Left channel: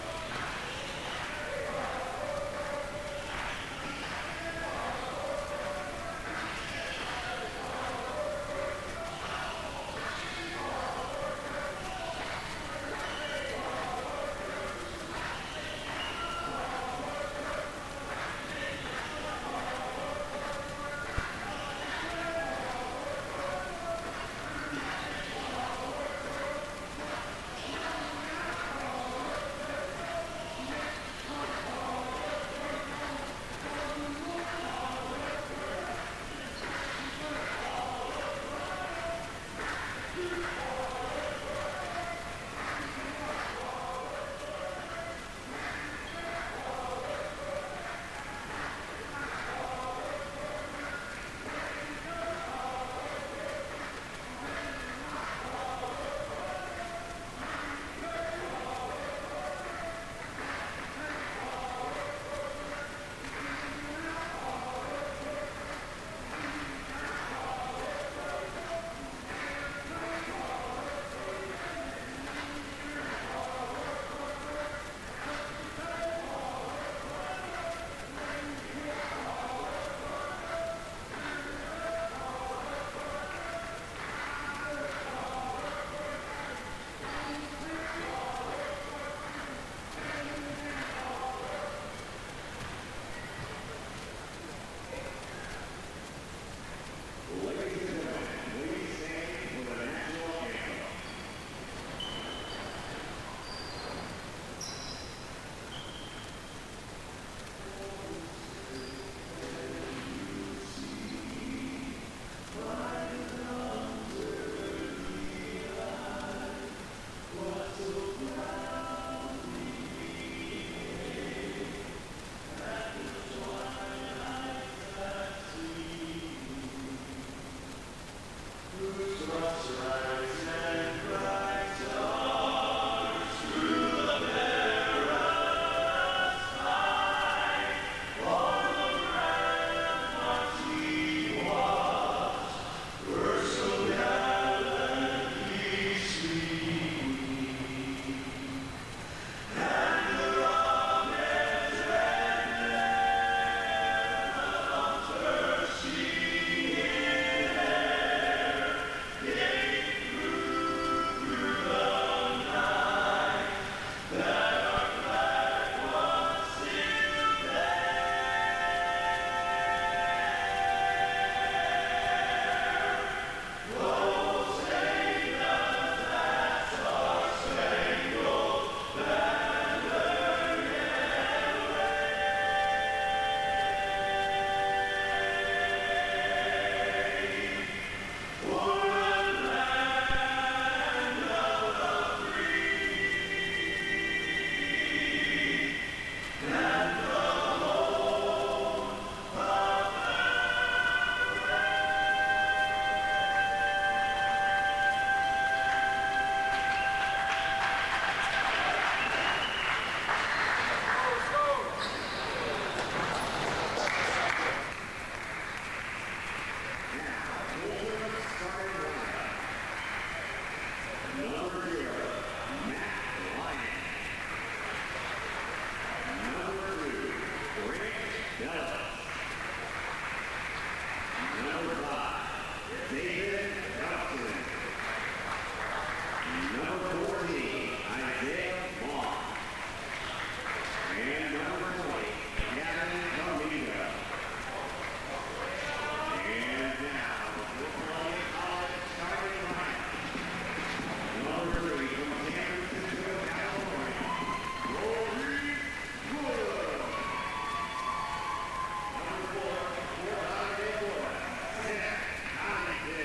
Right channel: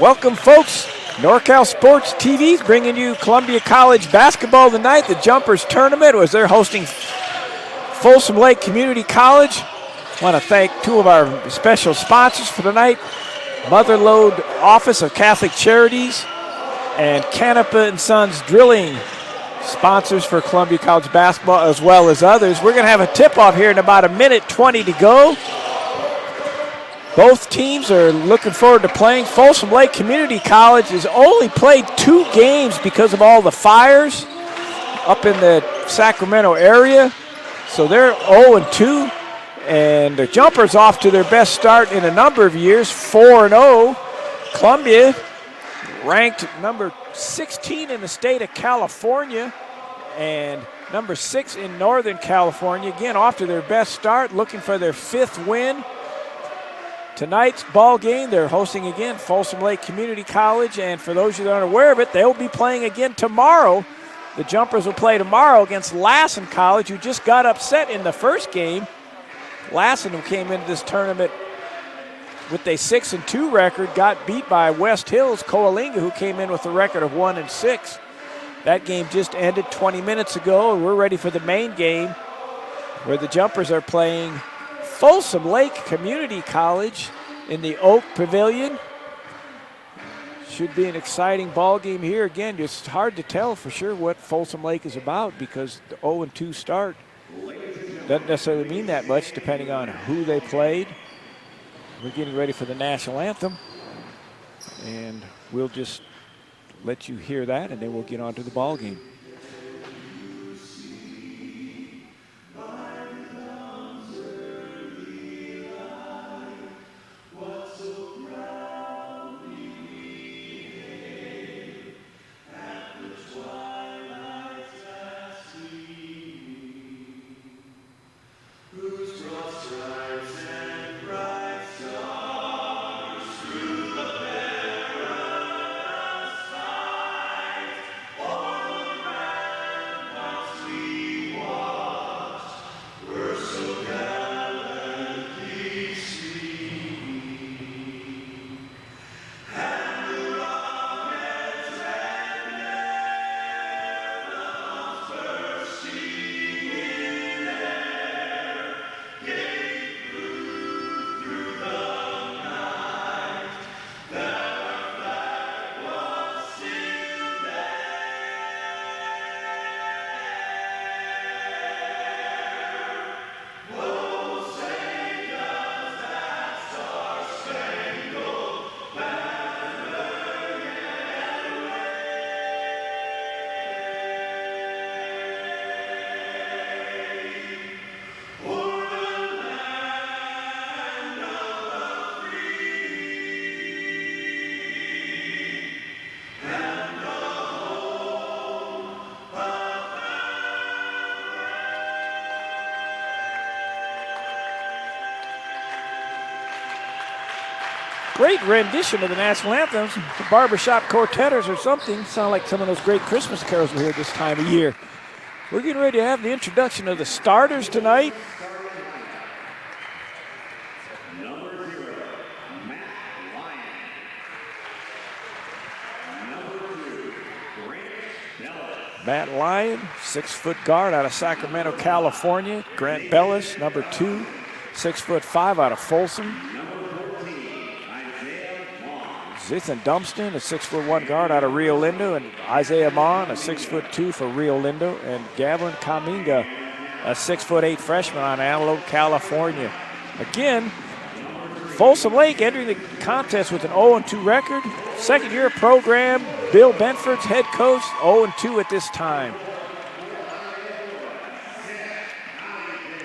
Welcome, folks. NorCal Sports TV is bringing you Columbia College basketball tonight. The Jumpers tournament was they're hosting Folsom Lake Community College. I want to thank two of our special sponsors for tonight, Motherlode Office of Catholic Charities and Canepa & Sons Drilling, sponsors for Columbia College basketball as well as others. We're going to have a tip-off here in about 1:20 to go. Both teams are looking forward to playing. Folsom Lake Community College has only played 2 games because of all the fires up in the Sacramento area. So they're 0-2, and the Jumpers off to their best start in a number of years, 4-0. Columbia ranked number 16 in the state of California and number 6 in Northern California. Again, off to their best start, looking for their 5th win. Tonight's ball game, they're hosting again Folsom Lake Community College, and for those of you that aren't aware of it, they'll be playing again tomorrow. The Jumpers will play tomorrow against Lassen College, who just got upset in the first game. Lassen, who came into this tournament with a 6-2 record, got beat by West Hills Coalinga, who came in with a record of 1-6. That game just ended 20 minutes ago, and we're ready for the main game, where the Jumpers are playing Folsom Lake Community College in the Oak Pavilion. Should be an exciting ball game here. Again, it's hard to tell for sure what Folsom Lake is about because the 0-2 start doesn't necessarily mean that much depending on who they played. We're getting ready for the national anthem, and we'll just let you hear that, and then we'll get on to the ball game. Great rendition of the national anthem. The barbershop quartetters or something. Sound like some of those great Christmas carols we hear this time of year. We're getting ready to have the introduction of the starters tonight. Matt Lyon, 6-foot guard out of Sacramento, California. Grant Bellis, number 2, 6'5" out of Folsom. Ethan Dumpston, a 6'1" guard out of Rio Lindo, and Isaiah Mon, a 6'2" for Rio Lindo, and Gavin Kaminga, a 6'8" freshman out of Antelope, California. Again, Folsom Lake entering the contest with an 0-2 record. Second-year program, Bill Benford's head coach, 0-2 at this time.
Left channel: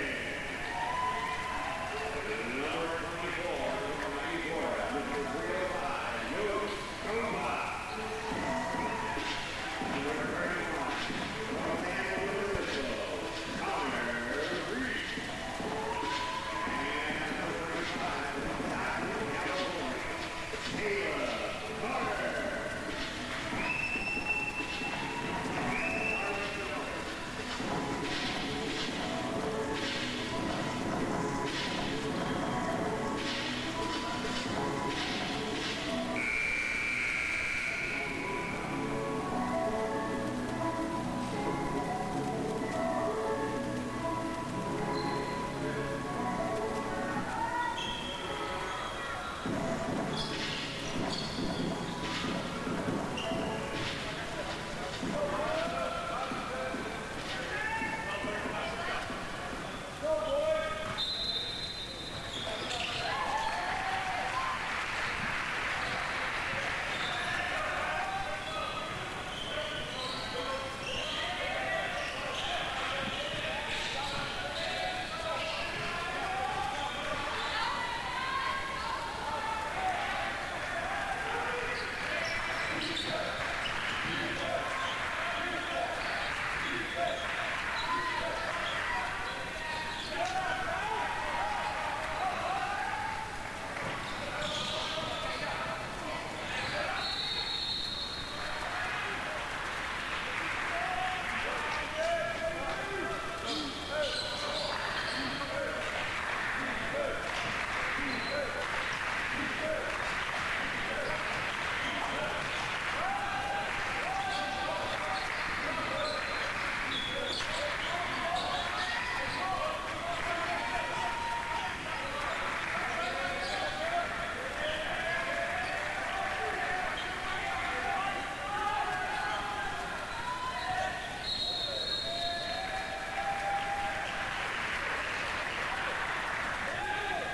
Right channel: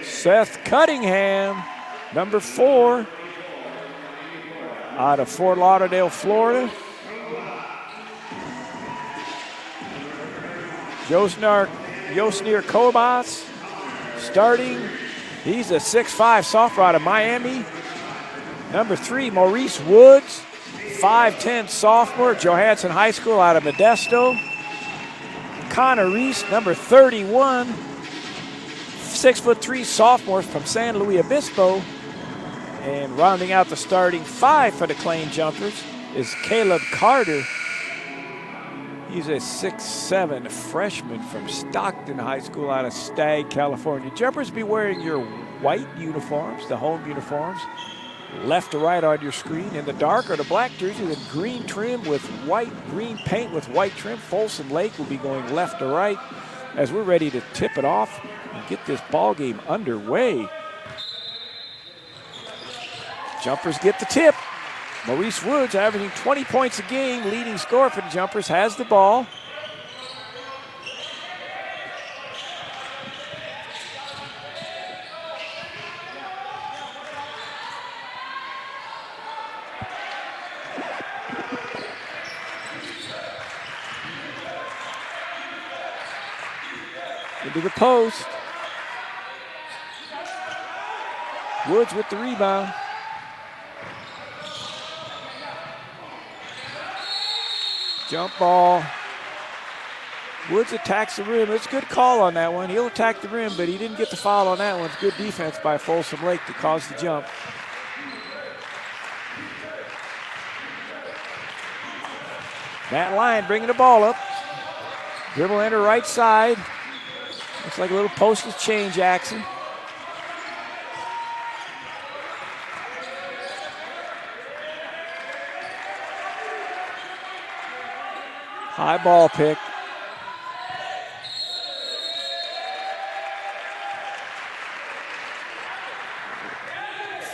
Seth Cunningham, number 4. Out of Fort Lauderdale, Florida. Josnir Kobas starting. He's a 6'5" sophomore out of Miami. Number 3, Maurice Woods, 5'10" sophomore, Johansson High School out of Modesto. Connor Reese, number 31, 6'3" sophomore from San Luis Obispo. And rounding out the starting 5 for the Claim Jumpers, is Caleb Carter. He's a 6'7" freshman from Stockton High School out of Stagg, California. Jumpers, be wearing your white uniforms, the home uniforms, left to right on your screen. In the dark or the black jersey with green trim with white, green paint with white trim. Folsom Lake will be going left to right as we're ready to tip it off and get this ball game underway. Jumpers get the tip. Maurice Woods averaging 20 points a game, leading scorer for the Jumpers, has the ball. Into the post. Woods with the rebound. Jump ball. Woods attacks the rim. It's a good call on that one. He'll attack the rim, but he didn't get the foul on that one. It's good defense by Folsom Lake to cause the jump. Matt Lyon bringing the ball up. Dribble enter right side. Looks like a little postal change action. High ball pick.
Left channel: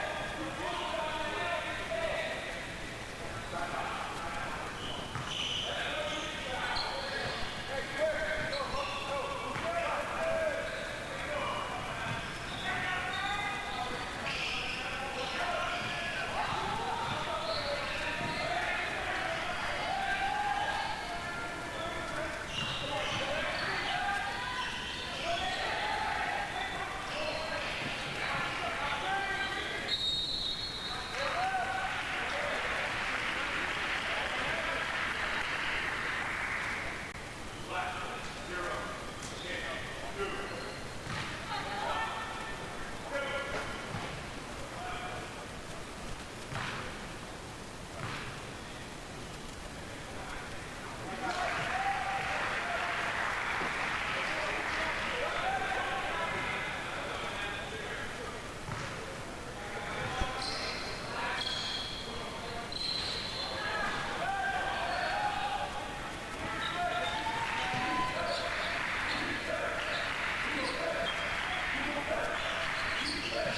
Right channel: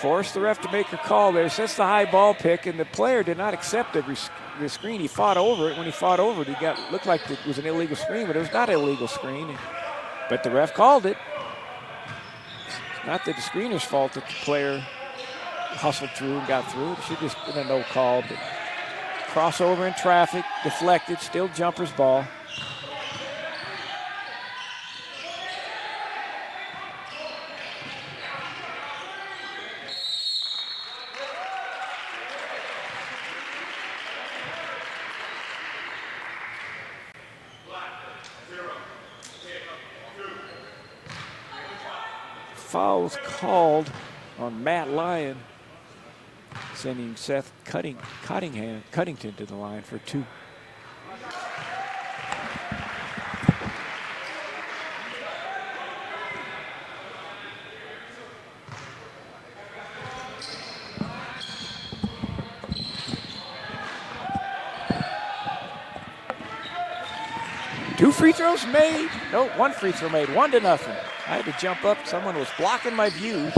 Forced the ref to make a call there. Sets the high ball pick, and the player did not accept the screen. He fought over it. When he fought over it, looked like it was an illegal screen, but it was not an illegal screen. But the ref called it. Not that the screener's fault that the player hustled through and got through. It should just been a no call. But crossover in traffic, deflected, still Jumpers ball. Foul's called on Matt Lyon, sending Seth Cuttington to the line for 2. Two free throws made. No, one free throw made. 1-0. I had to jump up. Someone was blocking my view,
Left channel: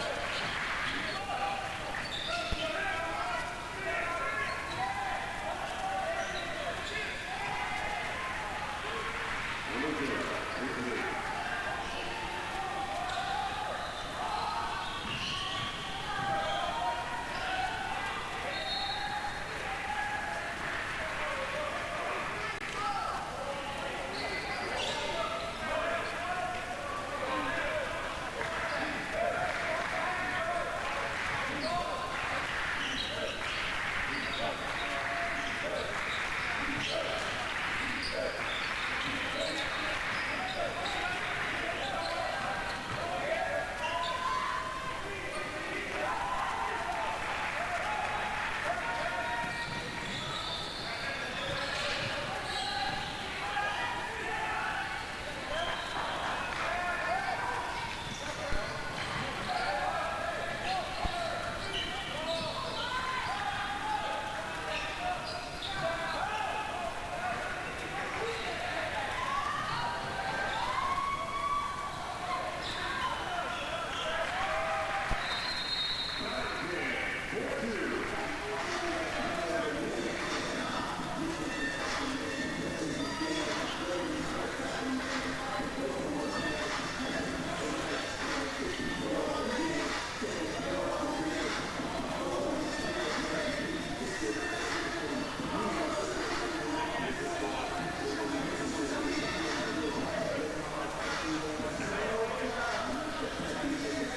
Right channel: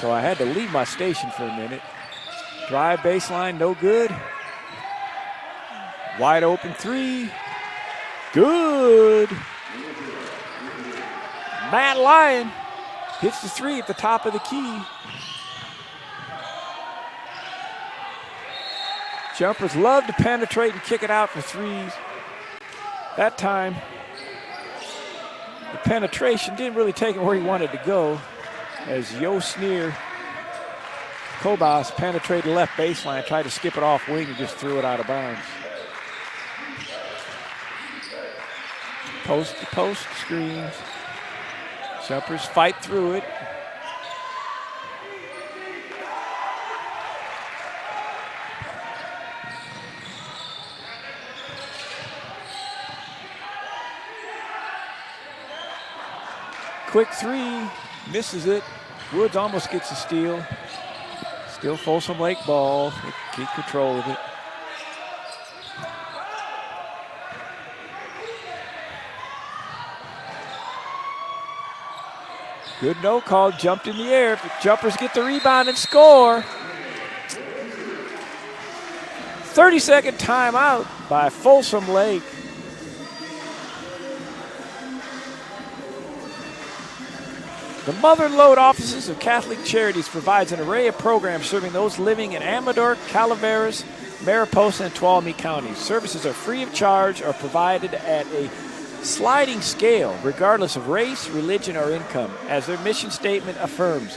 so I had to leave my station for a minute. Drive baseline, no good. Wide open 3. Good. Matt Lyon hits the 3 at the top of the key. Jumpers love to penetrate and kick it out for 3s. That time, the penetration didn't really take him where he wanted to go, as Yosnir Kobas penetrated left baseline, tried to skip it off wing and just threw it out of bounds. Post to post screens. Jumpers fight through it. Quick 3, misses it. Woods almost gets a steal. Still Folsom Lake ball. Keep control of it. Good no call, jumped in the air. Jumpers get the rebound and score. 30-second timeout by Folsom Lake. The Mother Lode Offices of Catholic Charities provides an array of programs serving those living in Amador, Calaveras, Mariposa, and Tuolumne counties. Services are free of charge or provided at a sliding scale, regardless of race, religion, or income, as their mission statement affirms.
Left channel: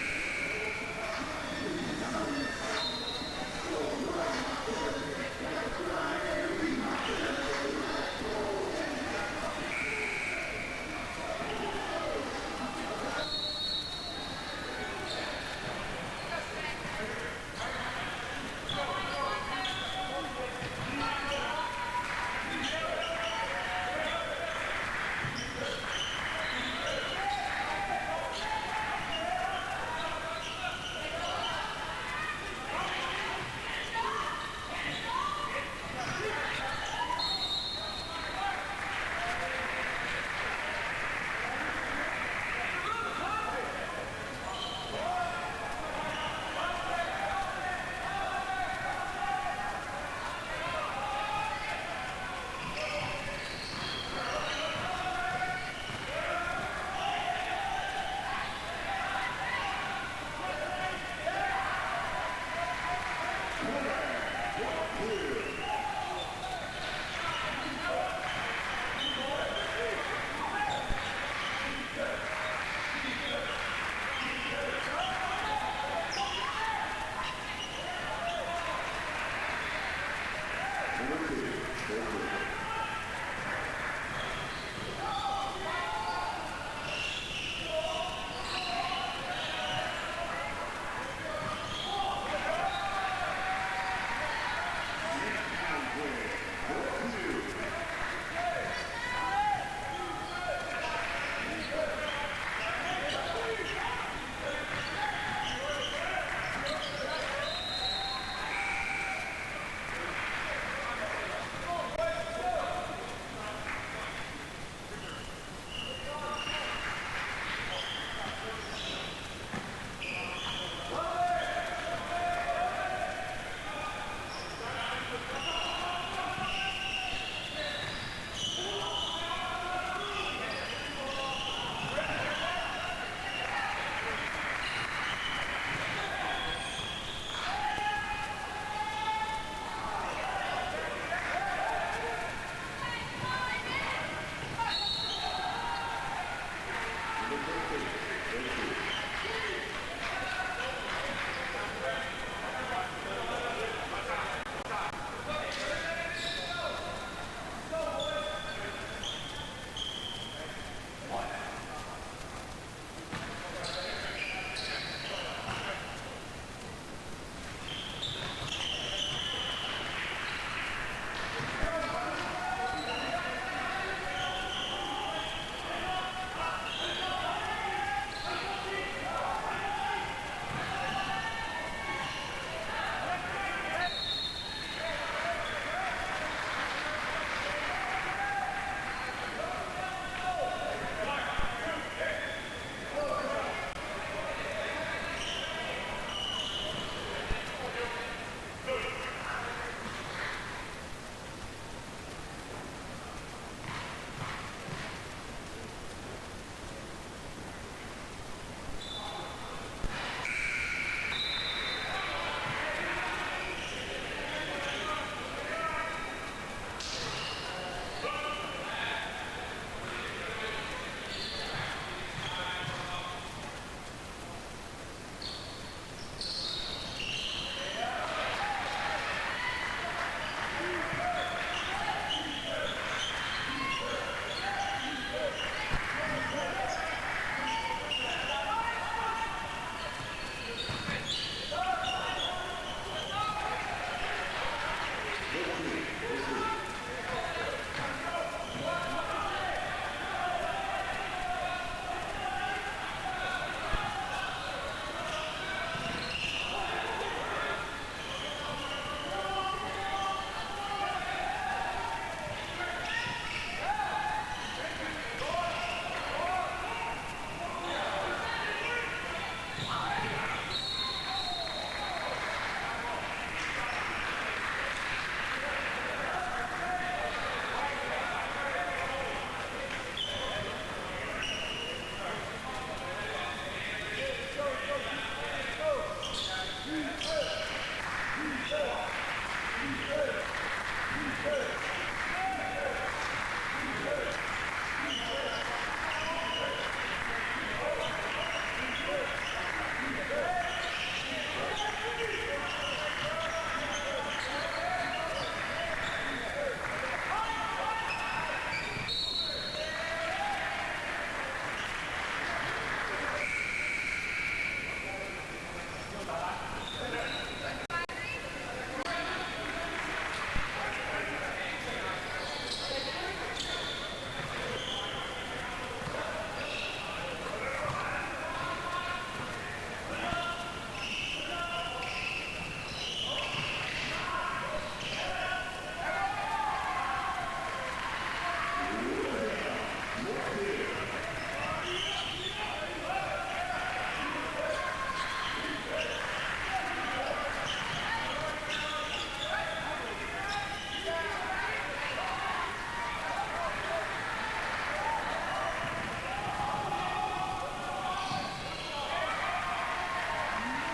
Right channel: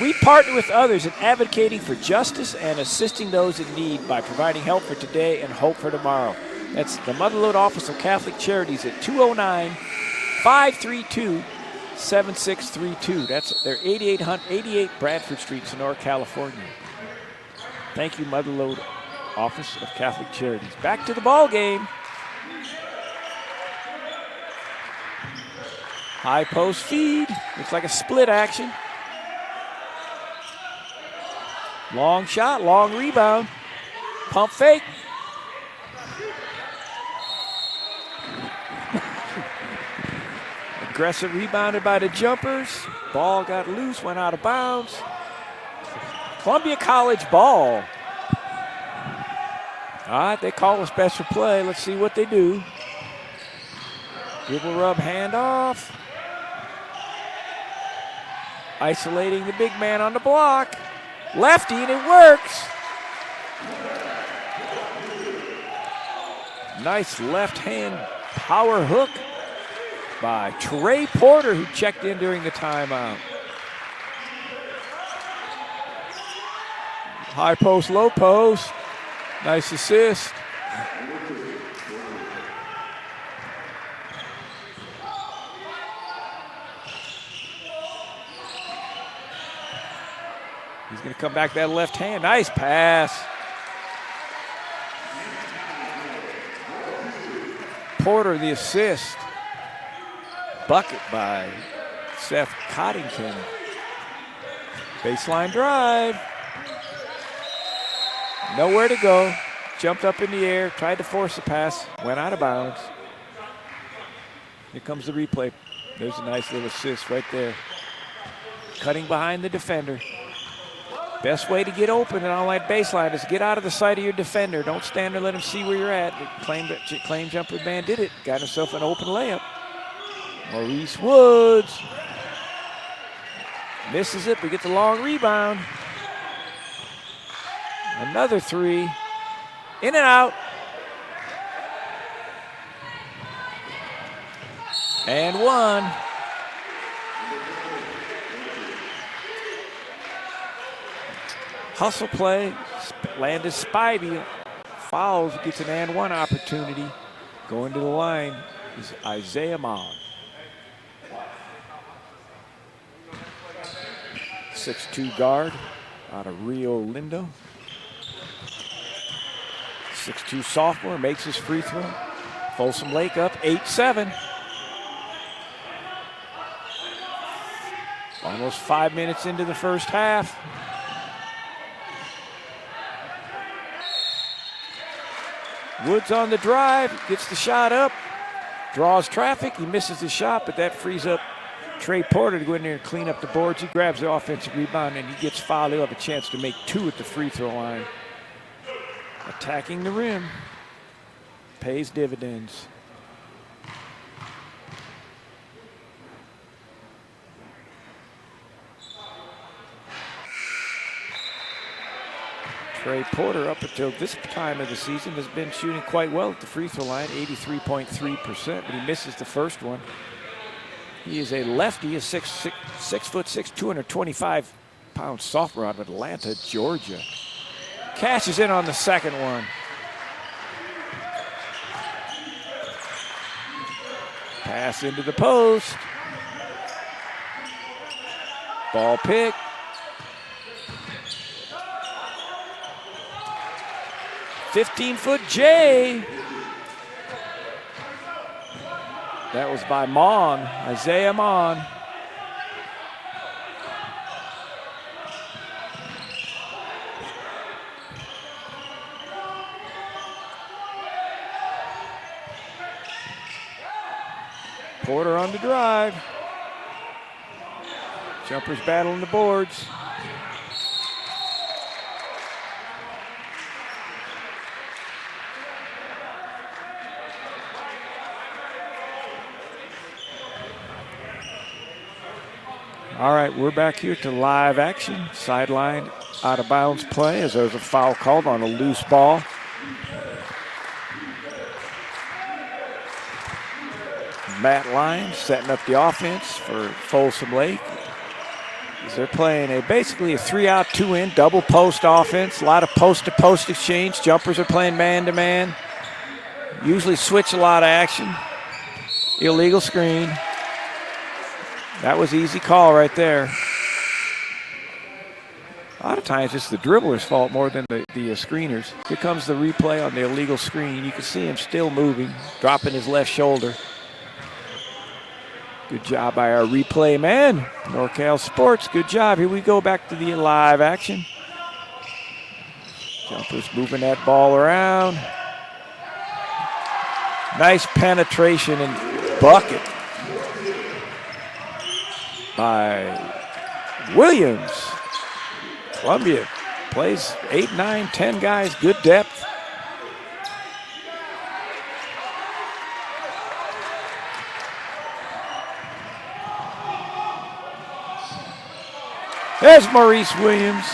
We partner with others in advocating for justice and assisting those in need by providing help for today and hope for tomorrow. That's the Mother Lode Office of Catholic Charities at 209-532-7632. That's their 88 Bradford Street, Sonora, California. Thank you, Mother Lode Office of Catholic Charities. Back to the ball game. High post feed. Looks like a split action. Long shot, long rebound. Pump fake. Aggressive rebounded by the Jumpers. Ball got loose, went out of bounds. Columbia College ball. All right, they call a special play. Let's see what they do. Dribble rub handoff. Isolating the big man on the block. Lefty, and it works. Nice left hand power hook by Trey Porter, who checked in during the timeout. High post, low post. Nice assist. He's going to come back that left hand. Nice pass. Porter the assist. Bucket by Seth Coddington. Baseline drive. Nowhere to go. Jumped up in the air, tried to force a pass, went out of bounds. Here comes the replay. There's a nice little assist right there. Cutting behind the defender. Best way to get open and on that baseline is get out of the sight of your defender. Don't stand there, let him see where you're at. Claim jumper man did it. Got himself an open layup. Maurice Woods. Misses it, but gets a long rebound. Another three. In and out. And one. Hustle play. Landis Spivey fouls, gets an and one opportunity. Going to the line is Isaiah Mon. 6'2" guard out of Rio Lindo. 6'2" sophomore makes his free throw. Folsom Lake up 8-7. Almost 5 minutes into the first half. Woods on the drive, gets the shot up, draws traffic, he misses the shot, but that frees up Trey Porter to go in there and clean up the boards. He grabs the offensive rebound and he gets fouled. He'll have a chance to make two at the free throw line. Attacking the rim pays dividends. Trey Porter, up until this time of the season, has been shooting quite well at the free throw line, 83.3%, but he misses the first one. He is a lefty, a 6'6", 225-pound sophomore out of Atlanta, Georgia. Cashes in on the second one. Pass into the post. Ball pick. "15-foot J." That was by Mon, Isaiah Mon. Porter on the drive. Jumpers battling the boards. All right, we're back here to live action. Sideline out of bounds play as there's a foul called on a loose ball. Matt Lyons setting up the offense for Folsom Lake. So they're playing basically a 3-out, 2-in double post offense. A lot of post-to-post exchange. Jumpers are playing man-to-man. Usually switch a lot of action. Illegal screen. That was easy call right there. A lot of times it's the dribbler's fault more than the screeners. Here comes the replay on the illegal screen. You can see him still moving, dropping his left shoulder. Good job by our replay man. NorCal Sports, good job. Here we go back to the live action. Jumpers moving that ball around. Nice penetration and bucket by Williams. Columbia plays 8, 9, 10 guys, good depth. There's Maurice Williams.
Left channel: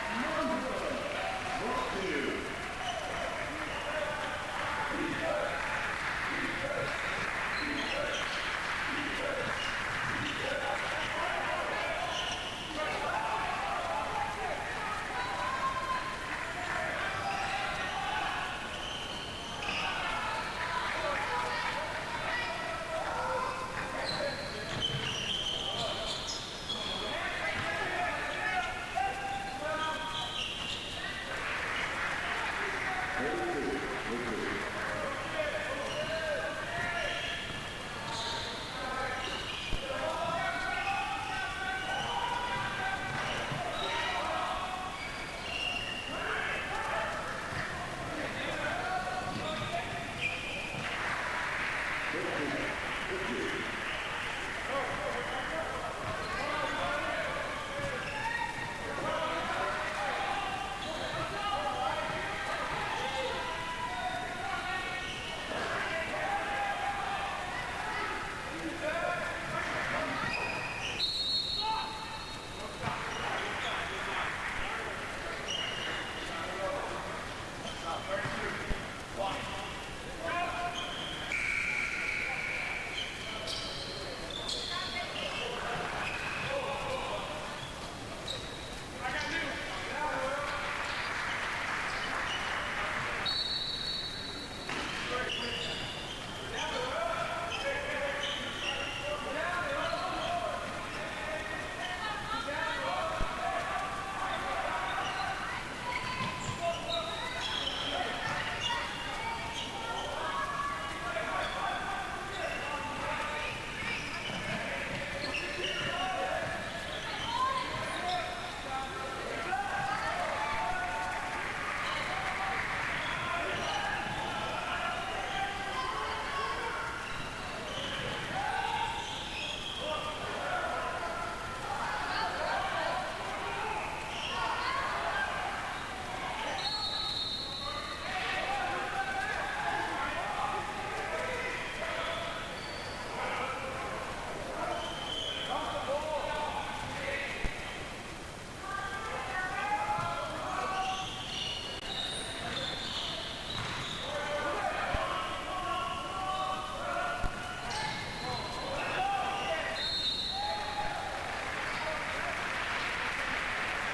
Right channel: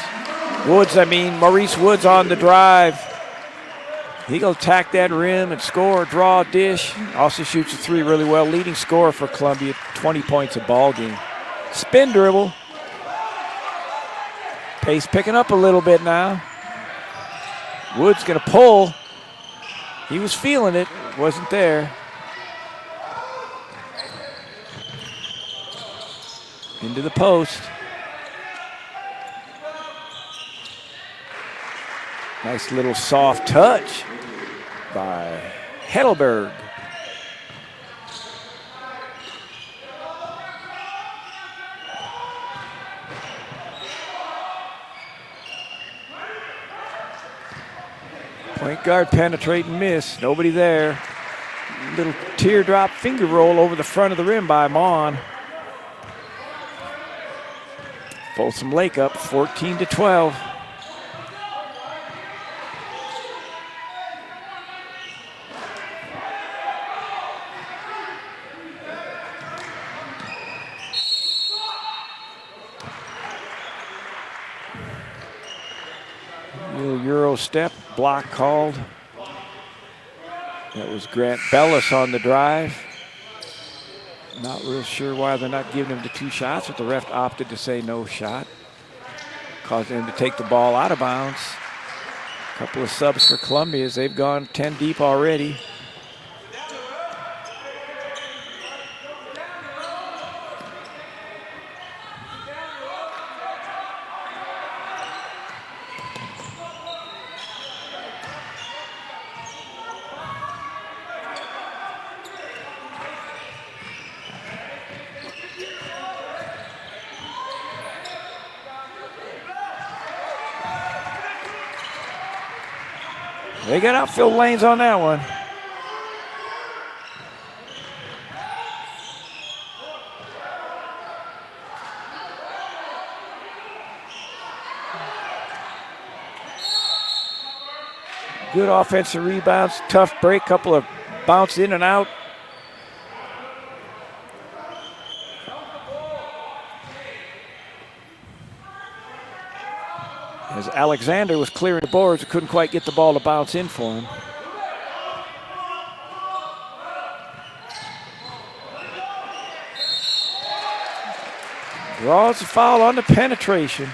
Maurice Woods on the drive. He'll attack that rim and score, draw, dish. Also shoots a three really well. Leading scorer for Columbia, 20 points a ball game. Spin dribble. Pace picking up a little bit now. Woods gonna pull. He was feeling it, wasn't there. Into the post. Nice little soft touch by Heidelberg. Point guard penetrate and miss. Nobody there. Little teardrop finger roll over the front of the rim by Mon. Folsom Lake up 14-12. Euro step, block called. That was Grant Bellis on the drive. Not real sure why they're not giving him the 2 shots, but the ref opted to say no shot. Causing him to take the ball out of bounds. A couple of subs for Columbia as they've gone 10 deep already. They got outfield lanes on that one. Good offensive rebounds, tough break, couple of bounce in and out. As Alexander was clearing the boards, couldn't quite get the ball to bounce in for him. Draws a foul on the penetration.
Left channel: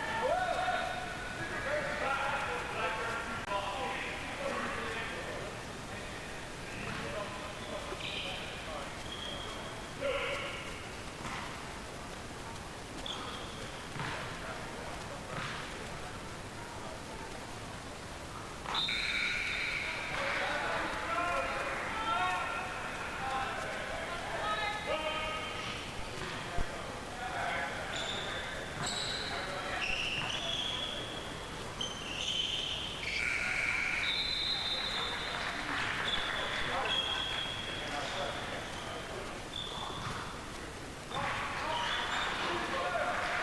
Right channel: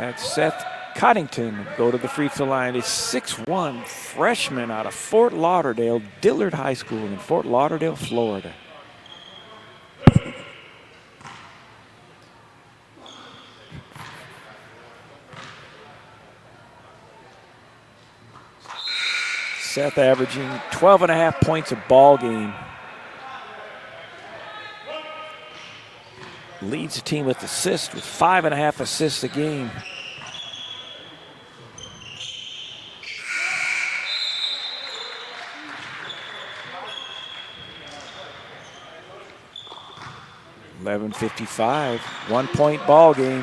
That's Seth Coddington go to the free throw line. A 6'1" freshman out of Fort Lauderdale, Dillard High School in Fort Lauderdale, Florida. Seth averaging 12.5 points a ball game. Leads the team with assists with 5.5 assists a game. .55, 1 point ball game.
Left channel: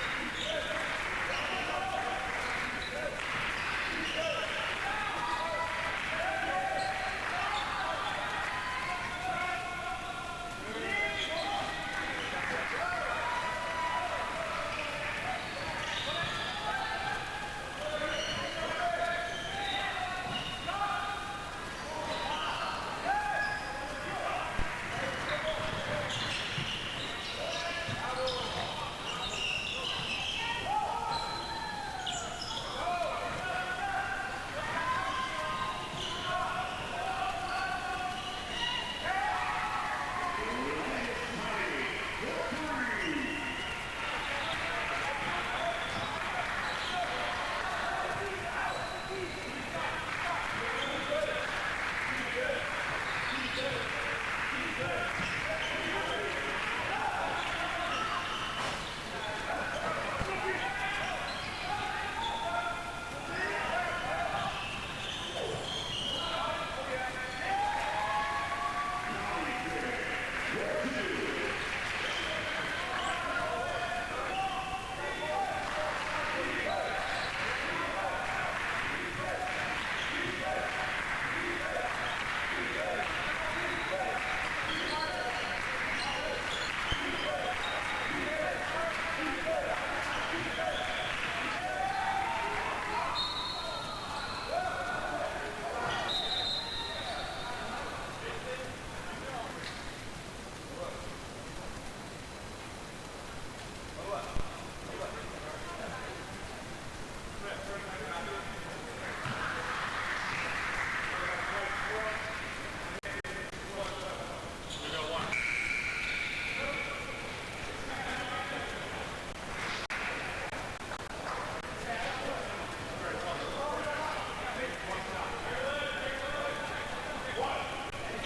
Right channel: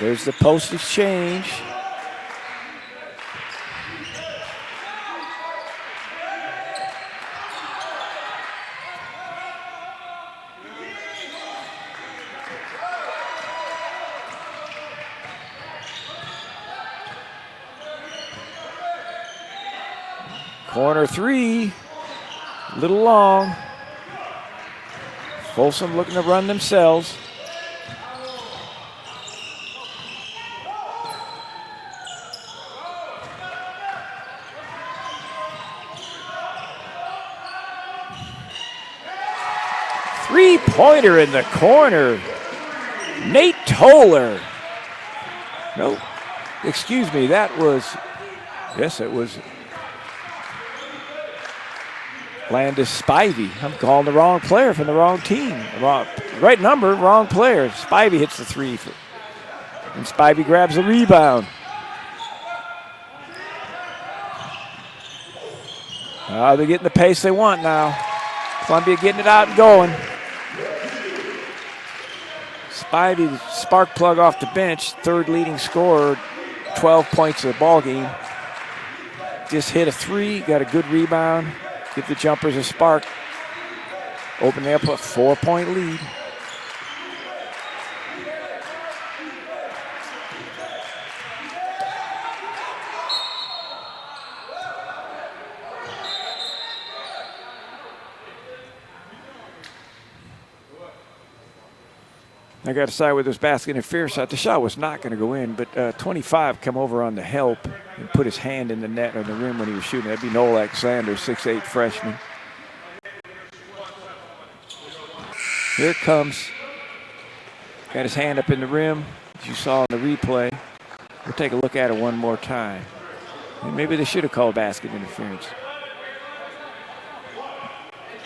There's the post exchange. Corner three, a little long. Folsom looking to run themselves. Three-pointer in the corner. Nate Toller. No, excuse me, that was, yes, it was Landis Spivey. I'm calling the wrong player from the wrong team. Right number, wrong player. Spivey hits the three. And Spivey grabs the rebound. They're getting the pace they want now. Columbia getting it out and going. Spivey, spark plug off the bench, third leading scorer, 12 points of the ball game. Just hit a three, got a good rebound, give the jumpers a spark. Open up a 4-point lead. I got to decide whether there's basket interference. The shot was not going to go in, but 25 come over on the help and put his hand in the net or the rim when he was shooting. That'd be Noel Alexander, 6'8" freshman. Here it comes. Got his hand up in the rim, as you saw in the replay. We'll take a look at it one more time. Maybe they should have called basket interference.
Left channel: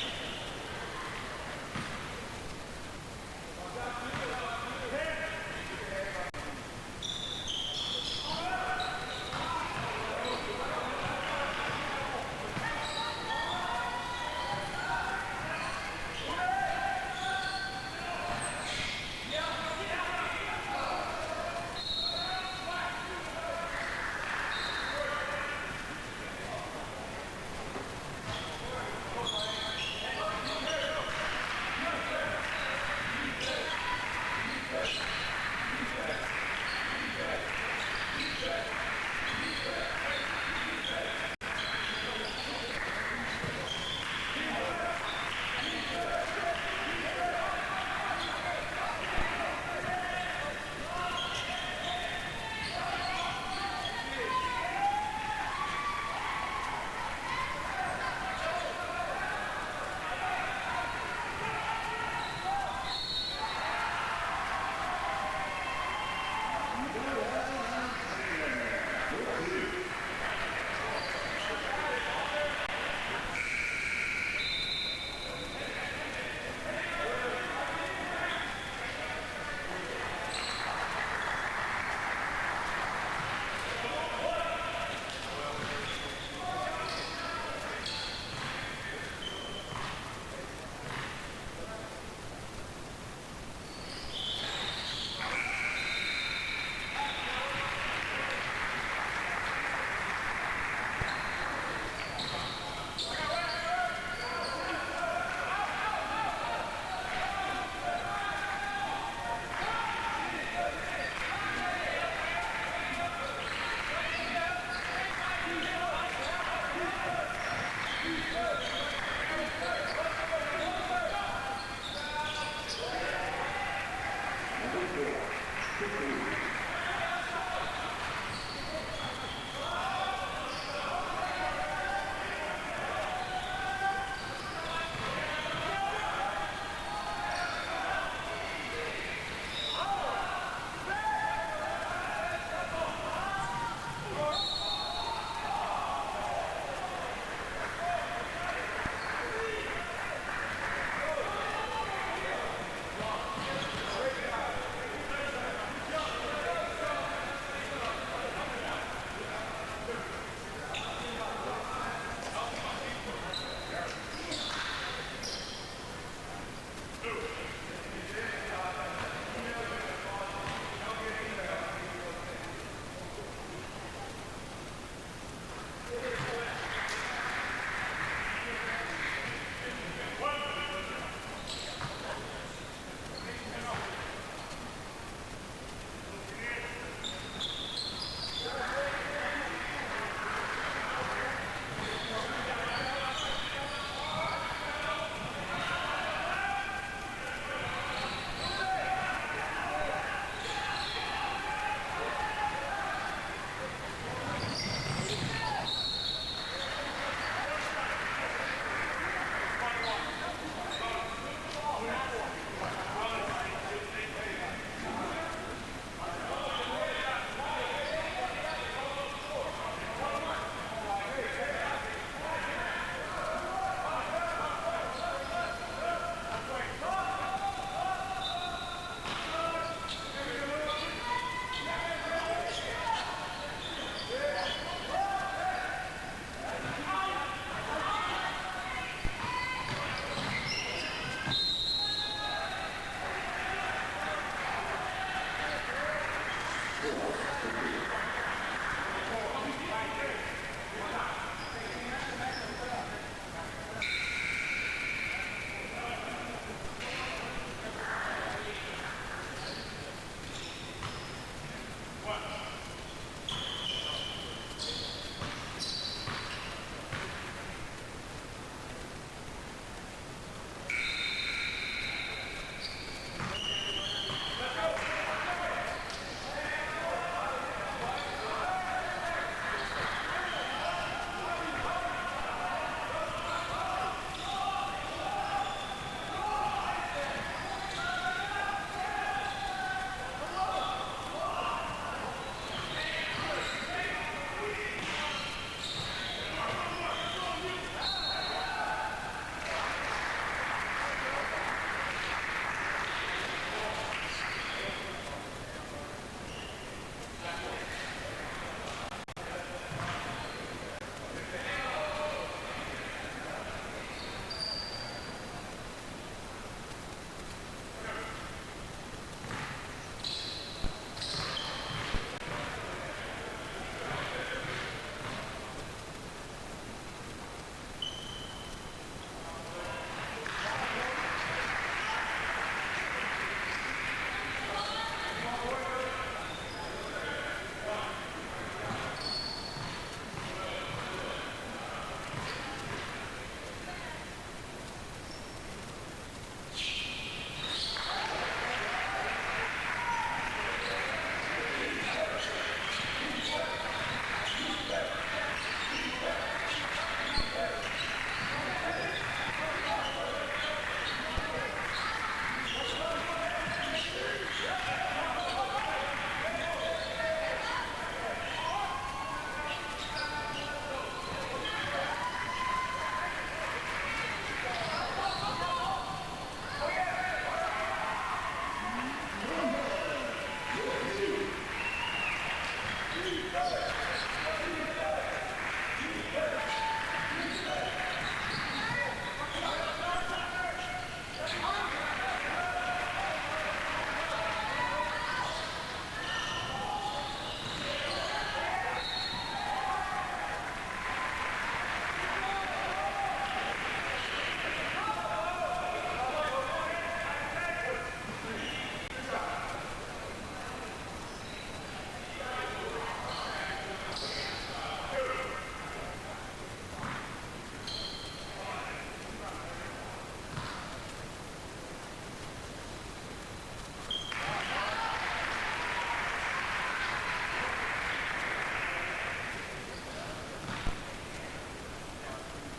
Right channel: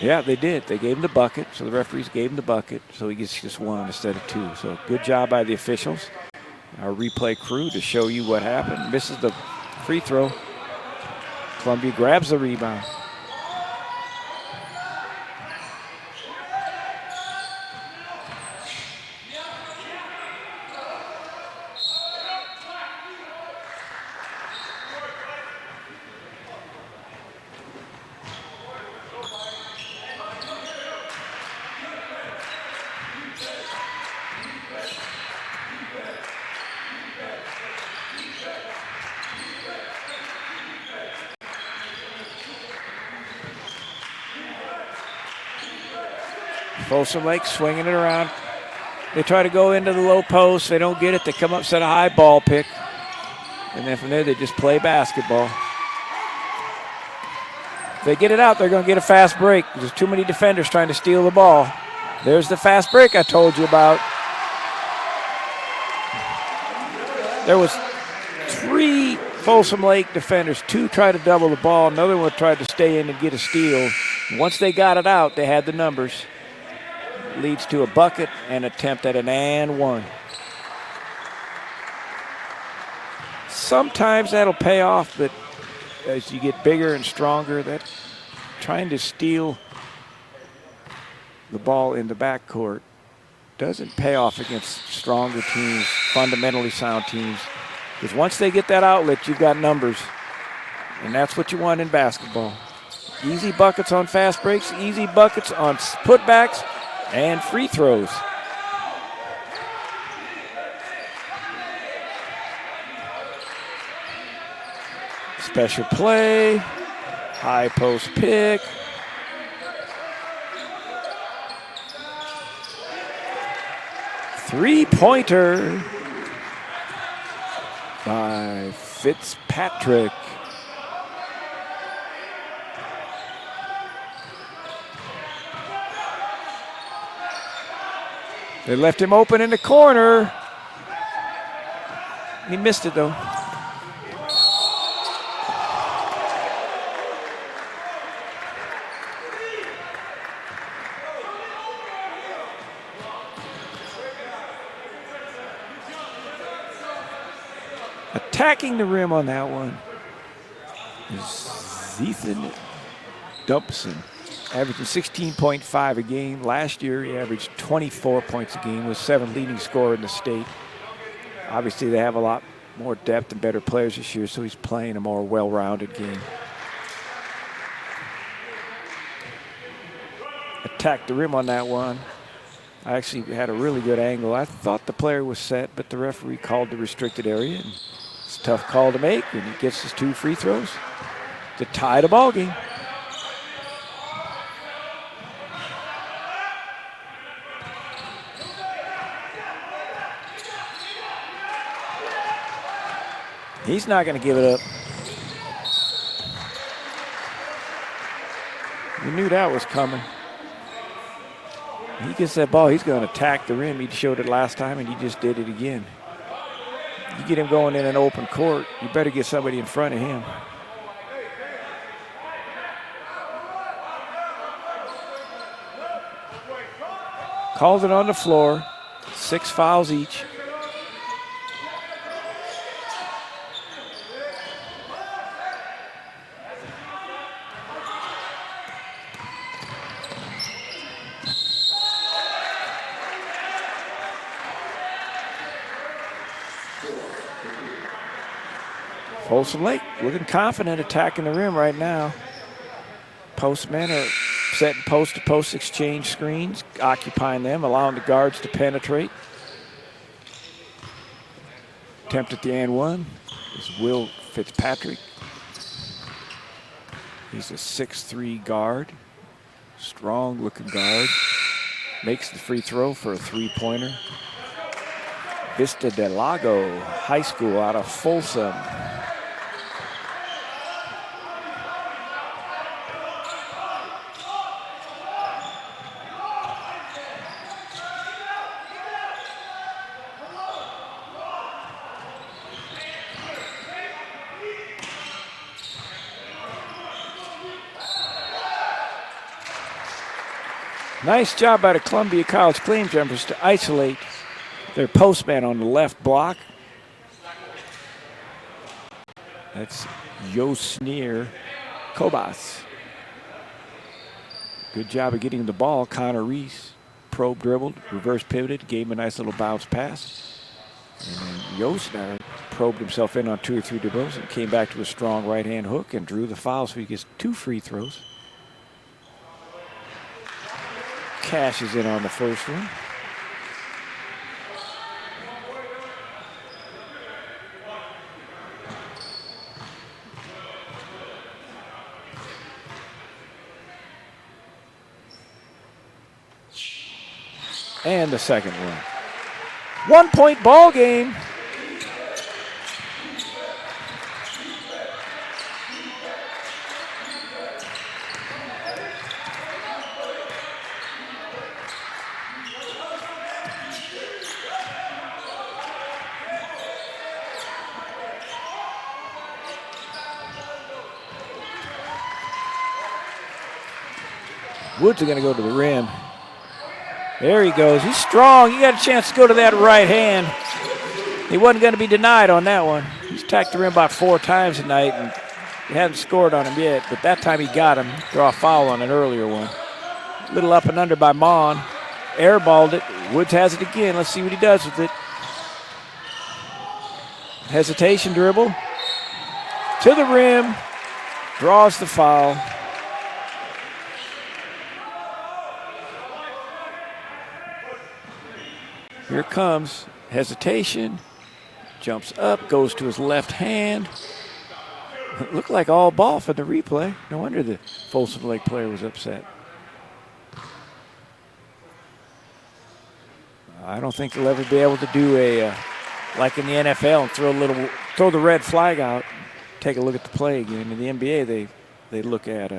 Yeah, they did. They gave him the bucket, so the referees gave him the bucket, so he gets just one instead of two. So good job by the officials, our replay crew, to show you what happened. Misses the free throw. Columbia grabs the rebound. Folsom Lake swinging it around. They try to go into the low post. They don't get it. They come up, set a high ball pick. And then from there, they just play basketball. If they get it out, they're going to get a fast break. There's too many defenders trying to steal the ball. There's the fast break I told you about. There was 3 Folsom Lake defenders. 2 tried to double the ball. Another one tried to stay in and get a steal. Once they got it out, they had the numbers. Leads to a bucket and attempt at an and one. Sometimes that'll pay off, but as you get bigger and stronger, that trying to steal the ball in the backcourt doesn't pay off against stronger teams, fundamentally sound teams. Because once they get that outlet, you've got numbers. And that's what you want in basketball. Easy buckets on fast breaks, easy buckets on putbacks, and free throws. Special play, high post pick. Three-pointer by Fitzpatrick. They left him open in the corner. He missed it though. Attacking the rim on that one is Ethan Dumpson. Averaging 16.5 a game. Last year, he averaged 24 points a game, was 7th leading scorer in the state. Obviously, they have a lot more depth and better players this year, so he's playing a more well-rounded game. Attacked the rim on that one. I actually had a really good angle. I thought the player was set, but the referee called the restricted area. And it's a tough call to make, and he gets his 2 free throws to tie the ball game. He's not going to give it up. We knew that was coming. He gets that ball, he's going to attack the rim. He showed it last time, and he just did it again. You get him going in an open court, you better get somebody in front of him. Calls it on the floor. 6 fouls each. Folsom Lake looking confident attacking the rim right now. Postmen are setting post-to-post exchange screens, occupying them, allowing the guards to penetrate. Attempt at the and one is Will Fitzpatrick. He's a 6'3" guard, strong-looking guard. Makes the free throw for a three-pointer. Vista del Lago High School out of Folsom. Nice job by the Columbia College Claim Jumpers to isolate their postman on the left block. That's Yosnir Kobas. Good job of getting the ball. Connor Reese probe dribbled, reverse pivoted, gave him a nice little bounce pass. And Yosnir probed himself in on 2 or 3 dribbles and came back to a strong right-hand hook and drew the foul, so he gets 2 free throws. Cashes in on the first one. And the second one. 1-point ball game. Woods are going to go to the rim. There he goes. He's strong. He got a chance to go to that right hand. He wasn't going to be denied on that one. He's attacked the rim about 4 times tonight, and he hasn't scored on him yet, but that time he got him. Draw a foul on an earlier one. Little up and under by Mon. Airballed it. Woods has it again. Let's see what he does with it. Hesitation dribble. To the rim. Draws the foul. Here comes hesitation, jumps up, goes to his left hand. It looked like all ball for the replay. No wonder the Folsom Lake player was upset. I don't think they'll ever be able to do a, like in the NFL, and throw the red flag out, take a look at the play again. In the NBA, they look at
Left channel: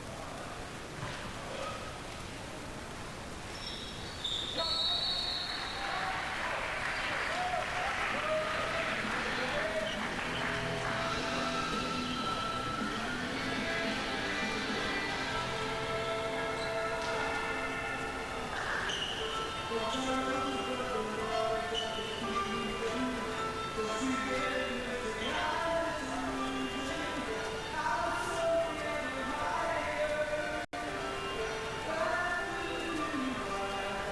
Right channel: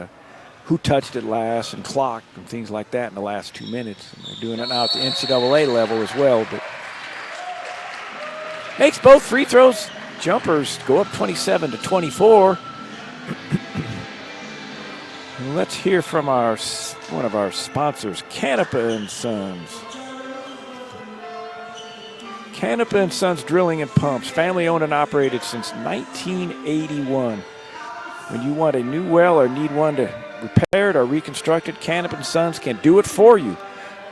who touched it last and clocked and things like that in the last 2 minutes. They're doing it now at the NCAA level as well, but makes both free throws. Jumpers go up 27-24. And let's hear from one of our sponsors, Canapa and Sons. Canapa and Sons Drilling and Pumps, family owned and operated since 1981. When you want a new well or need one to repaired or reconstructed, Canapa and Sons can do it for you.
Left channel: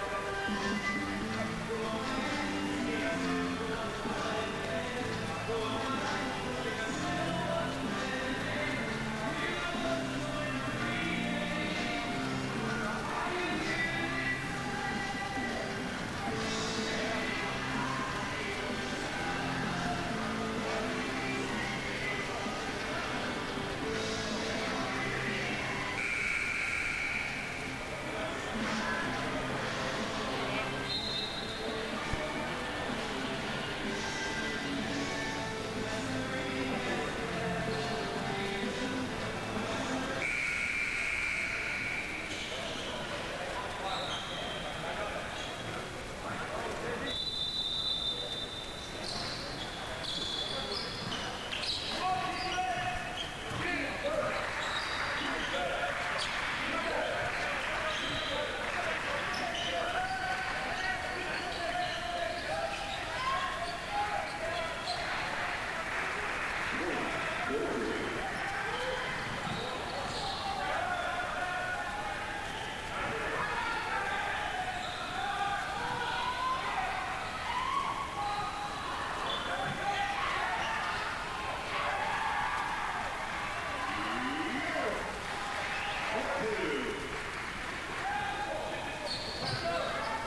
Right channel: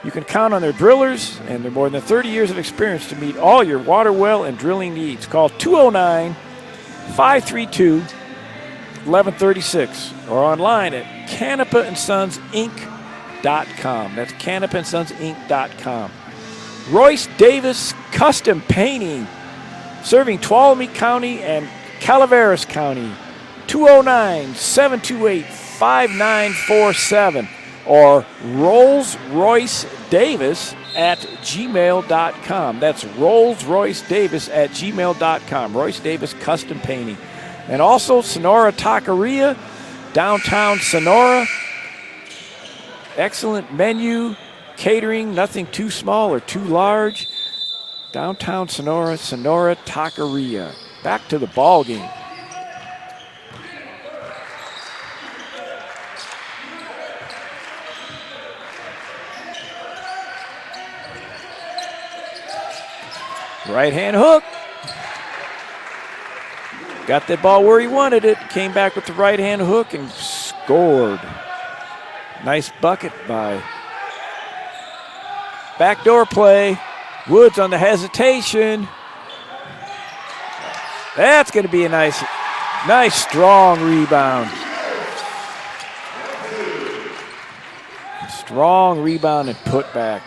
You can count on their drillers and their more than 30 years of experience to meet all your water well and drilling needs. Call 209-532-1136 or online at canapaandsonsinc.com. That's canapaandsonsinc.com. Royce Davis Custom Painting, serving Tuolumne County and Calaveras County. 209-728-5947 or RollsRoyceDavis@gmail.com. That's RollsRoyceDavis@gmail.com. Royce Davis Custom Painting. And also Sonora Taqueria, downtown Sonora. Excellent menu, catering, nothing too small or too large. Downtown Sonora, Sonora Taqueria. Back to the ball game. Right hand hook. Got that ball where he wanted it. Came back with the right hand hook and scored. Nice bucket by backdoor play. Woods on the hesitation. That's going to be a nice strong rebound. Strong rebound and put back.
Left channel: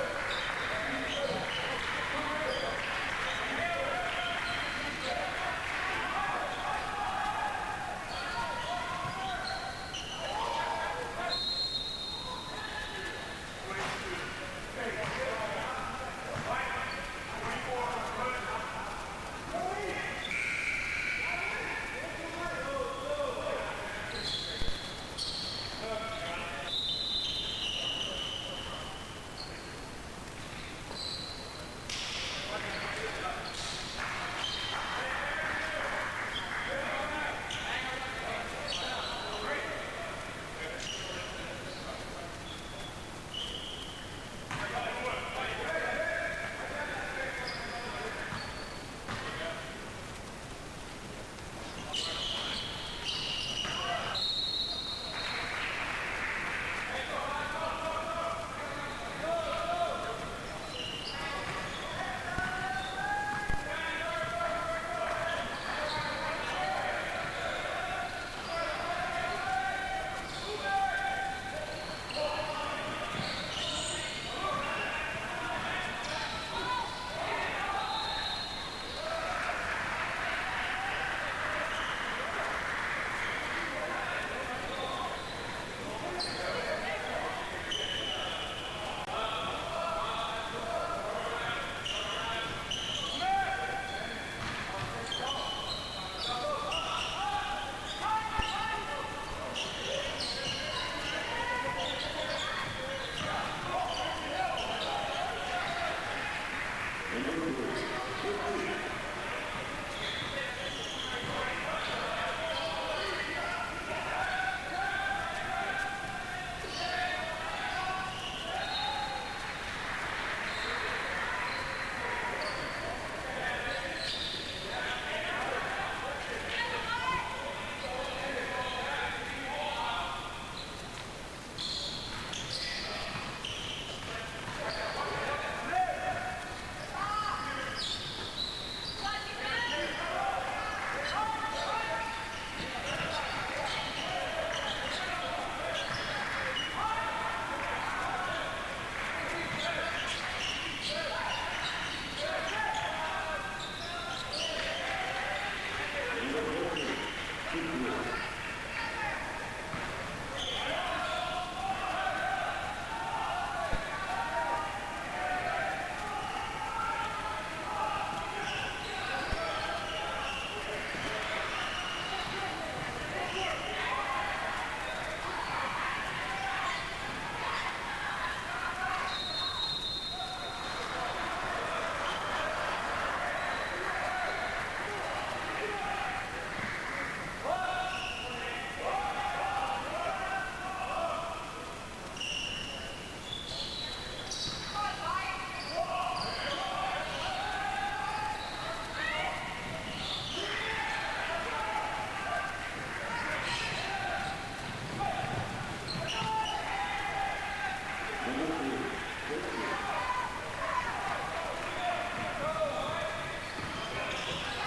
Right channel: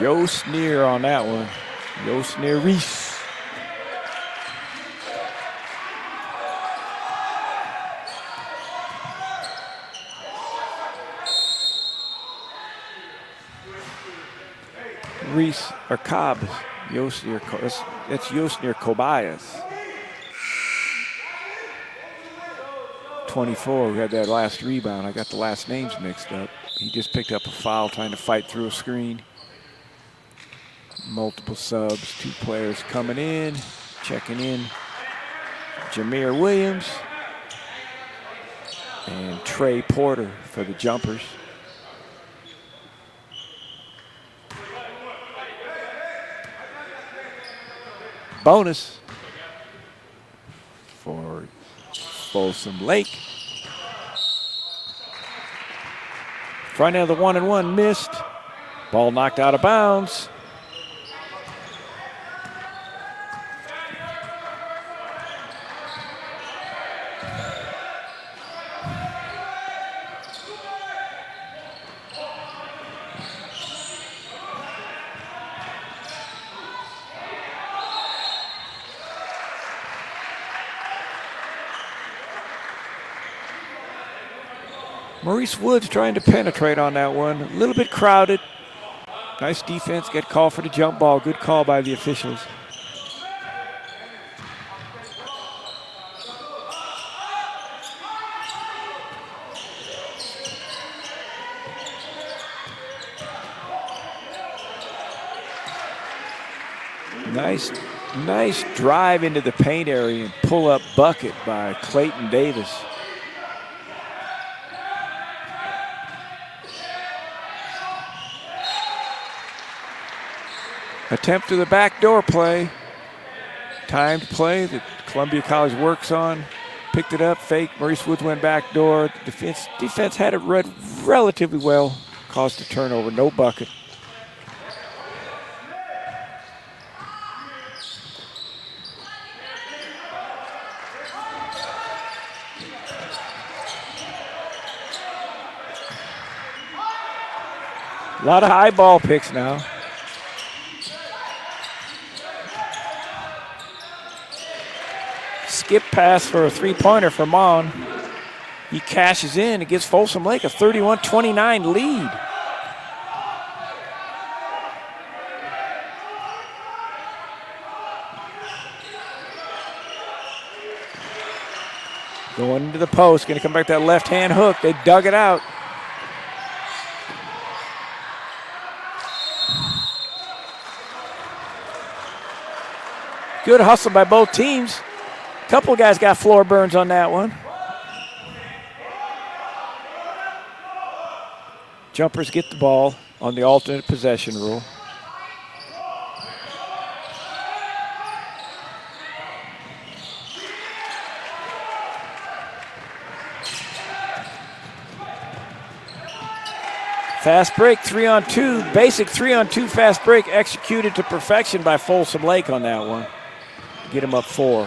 Joe Sneer on that one. Joe Sneer Reese. Reese or Cobb. Yosnir, that's Yosnir Kobayas. 24, we had that last rebound. I got the last names mixed up. He just picked up a foul trying to fight through a screen. Multiple subs, 2 players coming in, checking in. Jameer Williams and Trey Porter for the jumpers. Bonus for Folsom Lake. Front end of the 1-and-1 missed. Ball knocked out of bounds. Maurice Woods trying to penetrate on that one. A little bit crowded. Nice defense. Get called for the jump ball. Good call by the officials. Nice drive into the paint area and pull-up bucket by Clayton Davis. Attempt to the backdoor play. Timed play that Columbia College works on. Picked it up, fake. Maurice Woods went backdoor. Defense had it read relatively well. Caused a turnover, no bucket. A lot of high ball picks now. Skip pass for a three-pointer for Mon. He cashes in. It gives Folsom Lake a 31-29 lead. Going into the post. Going to come back to that left-hand hook. They dug it out. Good hustle by both teams. Couple guys got floor burns on that one. Jumpers get the ball on the alternate possession rule. Fast break, 3-on-2, basic 3-on-2 fast break executed to perfection by Folsom Lake on that one. Get him up 4.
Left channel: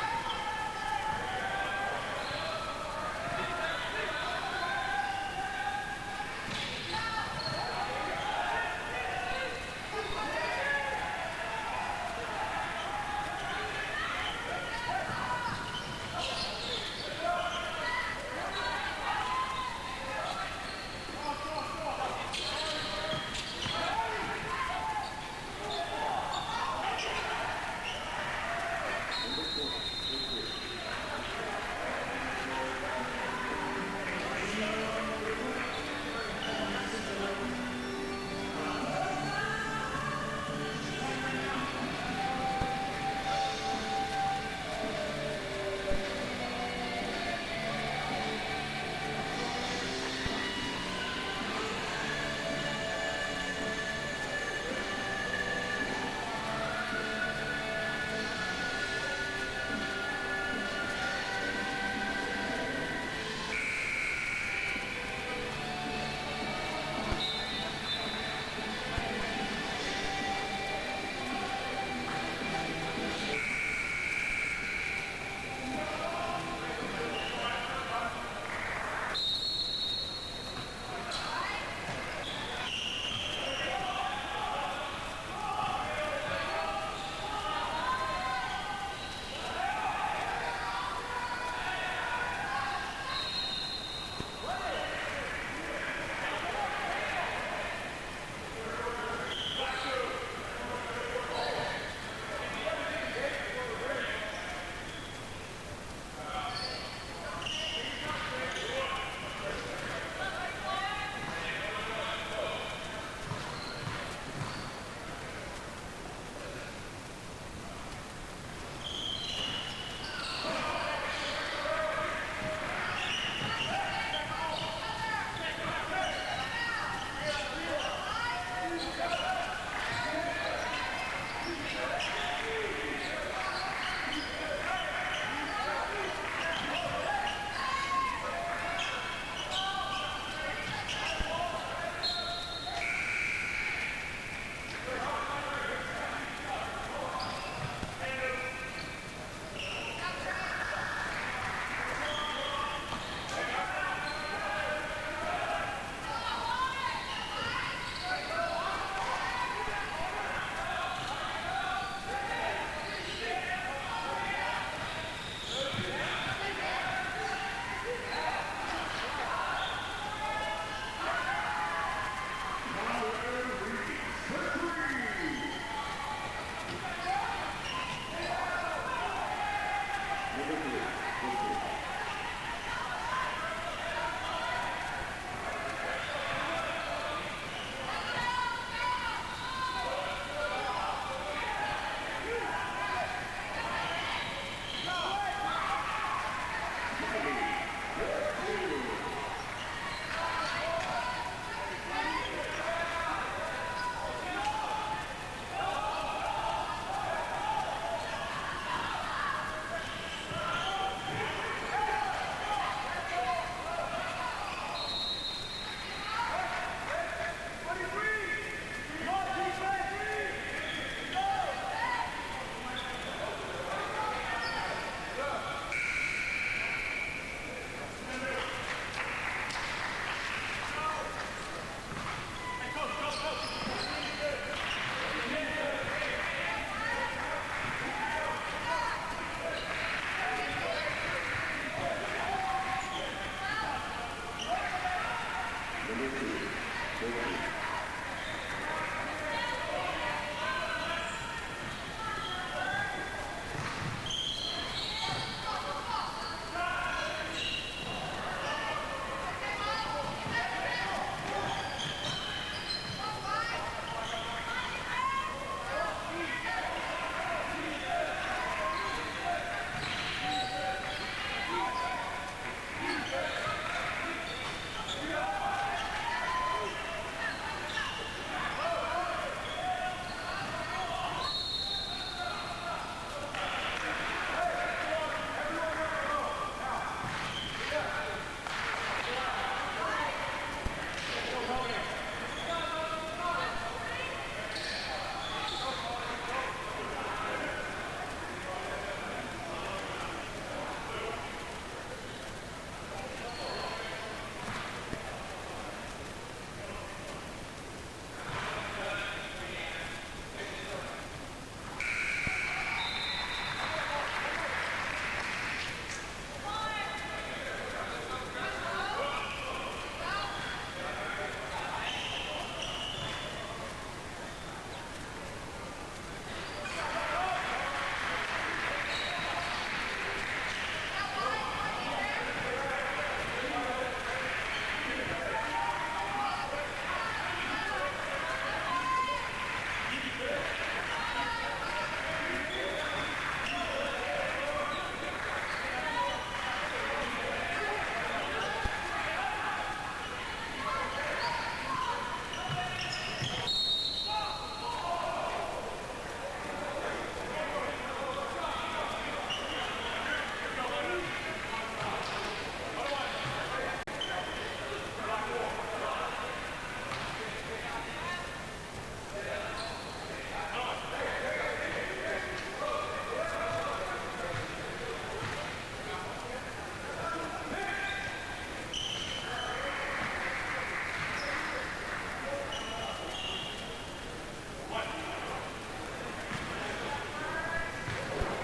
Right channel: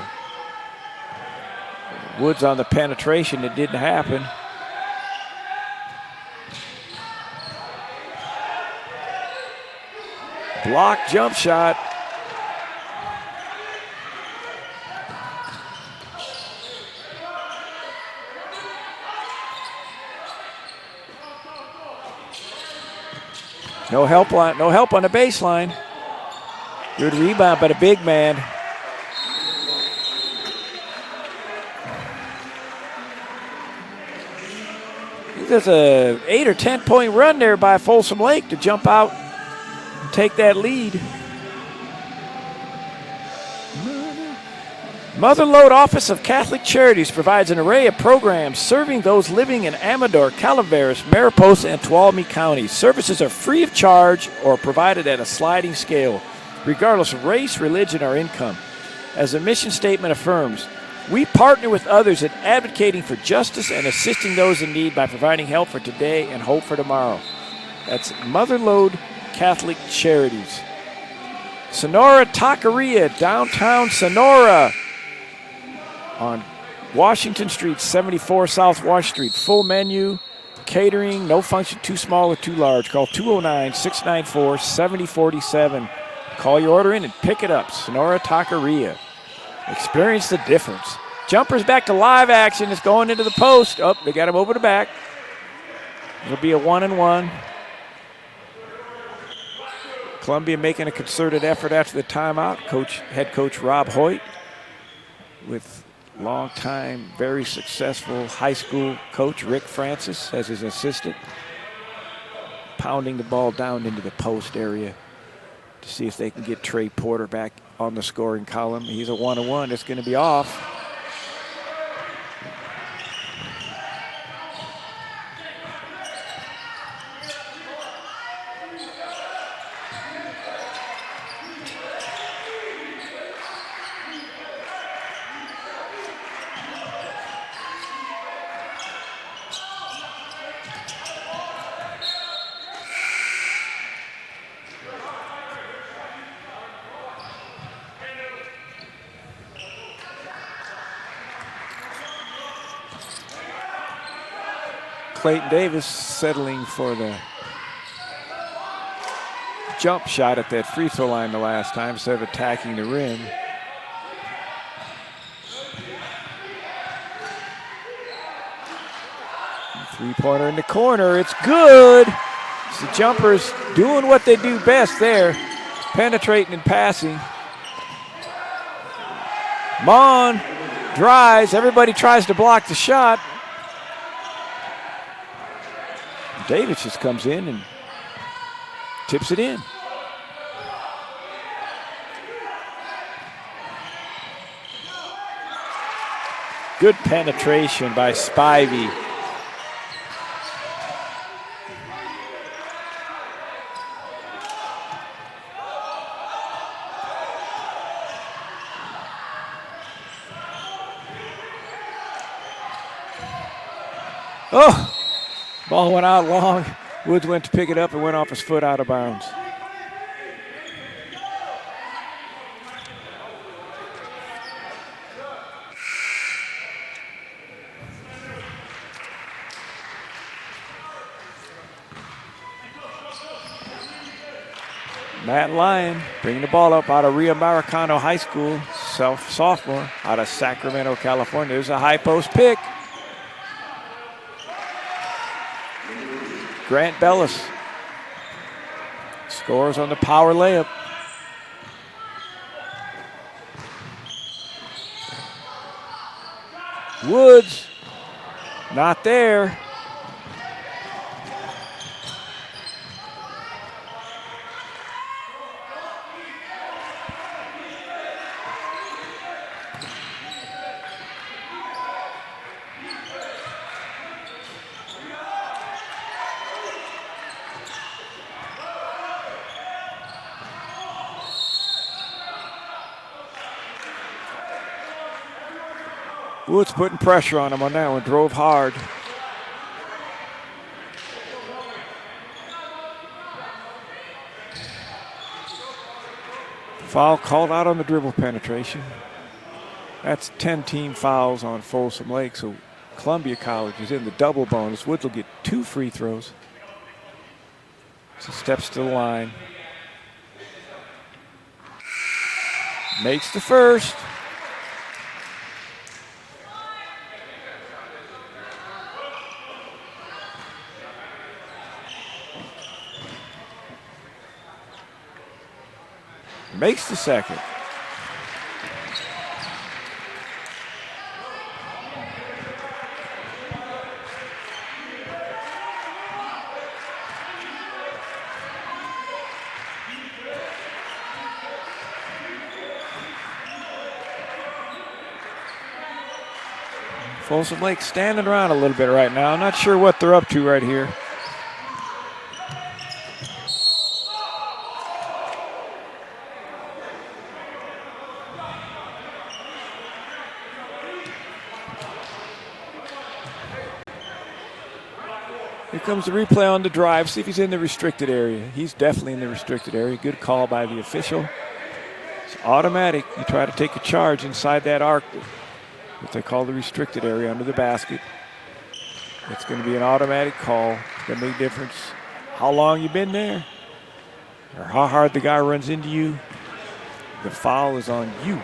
Woods on the penetration, it didn't happen. Block jump shot. No help on the baseline. Good rebound by the big man. There's a 8 or 10 point run there by Folsom Lake to jump out, take that lead. Mother Lode Office of Catholic Charities provides an array of programs serving those living in Amador, Calaveras, Mariposa, and Tuolumne counties. Services are free of charge or provided at a sliding scale, regardless of race, religion, or income. As the mission statement affirms, we partner with others in advocating for justice and assisting those in need by providing help for today and hope for tomorrow. That's Mother Lode Catholic Charities. Sonora Taqueria, downtown Sonora, on Washington Street, 74 South Wash Street. Full menu, catering, no function too small or too large. Call 209-694-7047. Call your order in and pick it up. Sonora Taqueria. Experience the difference. Jumpers back to live action. It's going into the post. Oh, they got him over the back. It'll be a 1-and-1. Columbia making a concerted effort after the timeout. Head coach Rob Hoyt with longtime, very successful high school coach Rick Francis as his assistant, pounding the ball down into the post area to see if they can get Trey Porter back on the scoring column. He's a 1-and-1. It's going to be off. Clayton Davis settling for the jump shot at that free throw line the last time instead of attacking the rim. Three-pointer in the corner. It's good. It's the jumpers doing what they do best there, penetrating and passing. Mon drives. Everybody tries to block the shot. Davis just comes in and tips it in. Good penetration by Spivey. Oh! Ball went out long. Woods went to pick it up and went off his foot out of bounds. Matt Lyon bringing the ball up out of Rio Maricano High School, sophomore out of Sacramento, California. There's a high post pick. Grant Bellis scores on the power layup. Woods, not there. Woods putting pressure on him on that one, drove hard. Foul called out on the dribble penetration. That's 10 team fouls on Folsom Lake, so Columbia College is in the double bonus. Woods will get 2 free throws. So steps to the line. Makes the first. Makes the second. Folsom Lake standing around a little bit right now. I'm not sure what they're up to right here. Here comes the replay on the drive. See if he's in the restricted area. He's definitely in the restricted area. Good call by the official. It's automatic. You try to take a charge inside that arc, what they call the restricted area under the basket. It's going to be an automatic call. It's going to make a difference how long you've been there or how hard the guy runs into you. The foul is on you.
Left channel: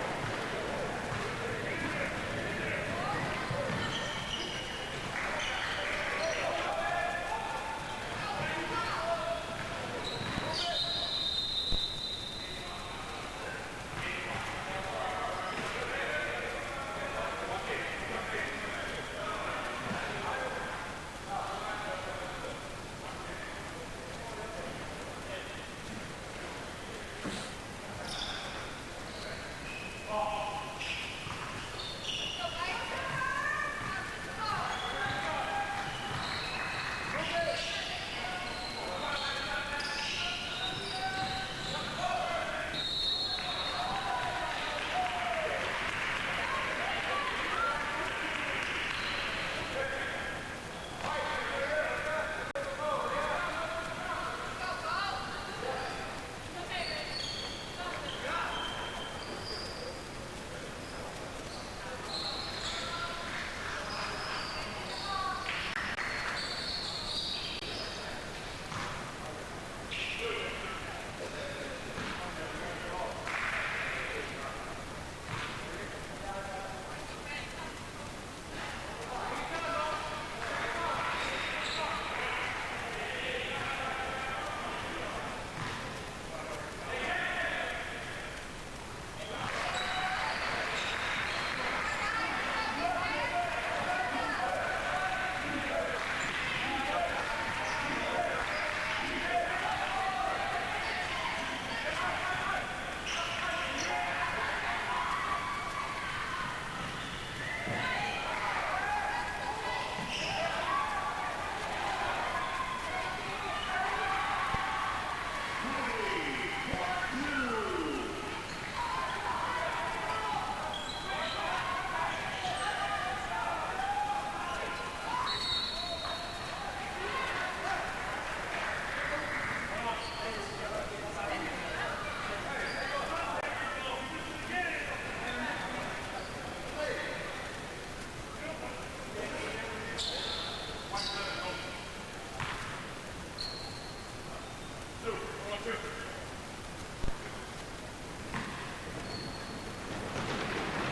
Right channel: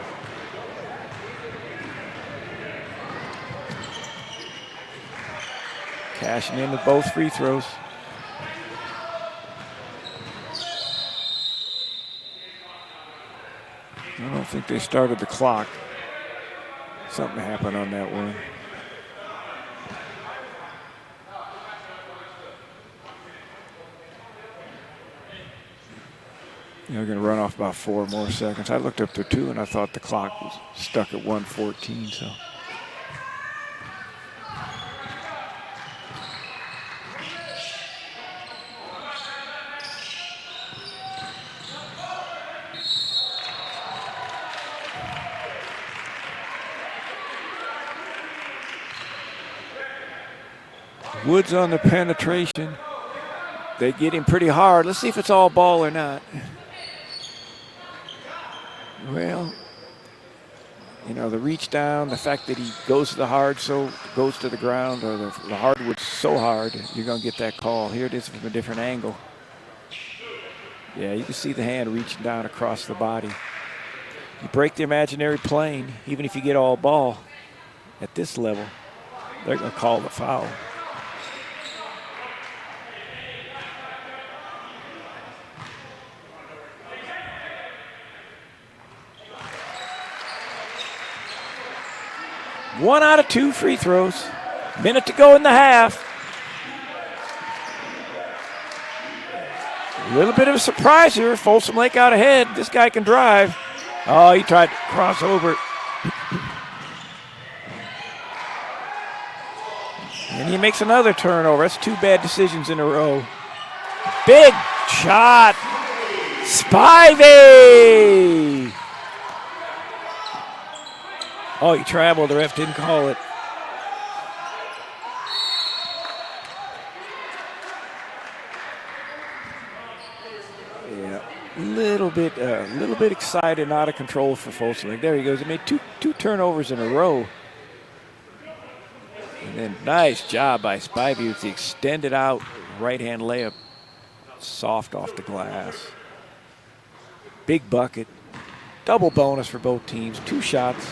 Cashing in with both free throws. I don't think they started the clock. Something happened on that one. They're going to run off about 4 more seconds. I looked up to 2 and I thought the clock was stuck at 1:14. So. Woods on the penetration. They get him pretty hard. Let's see if it's all ball or not. Well, you know, the reach down, the fact that he goes to the hard, so goes to the ground, or the hardwood's so hard, you're going to get that call. Here it is from a different angle. Yeah, you can see the hand reaching down across the body. You break the imaginary plane, even if you get all ball at this level, they're going to call the foul. One out of 2 free throws. Minute to go in the half. A little bit of a surprise here. Folsom Lake out ahead. This guy can drive. Oh, he tried to cross over. And he makes another turnover. That's 2 bad decisions in a row. Big shot. Spivey. Oh, he traveled. The ref didn't call it. Yeah, a little bit excited and out of control for Folsom. There he goes. He made two turnovers in a row. And then nice job by Spivey with the extended out right-hand layup. Soft off the glass. Big bucket. Double bonus for both teams. 2 shots.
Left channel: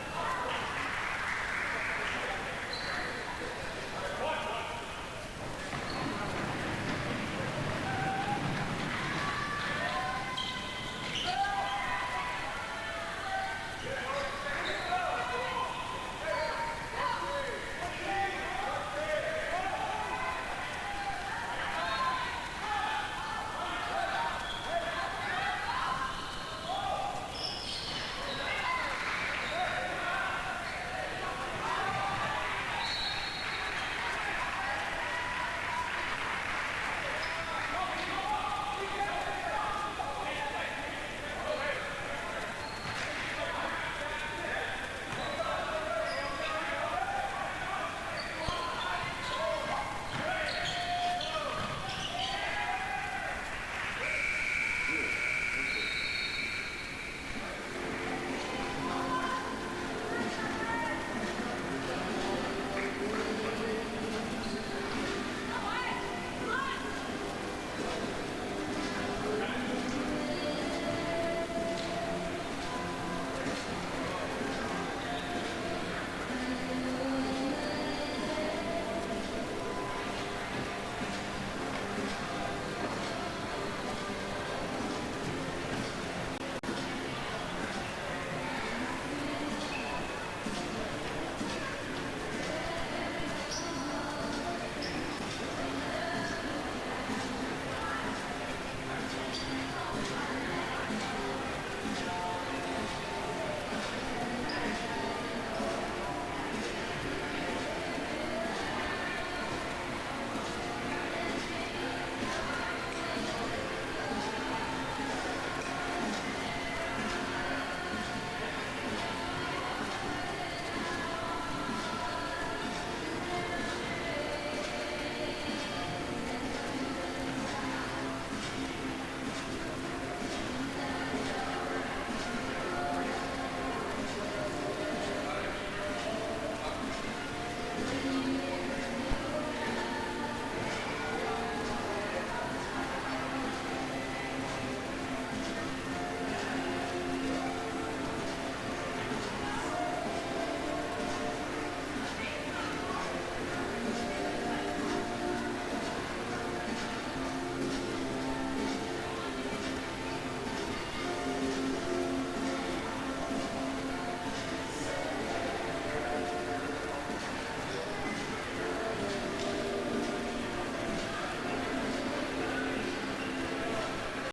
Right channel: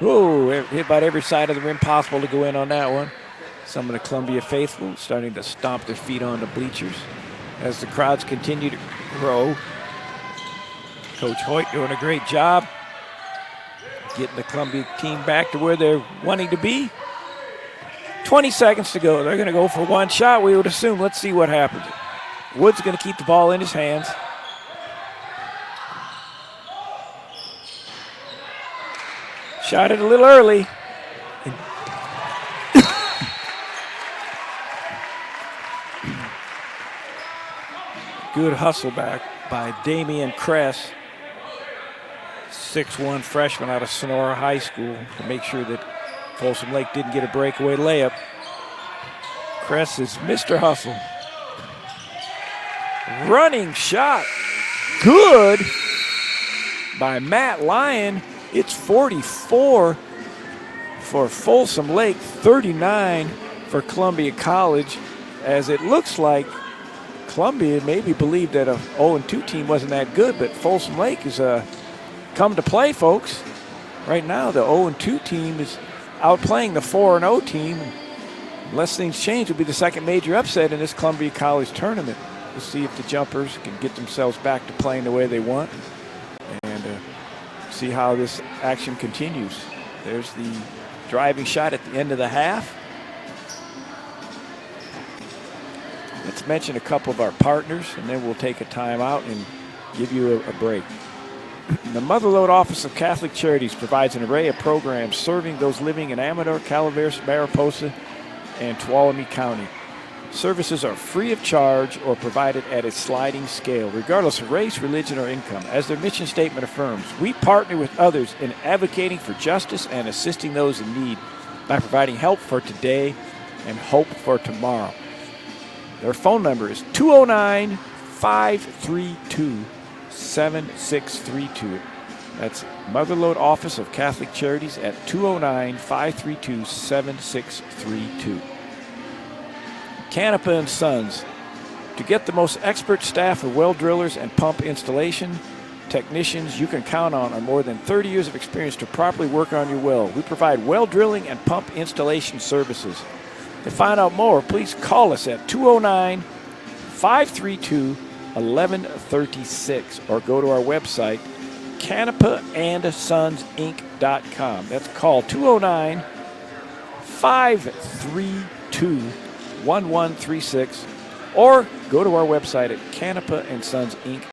Whoa, hit about every side of the rim possible to go in on that one. Some of the Columbia faithful starting to stomp their feet on the bleachers as the crowds continue to grow. Coach Hoyt doing a great job getting the Columbia team back to where they're wanting to be. 20 seconds to go. They're going to go for 1 shot, we would assume. Let's see what happens. Wood's going to keep the ball in his hands. Shot it a little early. Good hustle back by Damian Kress, 6'1" freshman out of Sonora High School, to make sure that Folsom Lake didn't get a breakaway layup. Kress is Mr. Hustle. Running shot. Good by Matt Lyon. It's 44 for Folsom Lake, 39 for Columbia College, as it looks like Columbia maybe believed that a 0-2 team wasn't that good, but Folsom Lake has come to play, folks. Right now, the 0-2 team is outplaying the 4-0 team. Unless things change, it'll be the second major upset in this Columbia College tournament. We'll see if the Jumpers can get themselves back to playing the way they want. See how this action continues. There's the driving shot at the end of the half. Let's mention a couple of our partners, and then we'll take a timeout and give you a break. The Motherlode Office of Catholic Charities provides an array of programs serving those living in Amador, Calaveras, Mariposa, and Tuolumne County. Services are free of charge or provided at a sliding scale, regardless of race, religion, or income. As their mission statement affirms, we partner with others in advocating for justice and assisting those in need by providing help for today and hope for tomorrow. Their phone number is 209-532-7632. That's Motherlode Office of Catholic Charities at 209-532-7632. Canapa & Sons. To get the most expert staff of well drillers and pump installation technicians you can count on more than 30 years of experience to properly work on your well. We provide well drilling and pump installation services. To find out more, please call us at 209-532-1136 or go to our website, canapaandsonsinc.com. That's call 209-532-1136 or go to our website at canapaandsonsinc.com.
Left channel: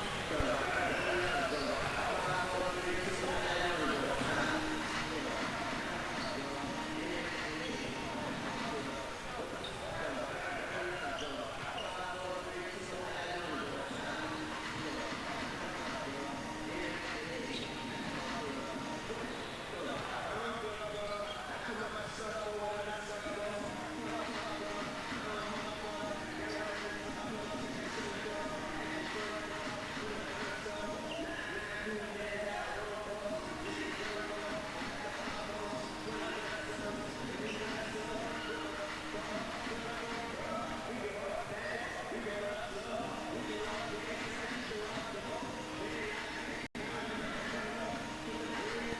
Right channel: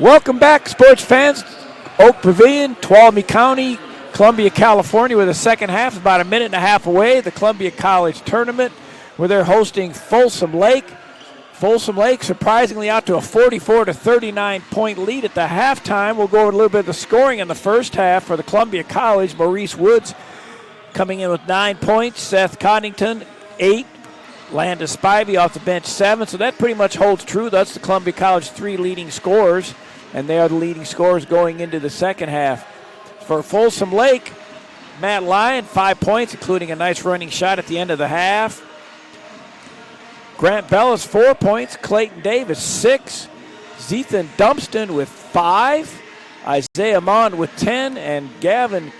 Welcome back, sports fans. Oak Pavilion, Tuolumne County, Columbia, California, with the second half about a minute and a half away. The Columbia College Tournament, where they're hosting Folsom Lake. Folsom Lake surprisingly out to a 44-39 point lead at the halftime. We'll go over a little bit of the scoring in the first half for the Columbia College. Maurice Woods coming in with 9 points. Seth Coddington, 8. Landis Spivey off the bench, 7. So that pretty much holds true. That's the Columbia College 3 leading scorers, and they are the leading scorers going into the second half. For Folsom Lake, Matt Lyon, 5 points, including a nice running shot at the end of the half. Grant Bellis, 4 points. Clayton Davis, 6. Zethan Dumpston with 5. Isaiah Mond with 10. And Gavin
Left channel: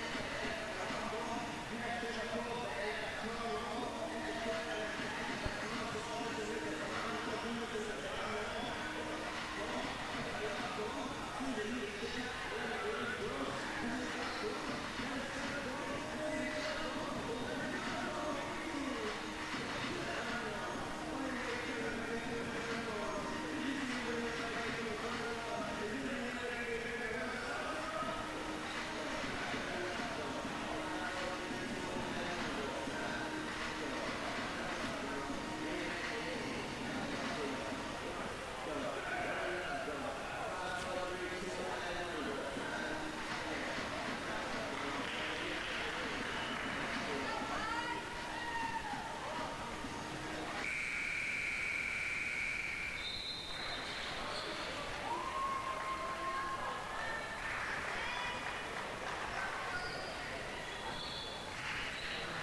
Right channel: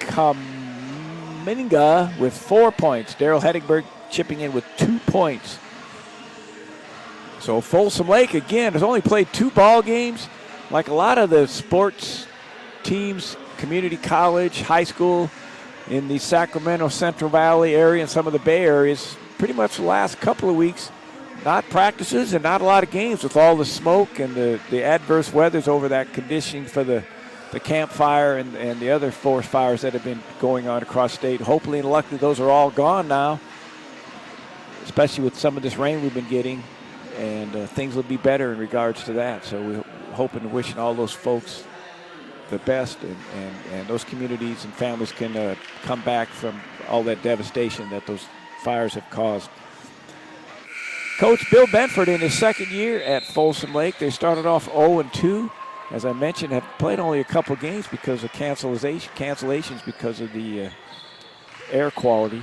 Kaminga with 4 points. Daryl Hedingberg chipping in with 2 points. So Folsom Lake, again, has only played 2 ball games. Like a lot of the sports teams, community college, high school in the Sacramento Central Valley area and some of the Bay areas, pretty much the last couple of weeks, not practices and not a lot of games with all the smoke and the adverse weathers over that conditioning for the campfire and the other forest fires that have been going on across state. Hopefully and luckily those are all gone now, especially with some of this rain we've been getting, and things will be better in regards to that. So we're hoping and wishing all those folks the best, and those communities and families can come back from all that devastation that those fires have caused. Coach Bill Benford in his second year at Folsom Lake. They started off 0-2. As I mentioned, have played only a couple games because of cancellations because of the air quality.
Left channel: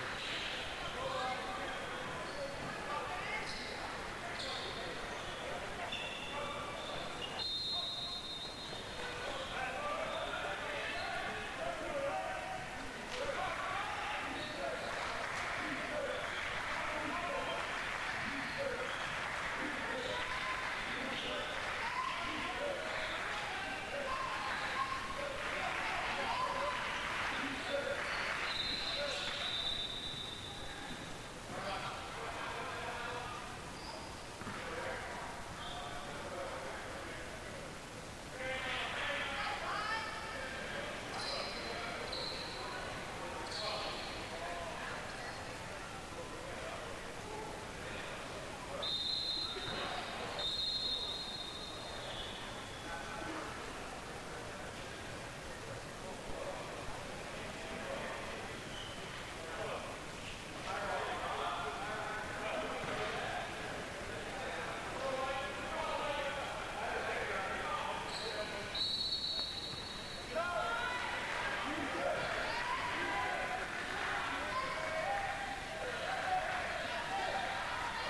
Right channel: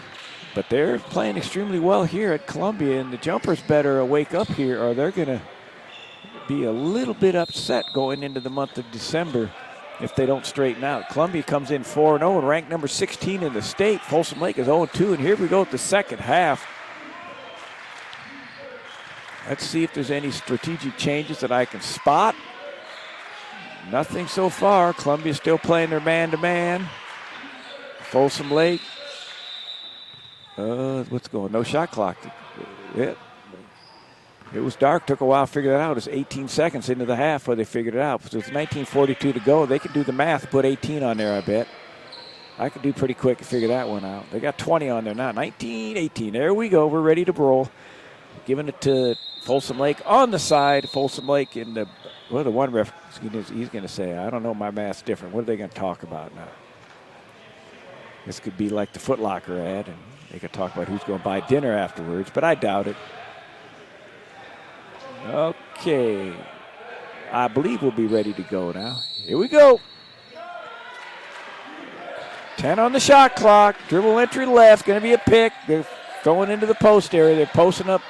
But they're playing extremely well here at Columbia, and the Jumpers better wake up here or they're going to be a little bit upset going into the month of December if they don't straighten out. Columbia comes in 4-0 and ranked number 16 in the state. Folsom Lake is 0-2, and here we go at the second half. Let's see if there's any strategic changes that I can spot. Nothing so far. Columbia's still playing their man-to-man. Folsom Lake. What's going on? No shot clock. Yeah. It was dark. Took a while to figure that out. It's 18 seconds into the half where they figured it out. So it's 19:42 to go. They could do the math, put 18 on there, I bet. I could do pretty quick to figure that one out. They got 20 on there now. 19-18. There we go. We're ready to roll. Giving it to Folsom Lake on the side. Folsom Lake in the, well, the one ref, he's going to say, I don't know, my math's different. What are they going to talk about now? This could be like the Foot Locker ad, and they could talk about who's going to buy dinner afterwards, but I doubt it. Okay. I believe we'll be ready to go now. Here we go. 10 on the shot clock. Dribble entry left. Going to be a pick. They're throwing into the post area. They're posting up.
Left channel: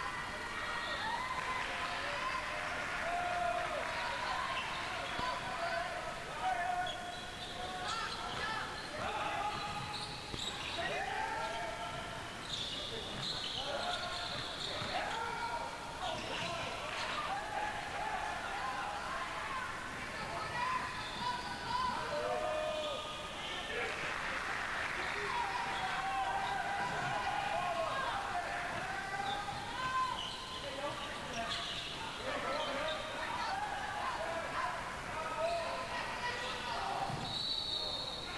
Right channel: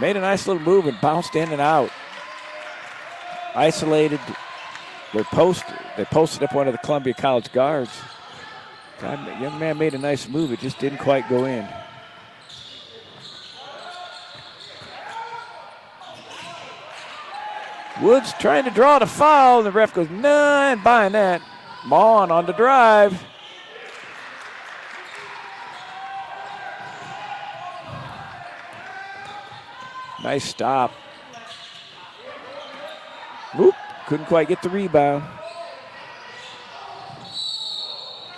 Made a nice little move and bounced in and out. Isolated. They posted up one of the Columbia College guards. The young man made a nice move. It just didn't quite go in. Woods trying to draw the foul. The ref goes, no, I ain't buying that. Mon on the drive. Nice stop. Oop, couldn't quite get the rebound.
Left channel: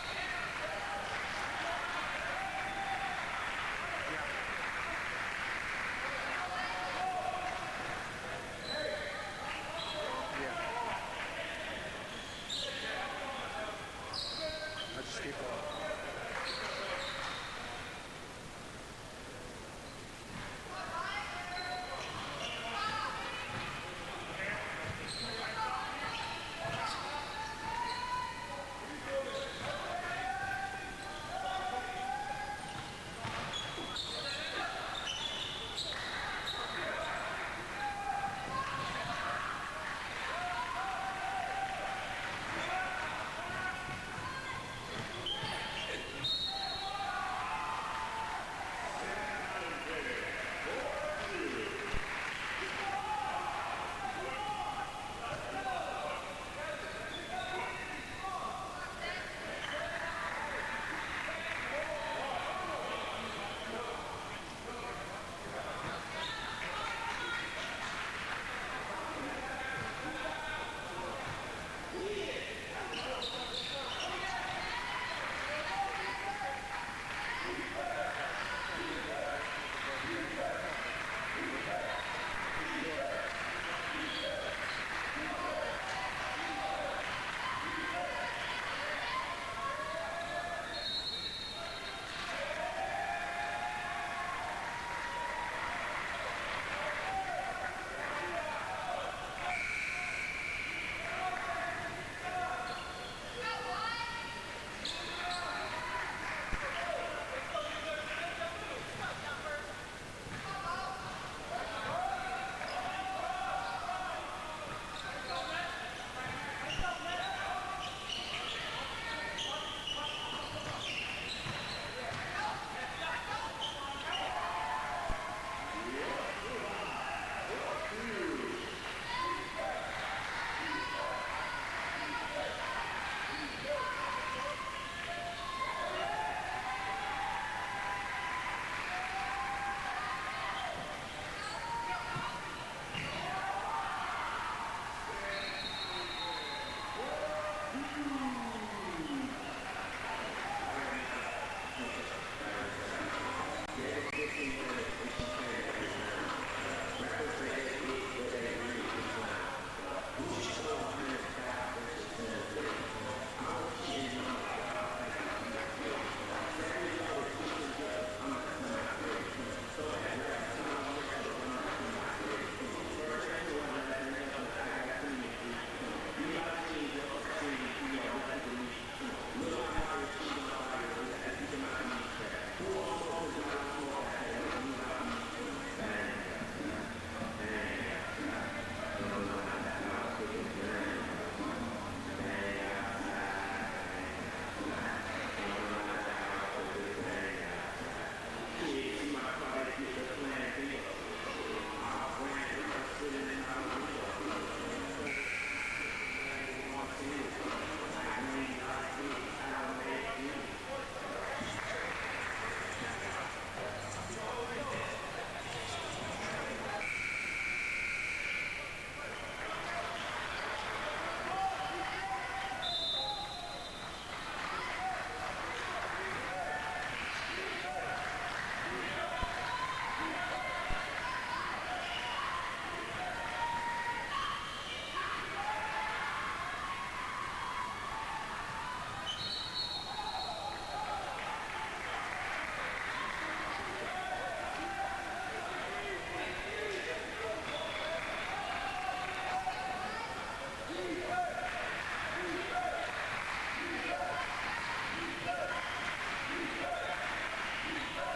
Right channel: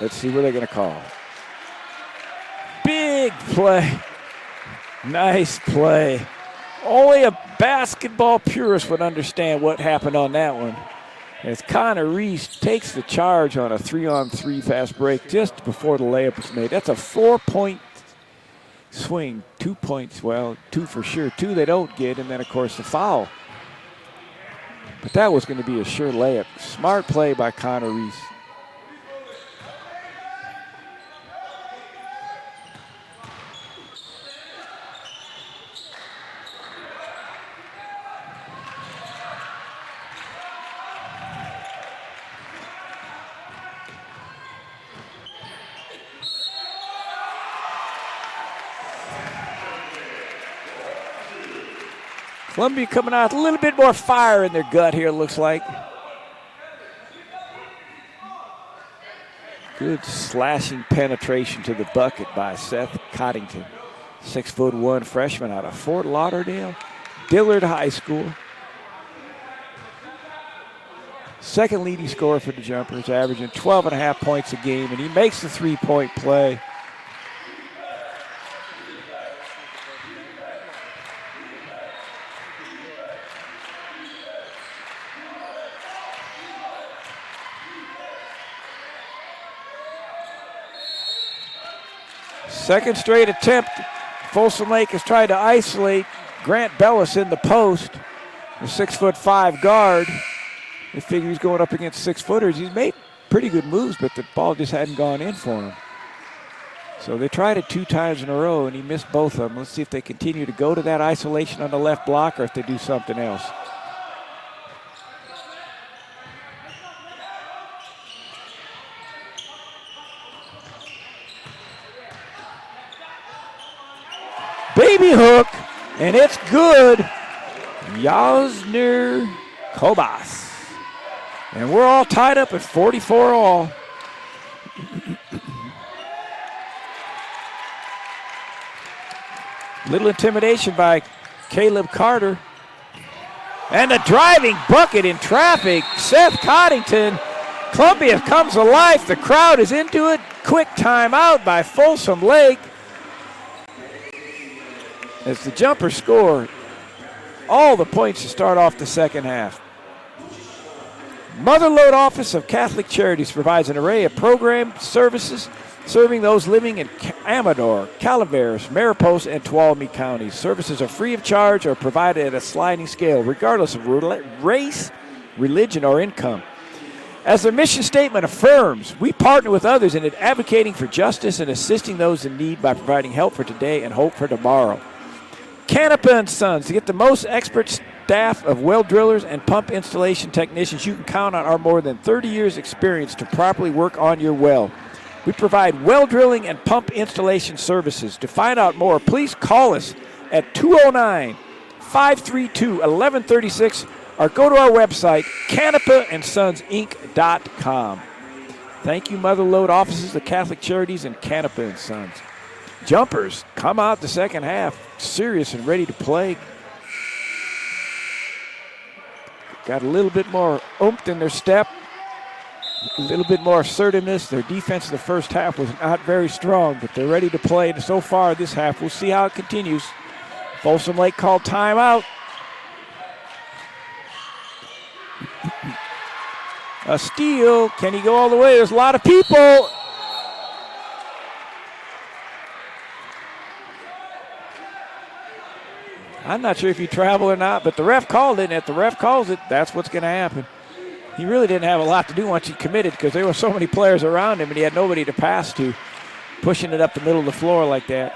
Let's see what they're going to call. Big play. Nice play. Only a basketball purist would understand what happened on that one. As Connor Reese takes the charge on a 3-on-3 fast break just before the layup was made. That's a 4-point swing. 2 points, well, 2 for sure. 2 they don't get, and then, of course, the foul. But that was going to be a sure layup. Smart play by Connor Reese. Columbia coming out with a little bit more fire in their gut here, it looks like. Good slashing penetration to the bucket by Seth Coddington. 6'1" freshman out of Fort Lauderdale. Dillard High School. Second leading scorer for the Jumpers, averaging 12.5 points a game, and he makes the three-point play. Second straight attempt. Folsom Lake has tried to isolate Grant Bellis in the post, the 6'5" guard. They figure he's going up against 6-footers. He's made pretty good moves, but the ball just hadn't gone in for him. So they tried it 2 times in a row, and he missed both of them. Let's see if they continue to go to that isolation on the left block or if they do something else. Baby hook, and it's good. Yosner Kobas. And we're all tied up at 44 all. Little intimidation by Caleb Carter. And a driving bucket in traffic. Seth Coddington. Columbia comes to life. The crowd is into it. Quick timeout by Folsom Lake. As the Jumpers score all the points to start off the second half. Motherlode Office of Catholic Charities provides an array of program services serving those living in Amador, Calaveras, Mariposa, and Tuolumne counties. Services are free of charge or provided at a sliding scale, regardless of race, religion, or income. As their mission statement affirms, we partner with others in advocating for justice and assisting those in need by providing help for today and hope for tomorrow. Canapa & Sons, to get the most expert staff of well drillers and pump installation technicians, you can count on our more than 30 years experience to properly work on your well. We provide well drilling and pump installation services. To find out more, please call us at 209-532-1136 or go to our website, canapaandsonsinc.com. Thank you, Motherlode Offices of Catholic Charities and Canapa & Sons. Jumpers come out the second half serious and ready to play. Got a little bit more oomph in their step, a little bit more assertiveness. Their defense in the first half was not very strong, but they're ready to play. And so far this half, we'll see how it continues. Folsom Lake called timeout. A steal. Can he go all the way? There's a lot of people. I'm not sure if you travel or not, but the ref called it, and if the ref calls it, that's what's going to happen. He really didn't have a lot to do once he committed because there were so many players around him and he had nobody to pass to, pushing it up the middle of the floor like that.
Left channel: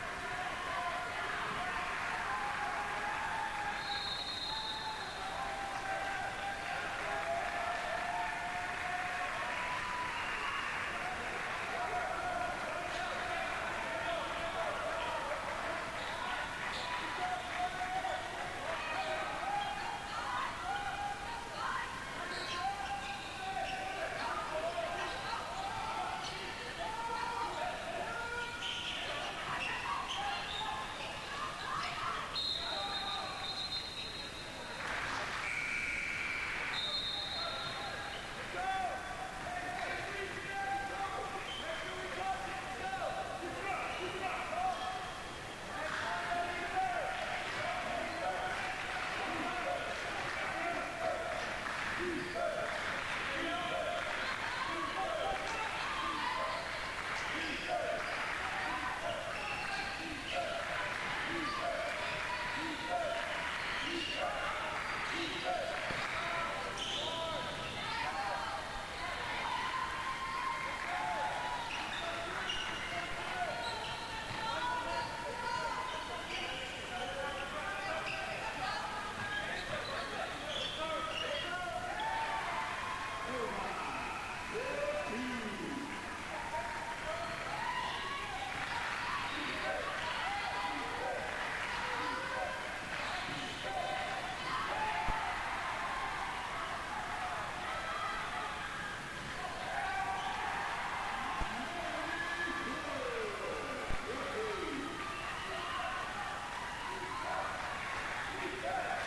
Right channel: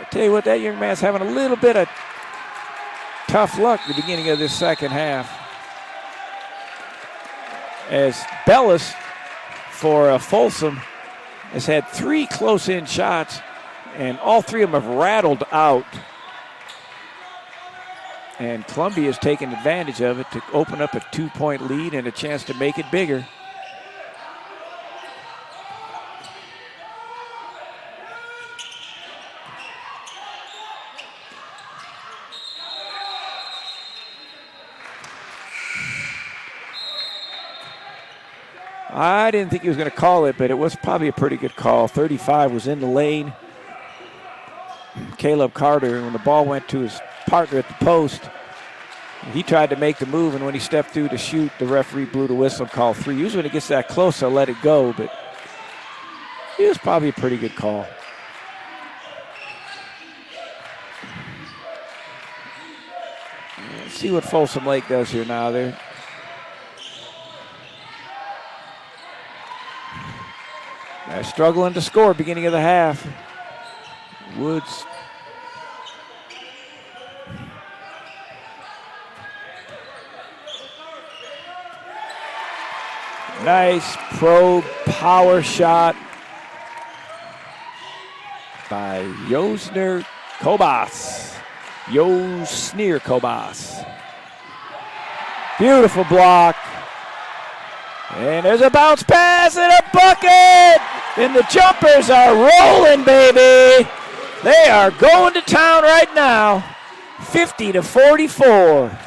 I tell you what, that young man's having a little bit of tough luck at the beginning of this second half. As Bellis for Folsom has had 3 close-in shots, and all 3 of them have rattled out. And Columbia has taken advantage of it to open up a 2-point lead and a chance to make it bigger. I didn't think he was going to call it, but it was probably a pretty good call. 35 was in the lane. Caleb Carter, when the ball went to his partner at the post, he tried to make the move, and when he stepped through to shoot, the referee blew the whistle and called 3. Usually when it gets that close, they'll let it go, but it was probably a pretty good call. Let's see what Folsom Lake does here now. They're struggling to score beginning of the half. Woods. Nice probe power shot by Yosner Kobas. Yosner Kobas. Beautiful block. And there's a bounce pass and a bucket. And the Jumpers are rolling, baby. They are going to town right now, 50-44.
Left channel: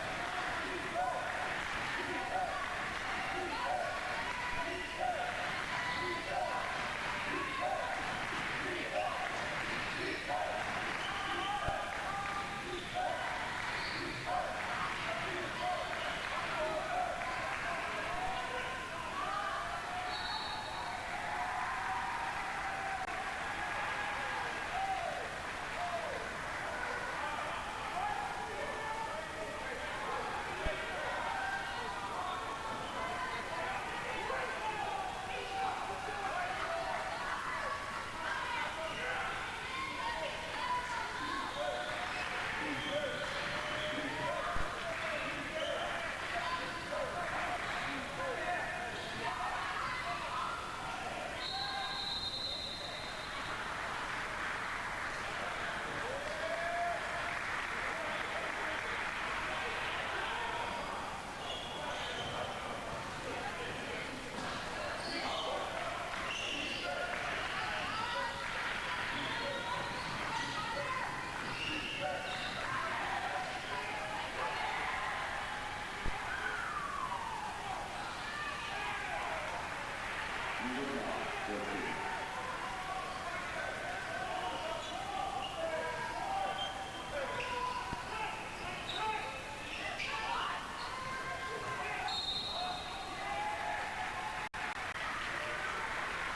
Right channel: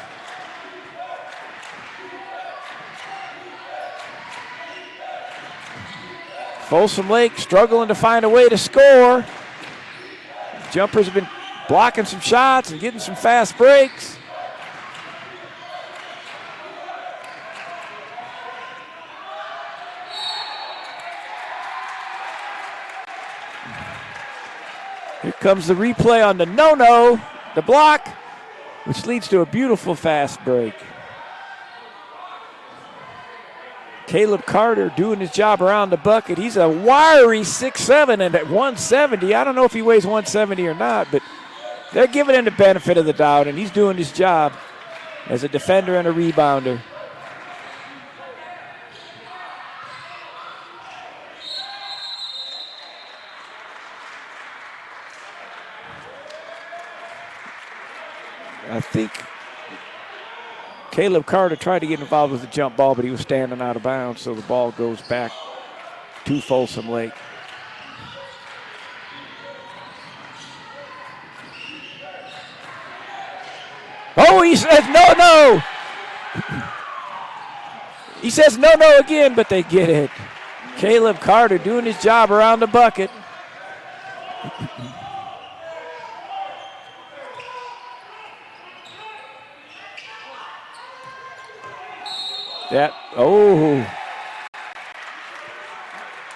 Folsom Lake struggling to find a way to score. Jumpers have been blocking some shots and getting some fast breaks. Here comes the replay on the no-no, the block, which leads to a beautiful fast break. Caleb Carter doing his job around the bucket. He's a wiry 6'7", and at 170, I don't know if he weighs 170 or not, but they're giving him the benefit of the doubt, and he's doing his job as a defender and a rebounder. I think Caleb Carter tried to get involved with the jump ball, but he was standing out of bounds, so the ball goes back to Folsom Lake. Oh, he says no. He says no again, but they get it. Caleb Carter doing his job around the bucket.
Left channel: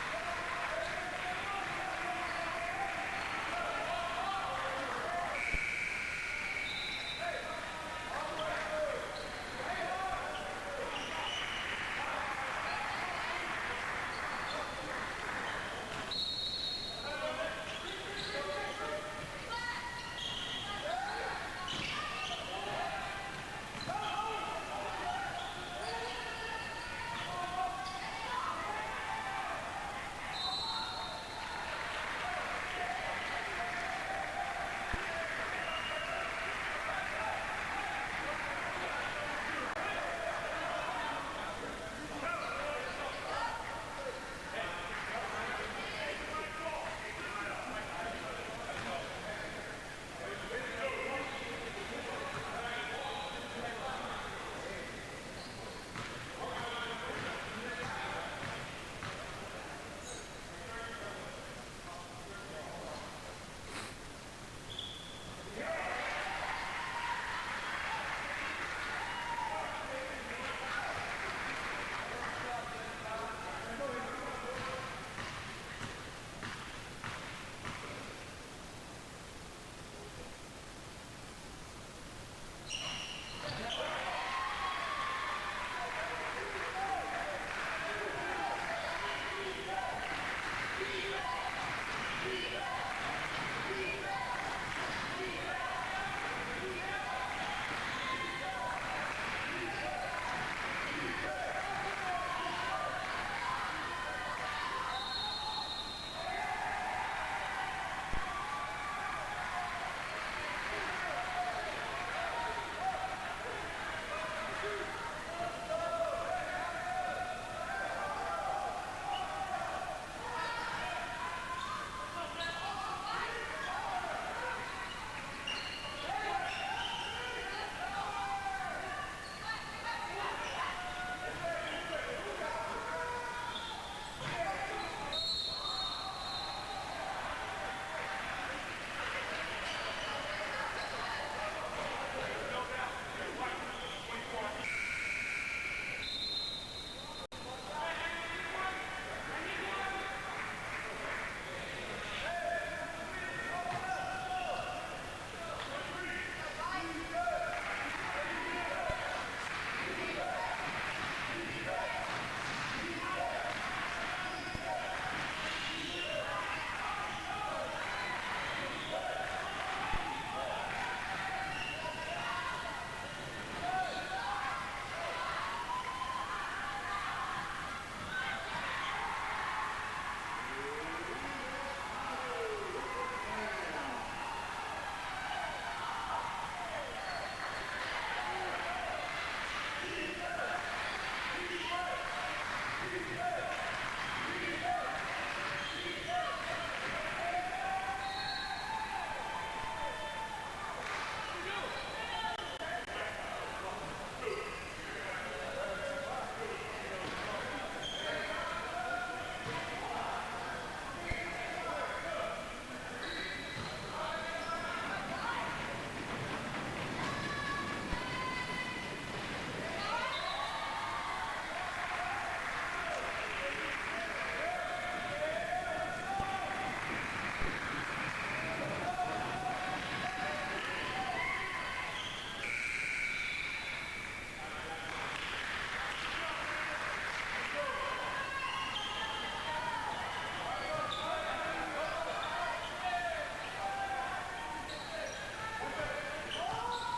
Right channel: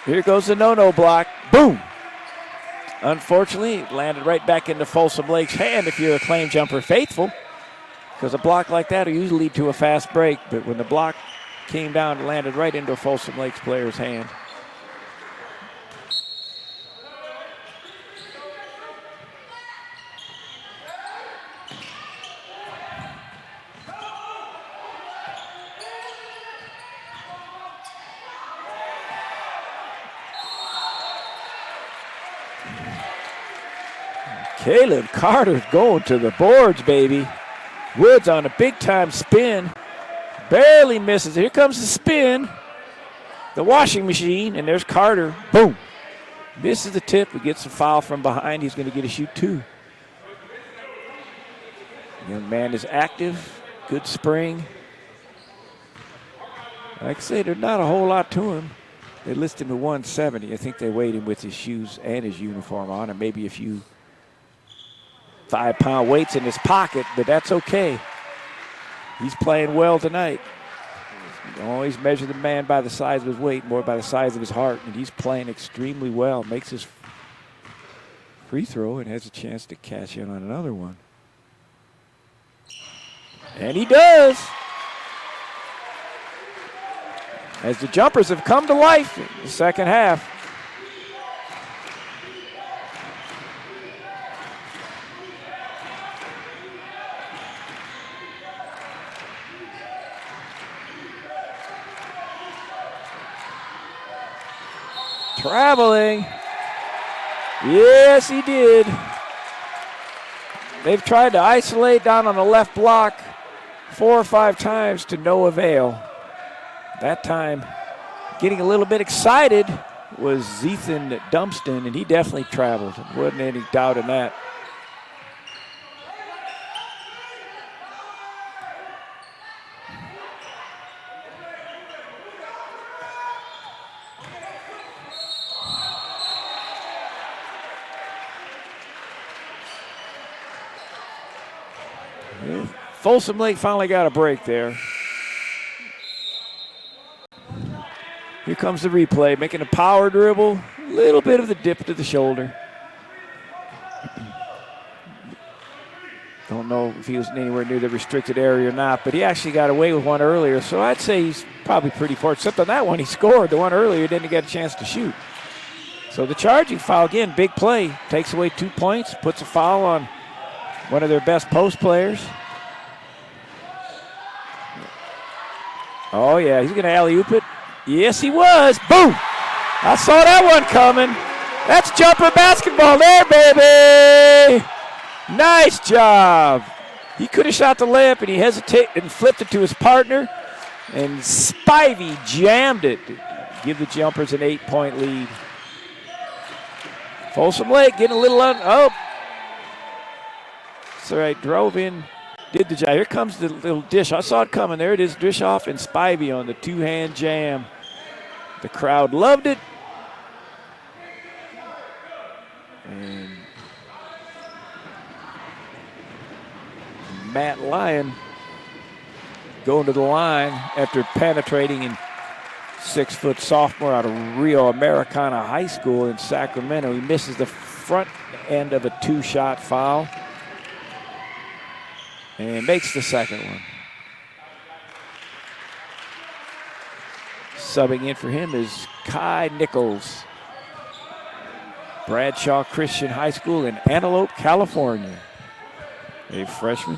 Here goes the no-no block. Boom. Unfortunately, it landed right back into Folsom Lake's hand if you're a claim jumper faithful, because a block like that will usually lead to a fast break, but when the block came down, it landed right into a Folsom Lake's player's hand. Caleb Carter going to the boards, baby. Woods on a big-time spin. Barely misses. Here comes the spin. The washing machine, and there's Carter. Boom. Misses the tip. He gets a foul from behind. He's going to get a shoot two. Young man is active. Good spring. Like I say, there's not a whole lot to him. They list him to 170. I think they weighed him with his shoes and his uniform on, and maybe a few 5-pound weights in his pocket, but that's okay. He's playing well tonight. You always measure the man by the size of his weight, more by the size of his heart, and he's playing extremely well. Makes his free throw and has a chance to cash in on another one. And he does. As the Jumpers have come to life in the second half. Traveling. Yes, he did. They've tried to isolate down on the left block 4 or 5 times to no avail. That time, getting a little bit excited was Ethan Dumpston, and he definitely traveled. There wasn't any doubt in that. Folsom Lake finally got a break there. Here comes the replay, making a power dribble, a little bit of the dip to the shoulder. Don't know if he was anywhere near the restricted area or not, but he actually got away with one earlier, so I'd say he's probably pretty fortunate. Except on that one, he scored. The one earlier, he didn't get a chance to shoot. So the charging foul, again, big play, takes away 2 points, puts a foul on one of their best post players. Oh, yeah, he's going to alley-oop it. Yes, he was. Boom! I saw that one coming. That's jumper basketball there, baby! Nice job. He could have shot the layup, and he hesitated and flipped it to his partner, and Spivey jammed it to give the Jumpers an 8-point lead. Folsom Lake getting a little oh. That's all right, drove in, did the job. Here comes the little dish. I saw it coming. There it is, dish off and Spivey on the two-hand jam. The crowd loved it. And Matt Lyon going to the line after penetrating in 6-foot sophomore out of Rio Americana High School in Sacramento. He misses the front end of a 2-shot foul and makes the second one. Subbing in for him is Kai Nichols. Bradshaw Christian High School in Antelope, California. A freshman.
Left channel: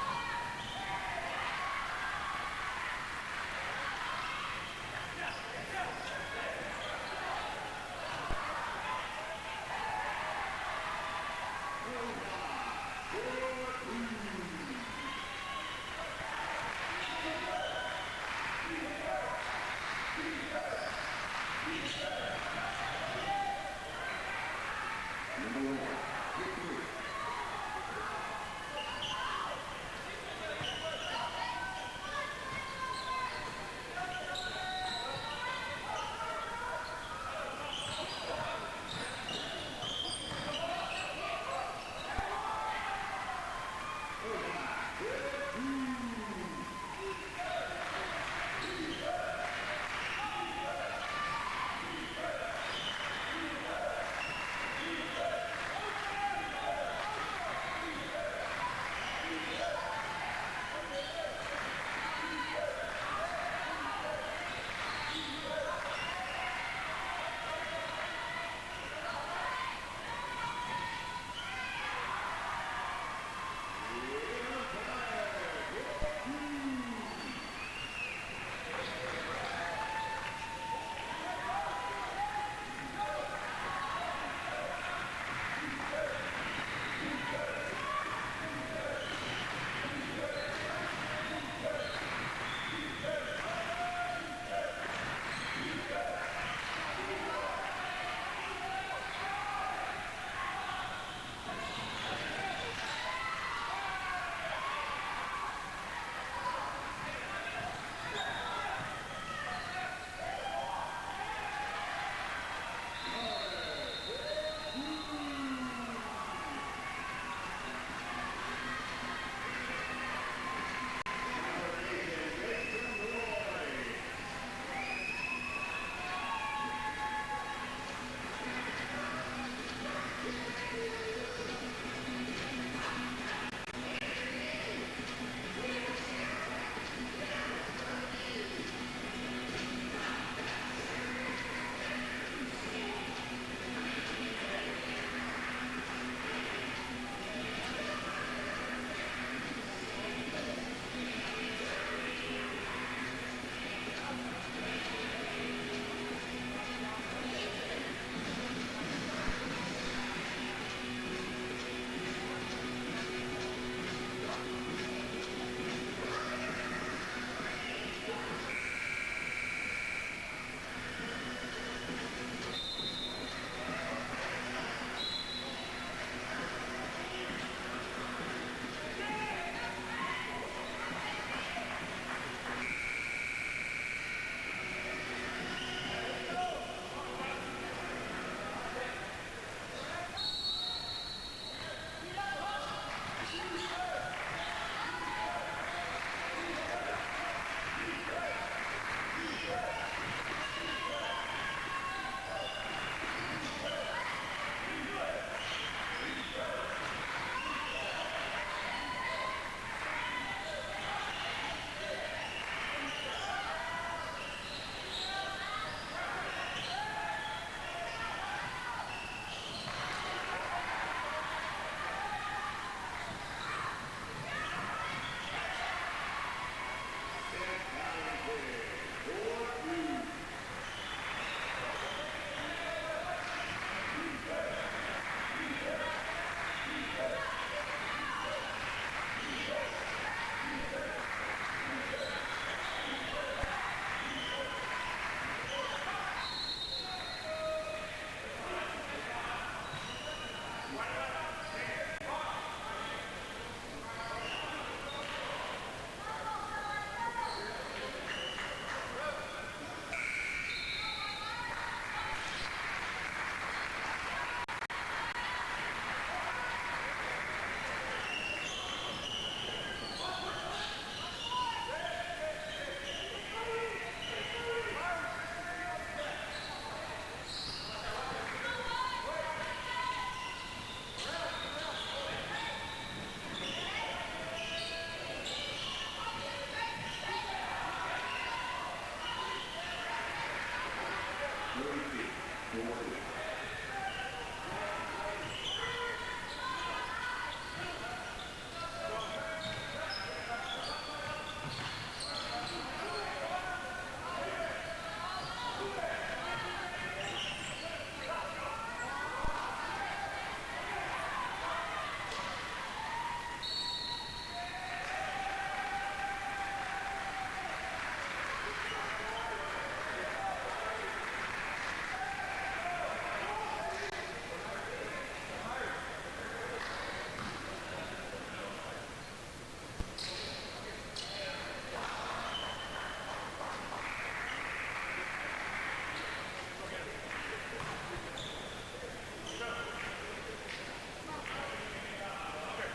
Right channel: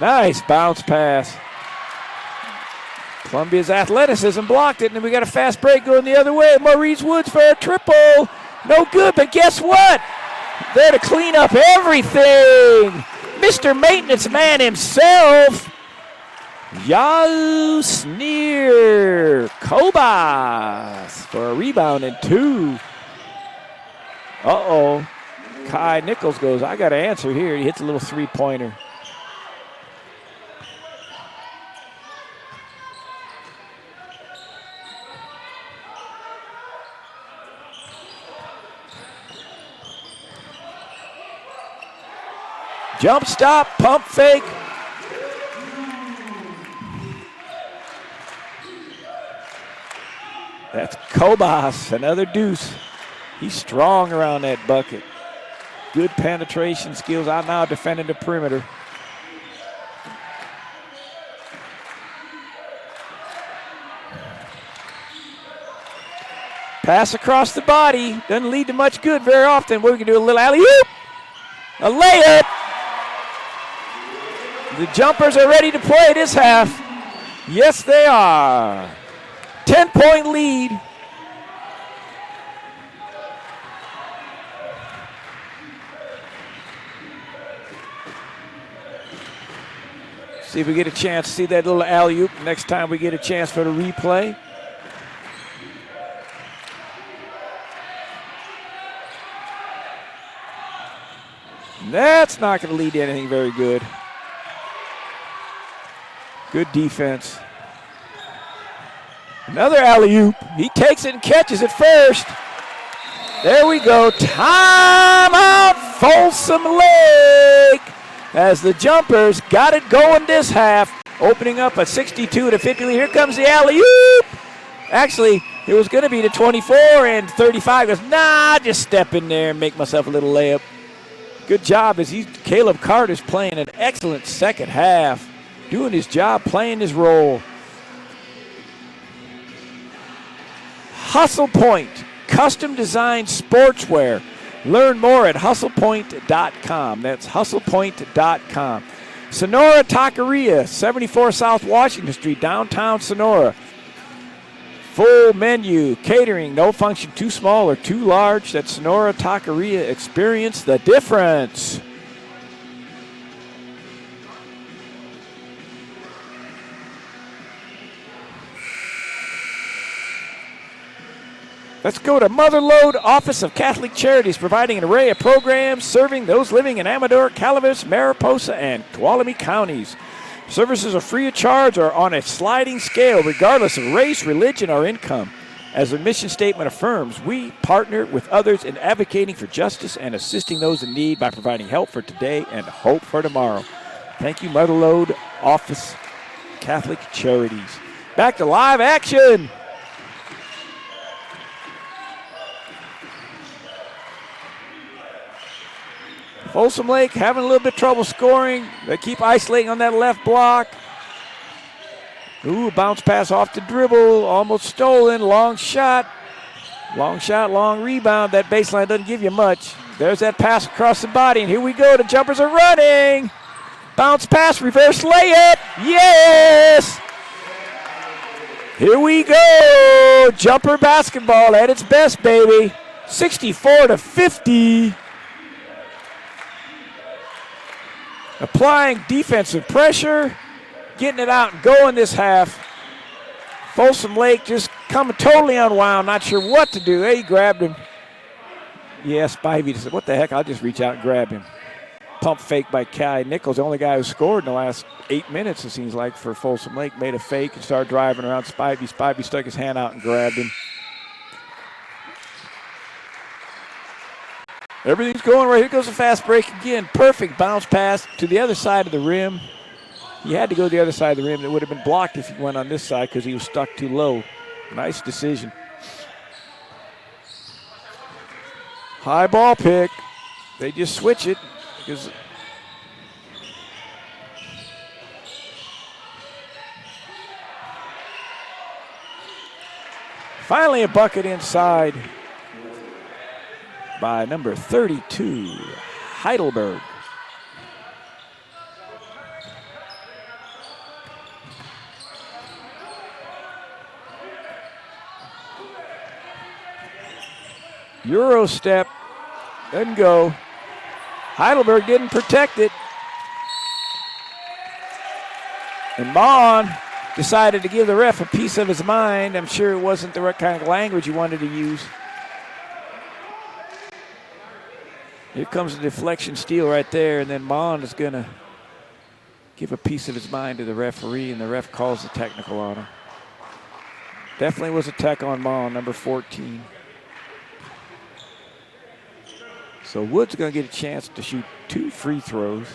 Nice bounce pass. Columbia's athleticism blocked it, and then we got a fast break going the other way. Maurice Woods for a triple. No good, but guess what? There to clean up everything. Mr. Maintenance Man himself. Yausnir Kobas for a rebound and 2. Uh-oh. Kai Nichols goes, I got to answer here. He hits a little three-pointer. Jump stop, pump fake. That's Kobas, another deuce. He's strong around that bucket. Good penetration skills. Out now defending the perimeter. Pass across the body. Doesn't lead to much good very often. We're going to do a little alley-oop. A layup. The Jumpers are ready to play this half. Yes, they are. 10-point lead. See if we get a chance to see that little alley-oop next time we get a chance for the replay. That's not going to lead to anything very good. Good defense. Another alley-oop. He takes it and catches it first. There we go. Timeout, Folsom Lake. As the Jumpers got it going this half, opening up a 62-50 lead. Here comes the alley-oop. Actually, it was going to be the 24 and 35. Goes, nah, just step in there and make myself a little layup. Good job as Caleb Carter's playing an excellent second half. Doing his job, playing his role. Hustle Point, custom designed sportswear. Learn more at hustlepoint.com. That's hustlepoint.com. Sonora Taqueria, 74 South Washington Street, downtown Sonora. Full menu, catering, no function too small or too large. That's Sonora Taqueria. Experience the difference. Let's go to Motherlode Office of Catholic Charities, providing an array of programs serving those living in Amador, Calaveras, Mariposa, and Tuolumne counties. Services are free of charge or on a sliding scale, regardless of race, religion, or income. As the mission statement affirms, we partner with others in advocating for justice and assisting those in need by providing help for today and hope for tomorrow. Thank you, Motherlode Office Catholic Charities. Back to live action. Folsom Lake having a little bit of trouble scoring. They keep isolating on that left block. Ooh, bounce pass off the dribble, almost stolen, long shot, long rebound. That baseline doesn't give you much. There's that pass across the body, and here we go. The Jumpers are running. Bounce pass, reverse layup, yes! Here we go, Jumper basketball at its best, baby. 64-50. applying defensive pressure, getting it out and going this half. Folsom Lake just coming totally unwound, not sure what to do. Hey, he grabbed him. Yeah, Spivey said, what the heck, I'll just reach out and grab him. Pump fake by Kai Nichols, the only guy who scored in the last 8 minutes, it seems like, for Folsom Lake. Made a fake and started driving around Spivey. Spivey stuck his hand out and grabbed him. Everything's going right. Here goes a fast break again. Perfect bounce pass to the other side of the rim. He had to go to the other side of the rim. It would have been blocked if he went on this side because he was stuck too low. Nice decision. High ball pick. They just switch it. Finally a bucket inside by number 32, Heidelberg. Euro step, doesn't go. Heidelberg didn't protect it. And Mon decided to give the ref a piece of his mind. I'm sure it wasn't the right kind of language he wanted to use. Here comes the deflection steal right there, and then Mon is going to give a piece of his mind to the referee, and the ref calls the technical on him. Definitely was a tech on Mon, number 14. So Wood's going to get a chance to shoot 2 free throws.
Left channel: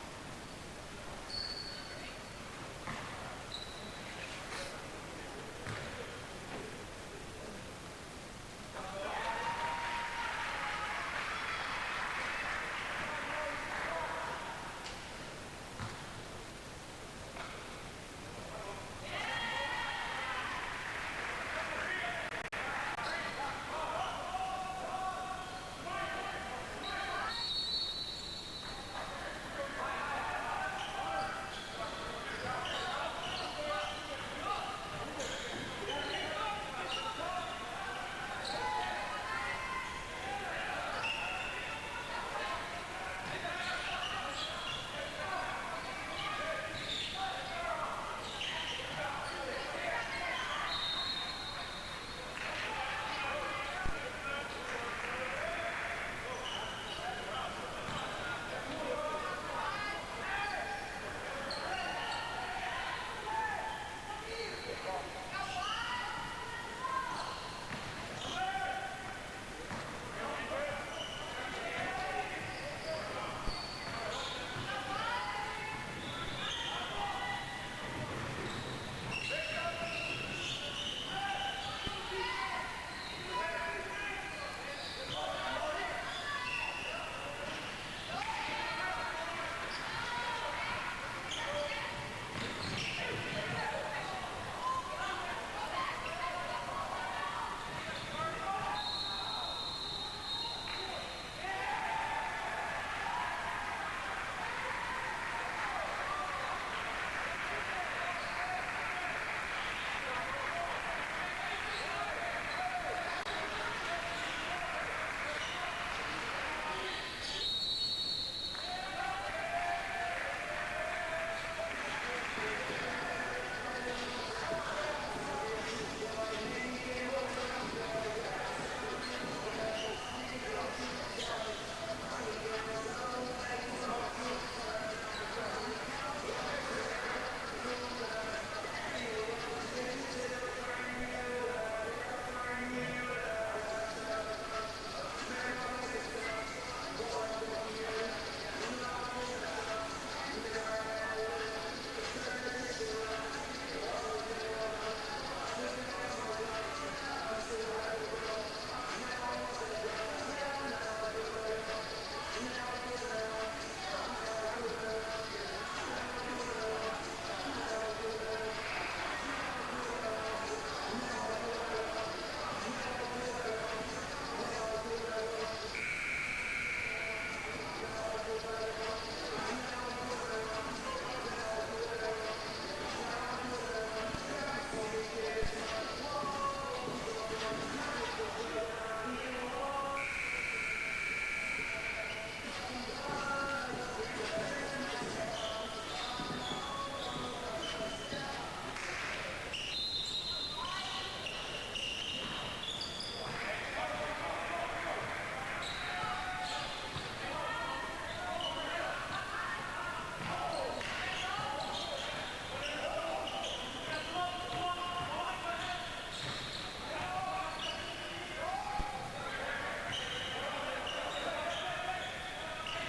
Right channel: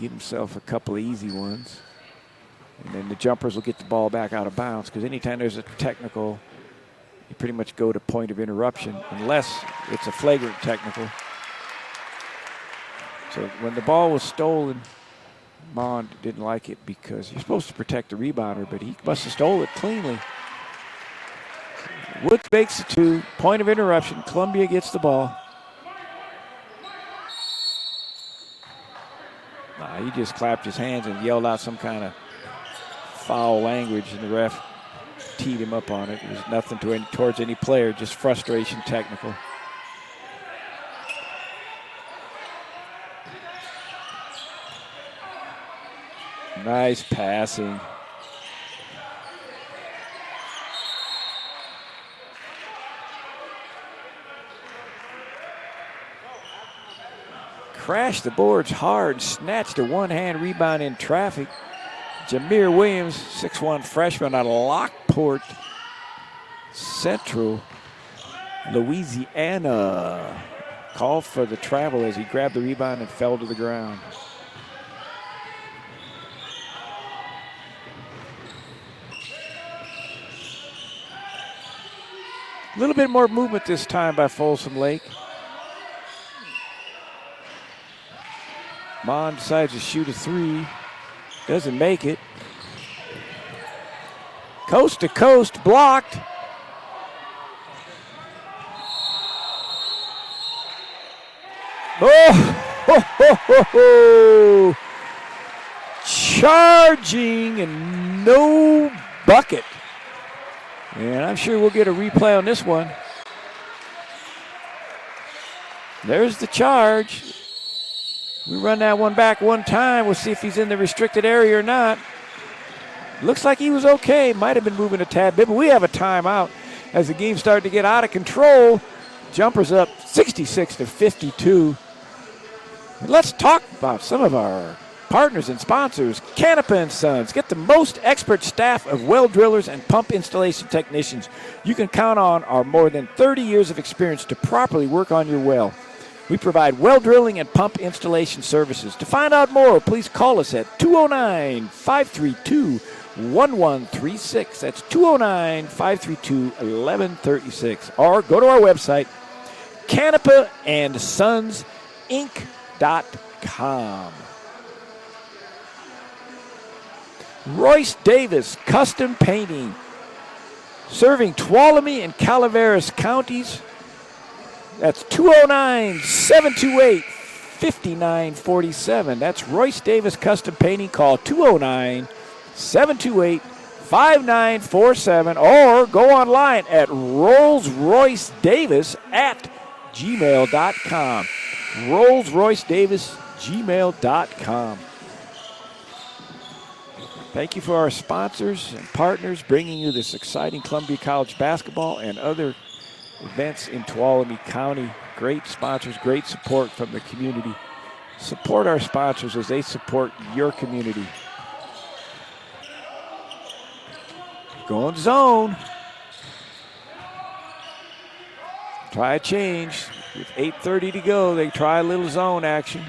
Give himself a couple of easy ones. And then the jumpers will get the ball back out of bounds, because anytime there's a technical, you pretty much go to point of interruption, unless it's a flagrant technical. So when the ball was stolen, Mon didn't like it because you're supposed to protect the rebounder, but he must have stole it cleanly. Woods makes the 2, point of interruption. Columbia gets the ball. He just clapped his hands and yelled out some kind of foul language, and the ref teed him up on it. It was nothing towards any player, just frustration technical. Nice passing. Crashed the boards hard, snatched a one-hand rebound in traffic. Jameer Williams, 6'1" freshman out of Lockport Central, Louisiana. Called for the travel as he grabbed the rebound and fell to the ground. A little bit more movement this time by Folsom Lake. Mon decides to shoot a 3. Doesn't make it. Coast to coast, blocked. Oh, ho, ho, ho, ho. Charging and no bucket. And I'm sure we'll get a replay on this one. There's the charge. We run that one back one time. We'll see if he's in the restricted area or not. Looks like he was okay. Might have been moving a tad bit, but we have a timeout as the game started to get out of control. Jumpers up 66-52. Let's talk about some of our partners and sponsors. Canepa & Sons. Get the most expert staff of well drillers and pump installation technicians you can count on our more than 30 years of experience to properly work on your well. We provide well drilling and pump installation services. To find out more, please call us at 209-532-1136. That's 209-532-1136. Or go to our website, CanepaAndSonsInc.com. Royce Davis Custom Painting, serving Tuolumne and Calaveras counties. That's 209-728-5947. That's Royce Davis Custom Painting. Call 209-728-5947 or go online at rollsroycedavis@gmail.com. Rolls Royce Davis, gmail.com. Thank you for our sponsors and partners bringing you this exciting Columbia College basketball and other events in Tuolumne County. Great sponsors, great support from the community. Support our sponsors as they support your community. Going zone. Try a change. With 8:30 to go, they try a little zone action.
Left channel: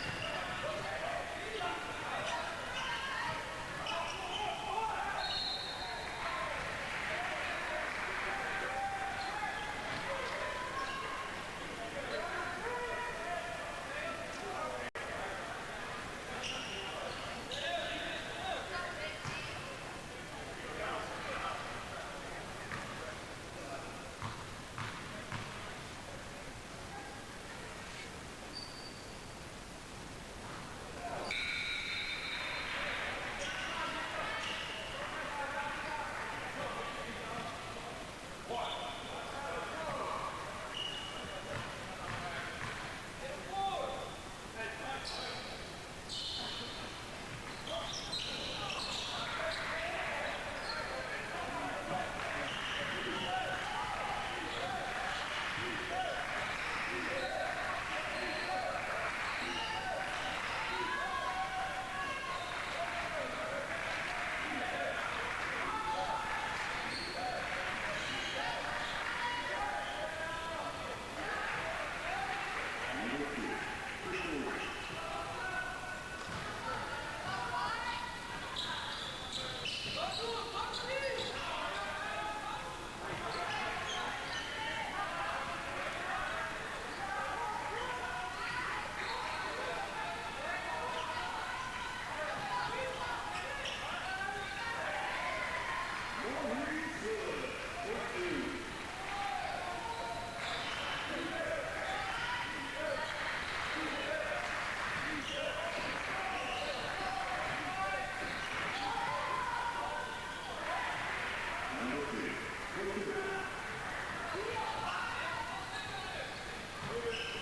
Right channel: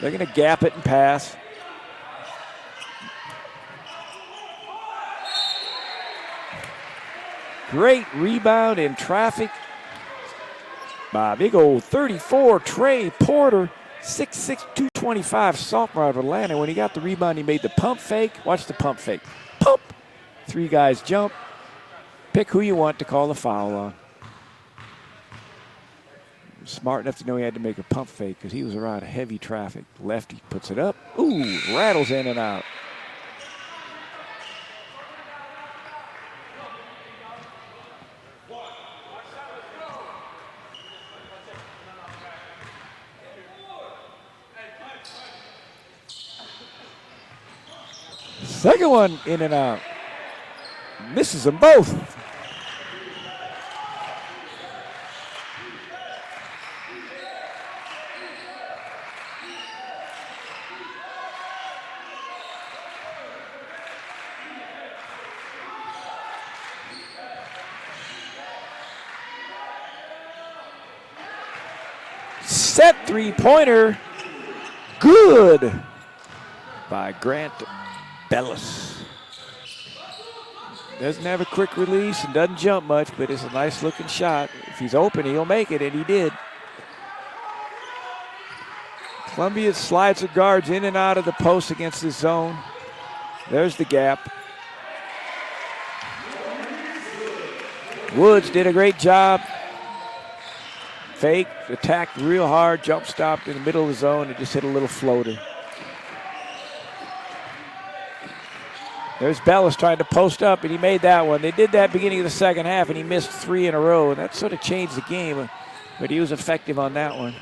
They're going to gap it and pass. Great rebound in traffic by big old 34 Trey Porter, 6'6", 225 sophomore out of Atlanta. When he got the rebound, he made the pump fake. Watch the pump fake. Pump. 3 guys jump. Pick who you want to call the foul on. Smart enough to know he had to make a pump fake because he was around heavy traffic. Lefty puts it up. Ooh, rattles in and out. Second one in and out. Misses them both. Set three-pointer. Good by Grant Bellis. Doesn't have a quick release and doesn't jump much, but it's a nice looking shot. If he's open, he'll make it, and he did. Columbia slides their guards in and out of the post against the zone. There's the gap. Woods did a great job. Fake, attacked real hard, jump stopped in the middle of the zone, and just hit a little floater. There's Bellis trying to post up, and he made that one. They did that beginning of the second half, and he missed 3 in a row, and that sort of changed the game, but he was effective on that one.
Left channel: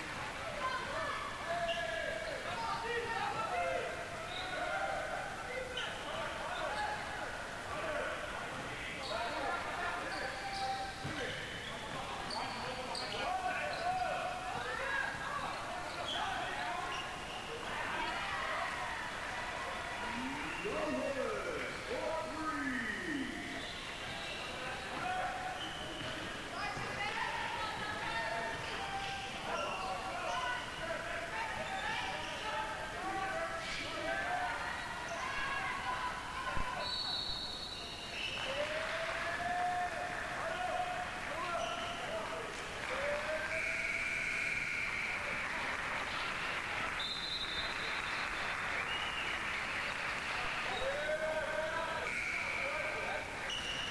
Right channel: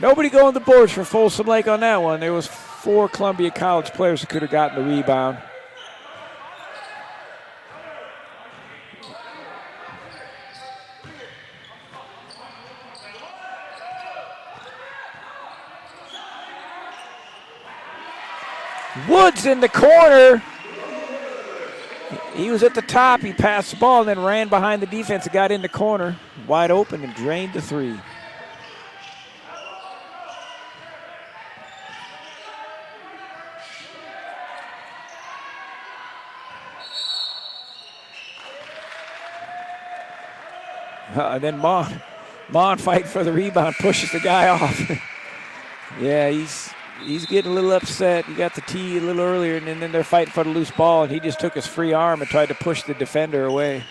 Nobody going the boards for Folsom Lake on that one. There was 4 Columbia College players who could have gotten the rebound. Woods in the corner. He was at the top. He passed the ball and then ran behind the defense and got in the corner. Wide open and drained the 3. And then Mon fighting for the rebound, pushes the guy off. Yeah, he's getting a little upset. He got the tee a little earlier, and then they're fighting for the loose ball, and he just took his free arm and tried to push the defender away.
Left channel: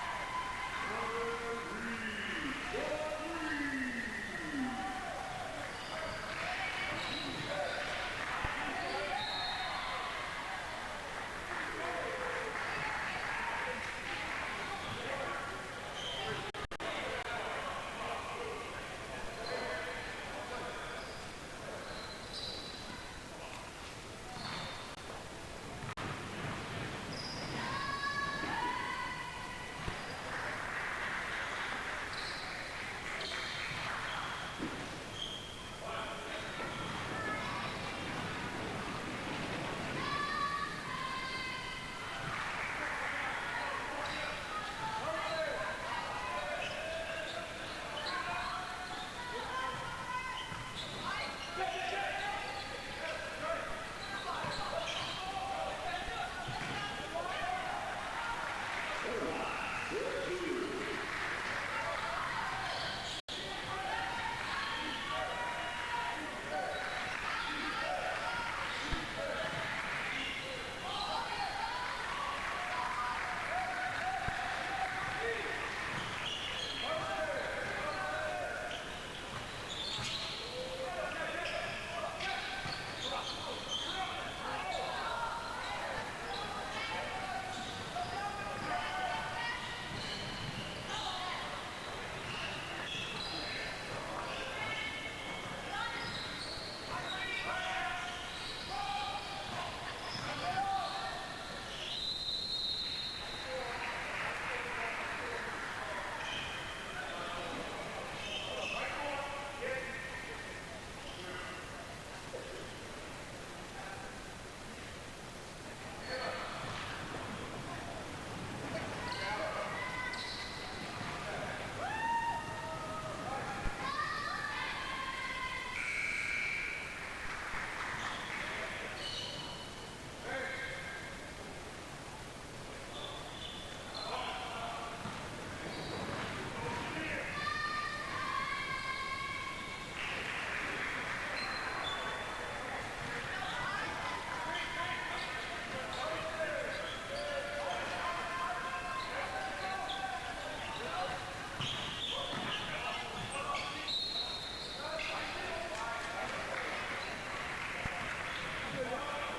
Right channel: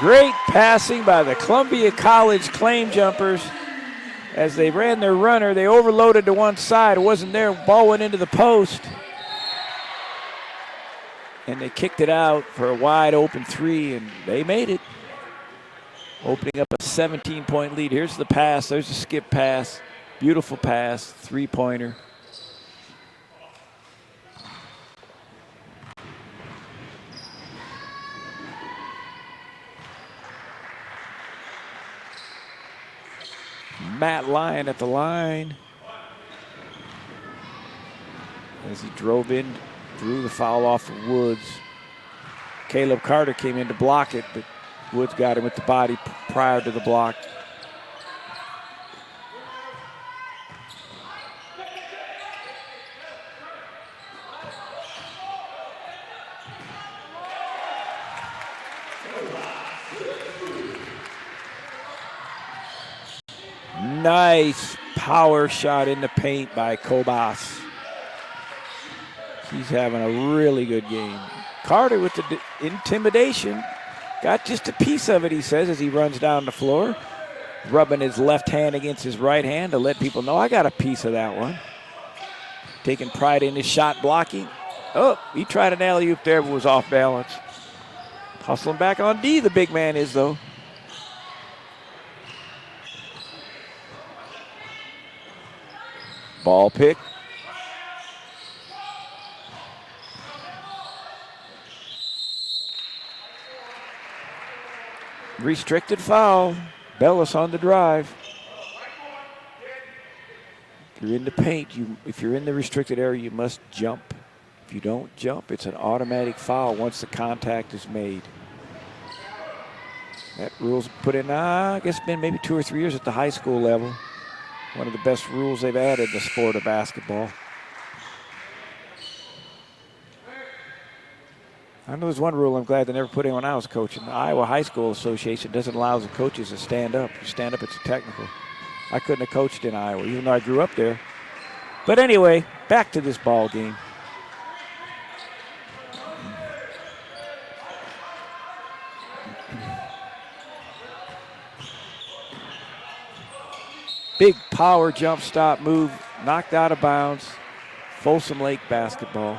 Great passing by the Columbia College claim jumpers. As they ran their runner, they overloaded to one side. It wasn't there. Ball went into the post. And they kicked it out for a wide open 3, and they made it. Opening up a 17-point lead. Here's the pass. There's a skip pass. Beautiful pass. 3-pointer. Matt Lyon at the line. As he drove in, drew the foul off of Woods. Caleb Carter came in to block it, but Woods got him with the body prior to the block. Nice power shot in the paint by Kobas. He's having a really good game. Carter with the intimidation. Got just a piece of it, he says, as he runs down the floor, rubbing his left hand against his right hand to let people know, I got a piece of that one. Taking pride in his shot blocking. Oh, he tried an alley-oop there, but was off balance. Hustling back on D, the big man is, though. Ball pick. Restricted foul. Bellis on the drive. If you're in the paint, if you're in the restricted area, you must jump. If you don't jump, it's an automatic foul once the contact is made. That rule's put in, I guess, been maybe 2 or 3 years at the high school level. One of the best rules they've added in the sport of basketball. I know there's one rule I'm glad they never put in when I was coaching. The Iowa High School Association doesn't allow the coaches to stand up. Stand up, it's a technical. I couldn't have coached in Iowa, even though I grew up there. But anyway, back to this ball game. Big power jump stop move, knocked out of bounds. Folsom Lake basketball.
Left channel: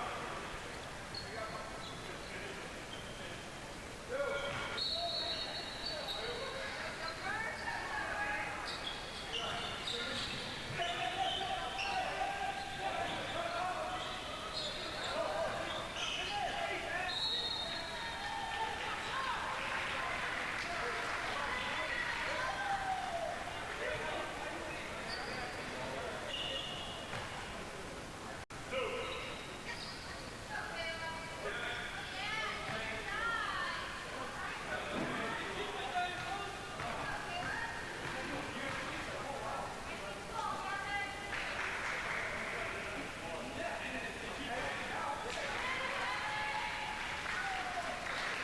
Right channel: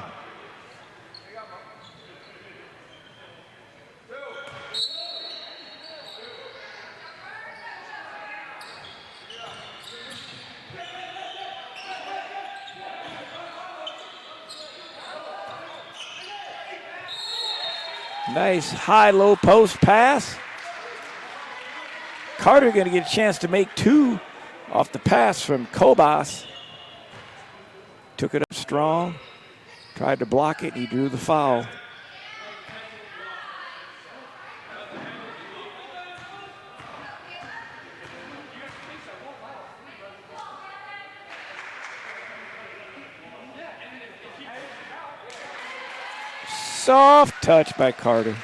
Nice high-low post pass. Carter going to get a chance to make 2 off the pass from Kobas. Took it up strong, tried to block it, he drew the foul. Soft touch by Carter.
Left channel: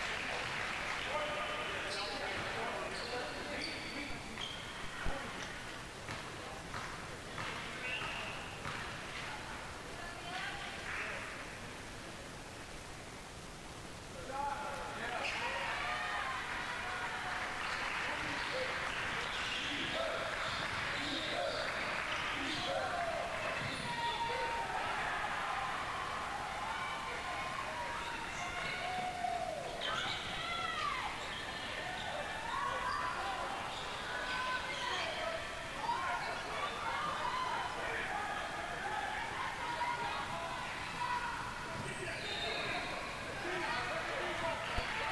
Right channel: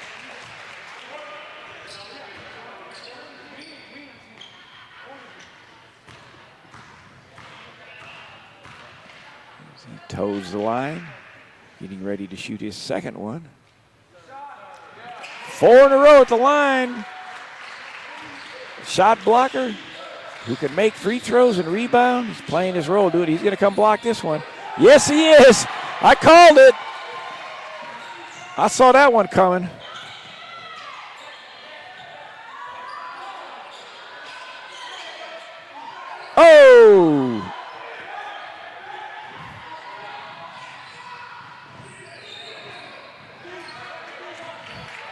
He toes the line, getting ready to shoot his second one. 4 in a row at the line. Shot blocker who can make free throws and rebound. He's playing his role, dude. He's going to come block this one. Yes, he is. I called it. I saw that one coming. Oh!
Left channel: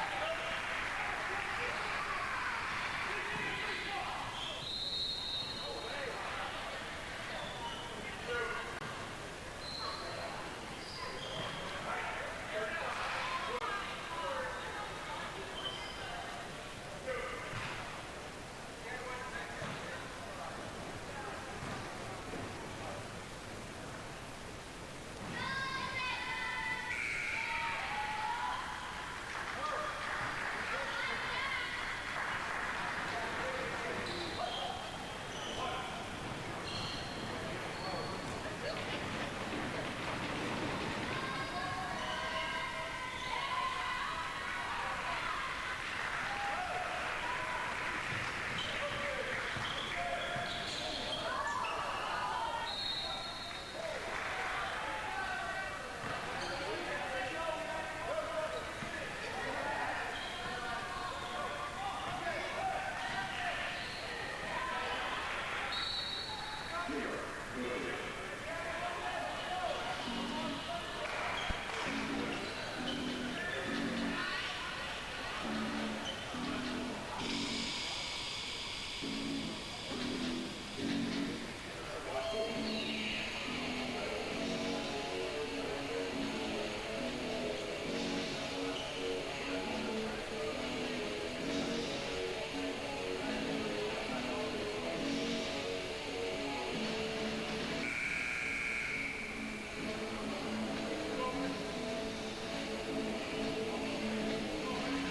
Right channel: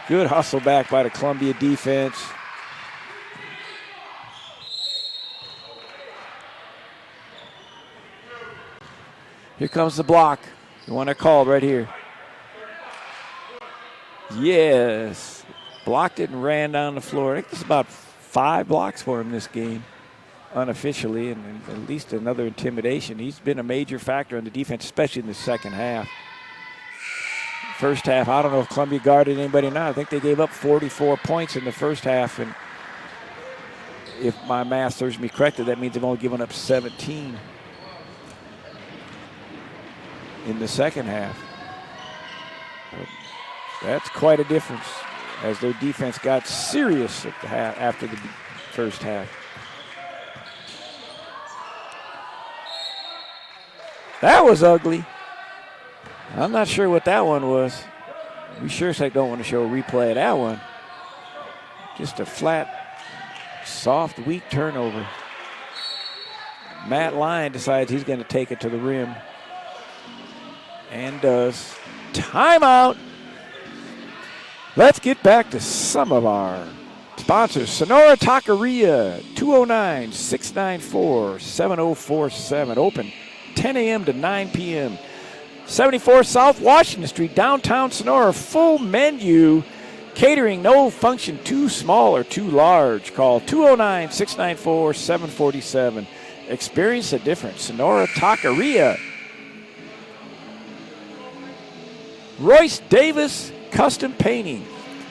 Good hustle back by the Columbia defense. Here comes the block. The one I called right here. Yes. Blocked it and ran down the floor. I think it's about 5 blocks for him this game, unofficially, and at least another intimidation. He's been a major factor in the defense, especially in the second half. First half, I don't know if Columbia guarded anybody or not. I think they gave up 44 points in the first half, and if my math serves me correctly, that means they've only given up 17 in the second half. That's quite a difference as their defense got serious at the half, after the first half. That was ugly. I'm not sure what that one was. We sure as heck don't want to show a replay of that one. Just a flat, soft, weak turnover. Matt Lyon decides he's going to take it to the rim. And does. Timeout. Let's get back to some of our Sponsors, Sonora Taqueria, 209-694-7047. Open 10 a.m. to 9 p.m. 74 South Washington Street, downtown Sonora. Full menu. Catering, no function too small or too large. Call 209-694-747. Experience the difference. Sonora Taqueria. Royce Davis Custom Painting.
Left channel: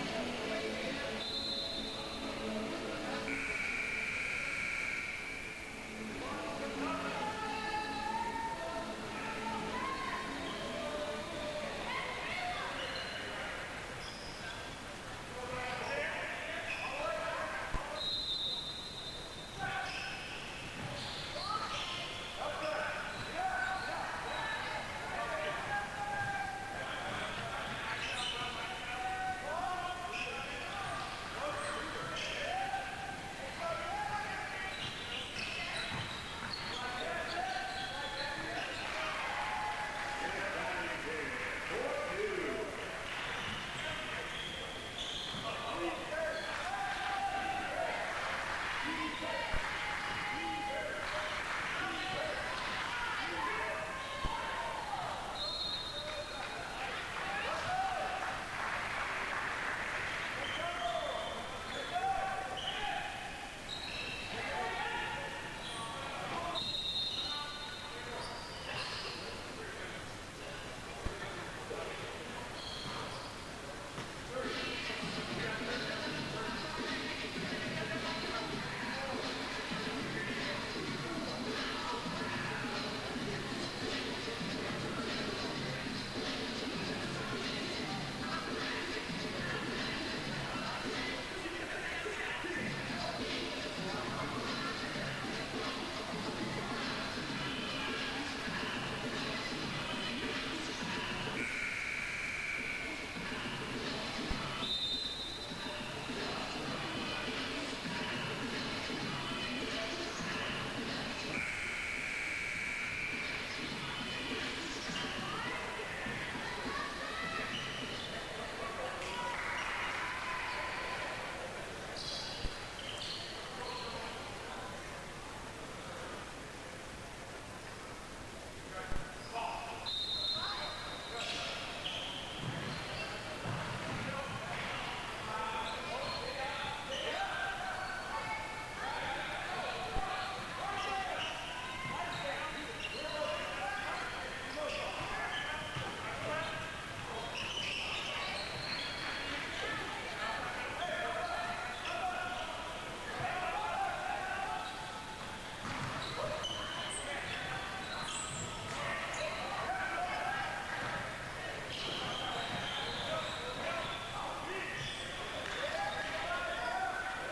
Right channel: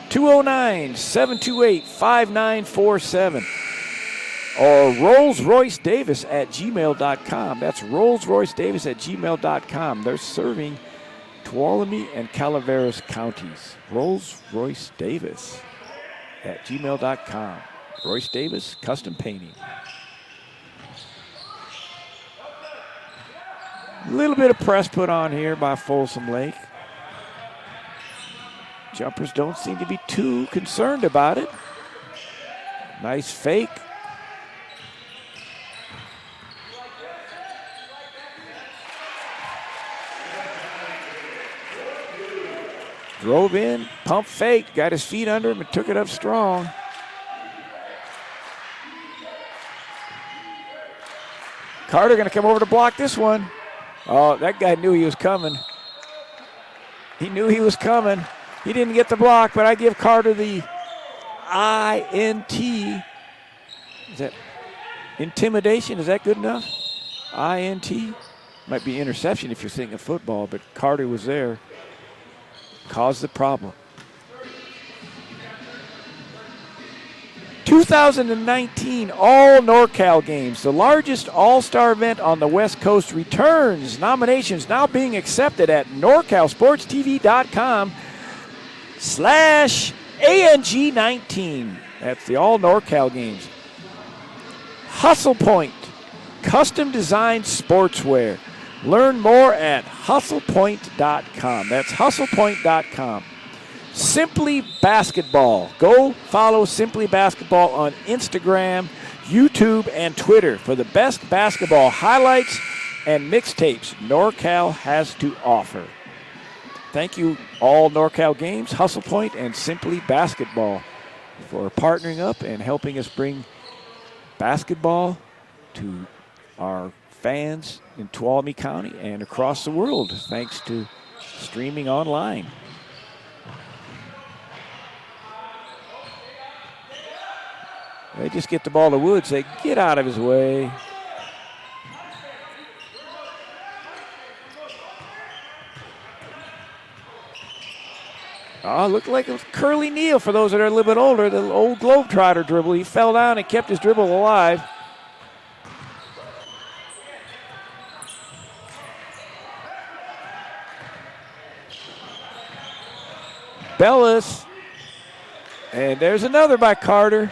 209-728-5947. Or RollsRoyceDavis@gmail.com. That's RollsRoyceDavis@gmail.com. They're serving Tuolumne and Calaveras counties. RollsRoyceDavis@gmail.com. Royce Davis Custom Painting. A little bit of press put on here by Folsom Lake. Jumpers don't seem to be too concerned about it. Nice fake. Drove in, pump fake, got his feet under him and took it up strong. Carter gonna come over to block this one. Oh, that guy knew he was coming. He knew he was coming. He didn't get the block, but I give Carter the INT. Is that intimidation? Is that good enough? INT? Might be interception if you're thinking football, but Carter was there. Caused the problem. 2019 All NorCal Games, the largest all-star event on the West Coast, returns. Nominations now being accepted at NorCalSportsTV.com/ANG19. That's the All NorCal Games. Hustle Point, custom designed sportswear. Learn more at hustlepoint.com. That's hustlepoint.com. Simply Basketball. Go follow Simply Basketball on Instagram, YouTube, and Twitter for the best basketball highlights and mixtapes NorCal has to offer. Thank you, All NorCal Games, Hustle Point, and Simply Basketball for partnering up and helping us bring basketball to our fans in Tuolumne County and across the world, thanks to streaming online. They just get the ball to Woods. They get out of his way. Oh, looked like a Curly Neal for those that are a little bit older. The old Globetrotter dribble. He fell down and kept his dribble alive. Bellis. And there's another by Carter.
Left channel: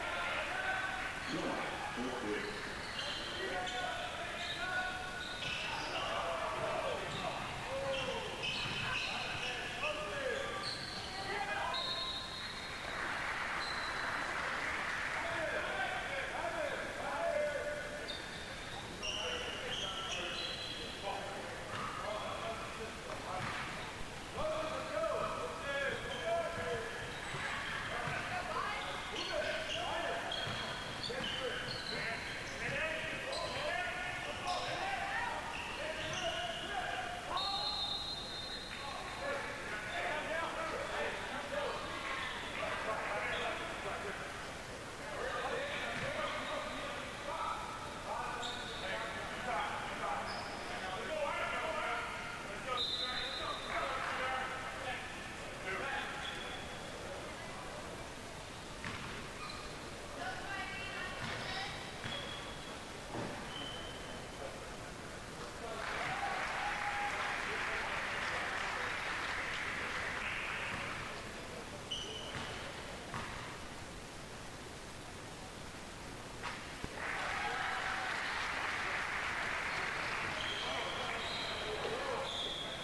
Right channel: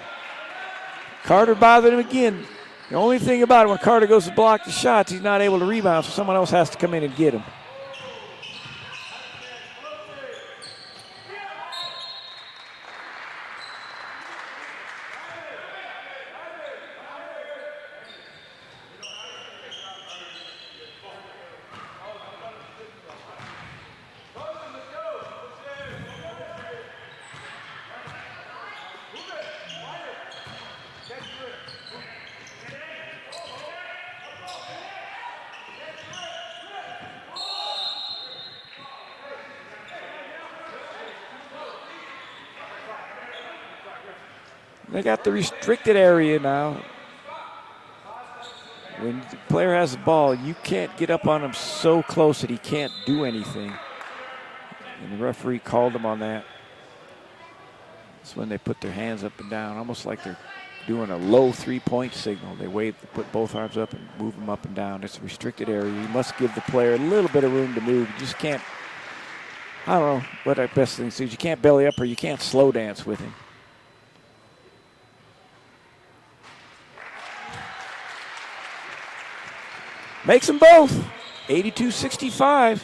Carter bothered him again. The only thing about it, when Carter goes to block the shots, he's not able to rebound, so someone else has to come in and get him. They got the restricted area now. When the player has the ball, you can't get up on him so close that he can't do anything. And the referee called him on that. That's when they put their hands up and down, almost like they're doing a low three-point signal. They wave, put both arms up and move them up and down. It's a restricted area. You must give the player a little bit of room to move. You just can't, I don't know what our best thing is. You can't belly up or you can't slow dance with him. Makes them both, 82-65,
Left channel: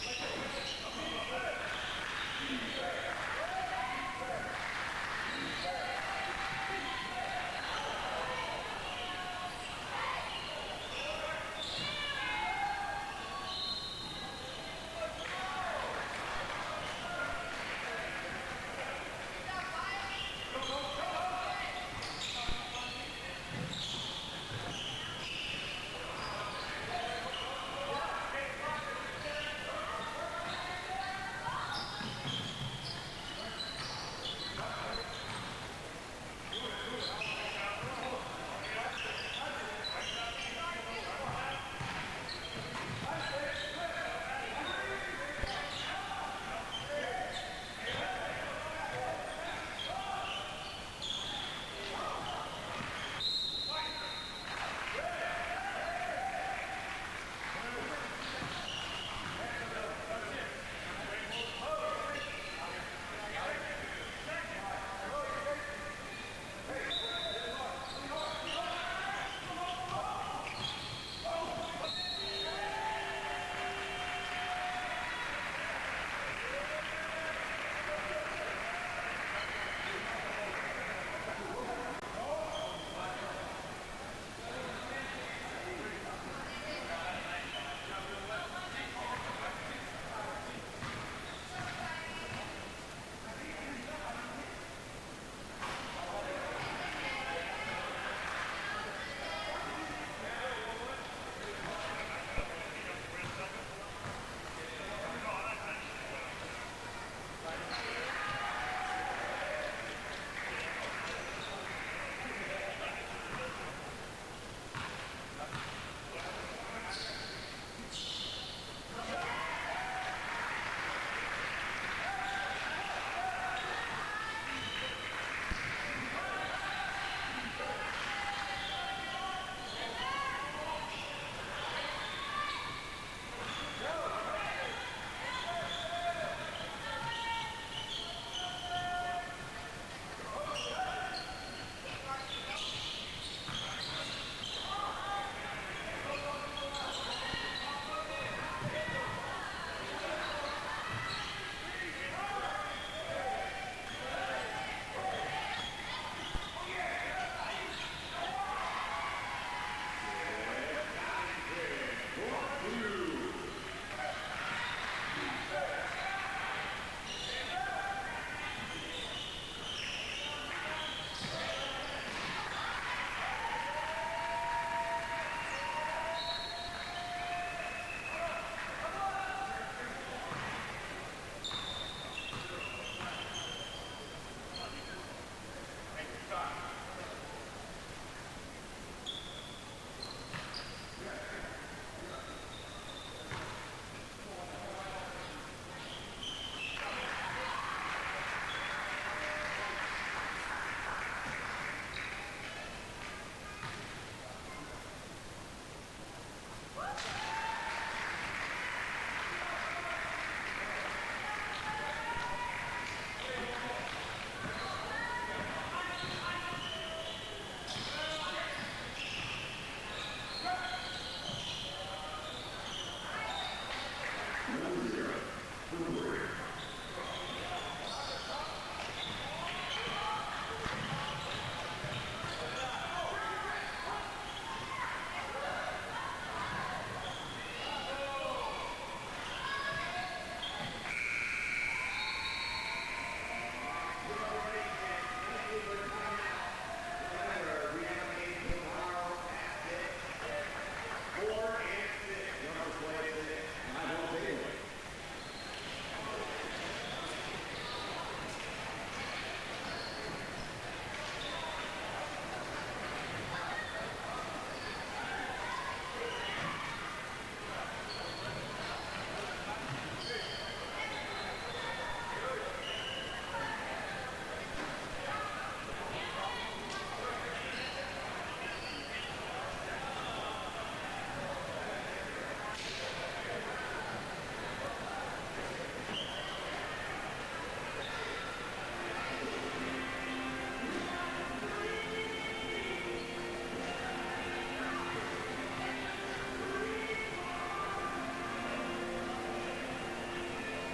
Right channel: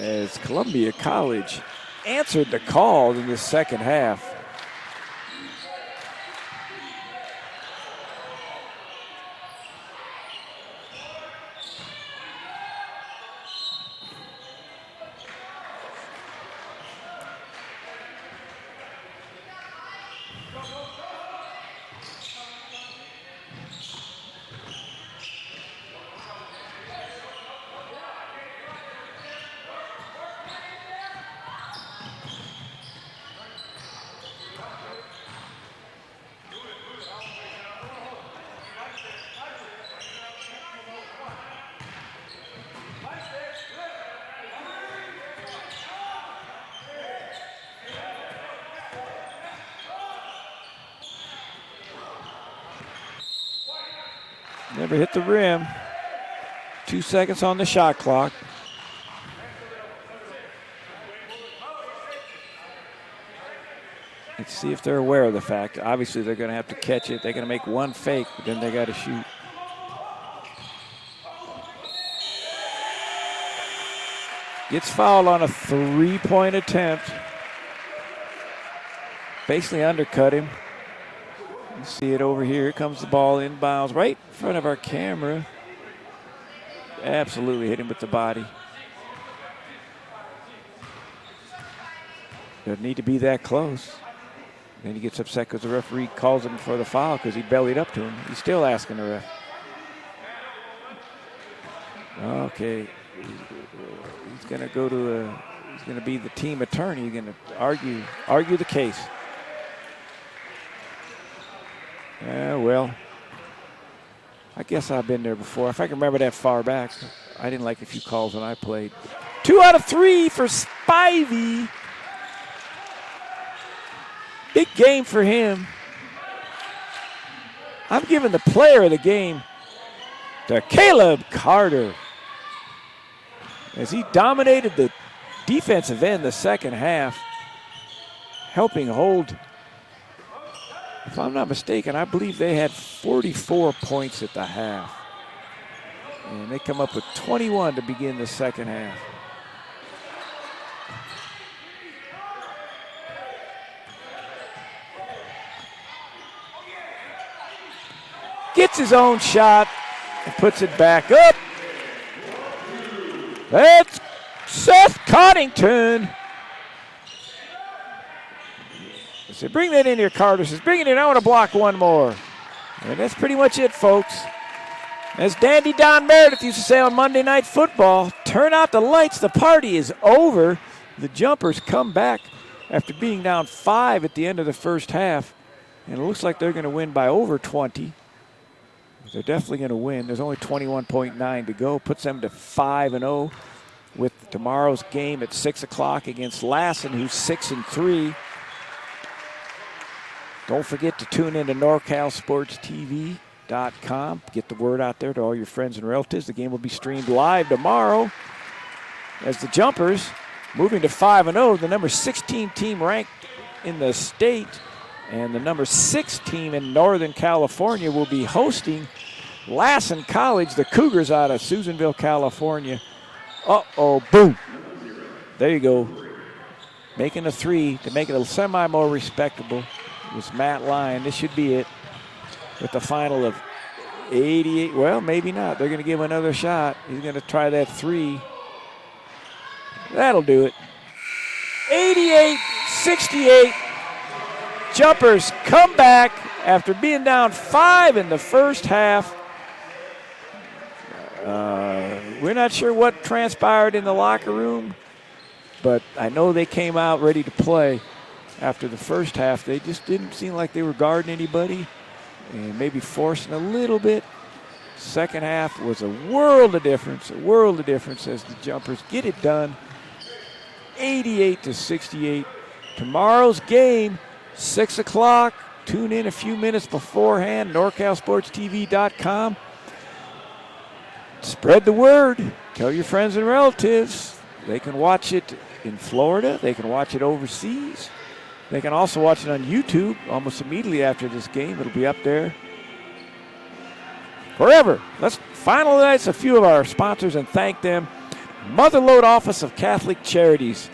as Columbia College answered the call in the second half. Never hit the rim. 2 seconds on the shot clock. Let's see if they're aware of the fact. Obviously, they're going to have to catch it. They're going to make one fake, but then they got to shoot. Gets fouled on a 3-point attempt. Basically undercut him. You see it over here. Here comes the ball inbounds right in front of our camera. Absolutely hit him with the body. Doesn't need to be that close. Then he gets upset because the referee calls him for the foul because he bellied up to him. He's still asking the ref. Okay. He's going to go to he's going to be the team attorney. He's going to argue the case. Yeah, well, I guess I've been there before. If I can remember that far back, I didn't like a few calls when I played. 2 out of 3 for Spivey. Big game for him. I'm giving the player of the game to Caleb Carter, as he dominated the defensive end the second half, helping hold. If I'm not mistaken, I believe they had 44 points at the half. And they come up with 21 to begin the second half. Gets his own shot and puts it back up. That's Seth Coddington. He said, bring that in here, Carter. Says, bring it in. I want to block one more. And that's pretty much it, folks. As Dandy Don Meredith used to say on Monday Night Football, turn out the lights. The party is over. The Jumpers come back after being down 5 at the end of the first half. And it looks like they're going to win by over 20. They're definitely going to win. There's only 21.9 to go. Puts them to 5-0 with tomorrow's game at 6 o'clock against Lassen, who's 6-3. Don't forget to tune in to NorCal SportsTV.com. Get the word out there to all your friends and relatives. The game will be streamed live tomorrow as the Jumpers, moving to 5-0, the number 16 team ranked in the state, and the number 6 team in Northern California will be hosting Lassen College, the Cougars out of Susanville, California. Uh-oh, boom. There you go. Making a 3 to make it a semi more respectable. It's Matt Lyon. This should be it. With the final of 88. Well, maybe not. They're going to give him another shot. He's going to try that 3. That'll do it. 88-68. Jumpers come back after being down 5 in the first half. We're not sure what transpired in the locker room, but I know they came out ready to play after the first half. They just didn't seem like they were guarding anybody and maybe forcing a little bit. Second half was a world of difference as the Jumpers get it done. 88-68. Tomorrow's game, 6 o'clock. Tune in a few minutes beforehand, NorCalSportsTV.com. Spread the word. Tell your friends and relatives. They can watch it in Florida. They can watch it overseas. They can also watch it on YouTube almost immediately after this game. It'll be up there forever. Let's finalize a few of our sponsors and thank them. Motherlode Office of Catholic Charities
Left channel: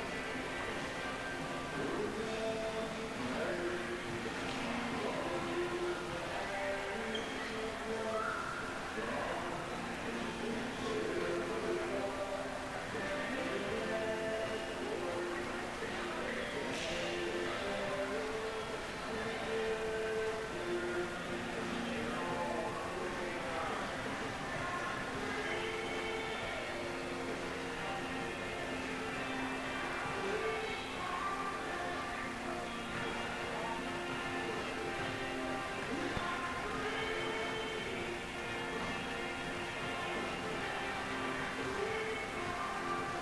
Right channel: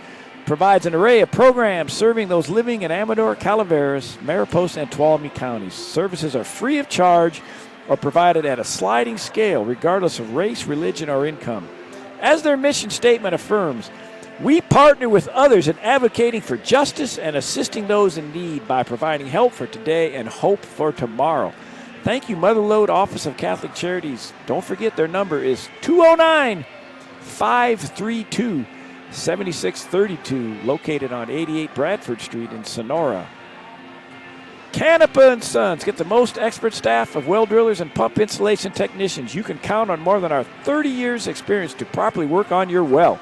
provides an array of programs serving those living in Amador, Calaveras, Mariposa, and Tuolumne counties. Services are free of charge or provided at a sliding scale, regardless of race, religion, or income. As their mission statement affirms, we partner with others in advocating for justice and assisting those in need by providing help for today and hope for tomorrow. Thank you, Motherlode Office of Catholic Charities. Don't forget their number is 209-532-7632, located on 88 Bradford Street in Sonora. Canepa & Sons. Get the most expert staff of well drillers and pump installation technicians. You can count on more than our 30 years experience to properly work on your well.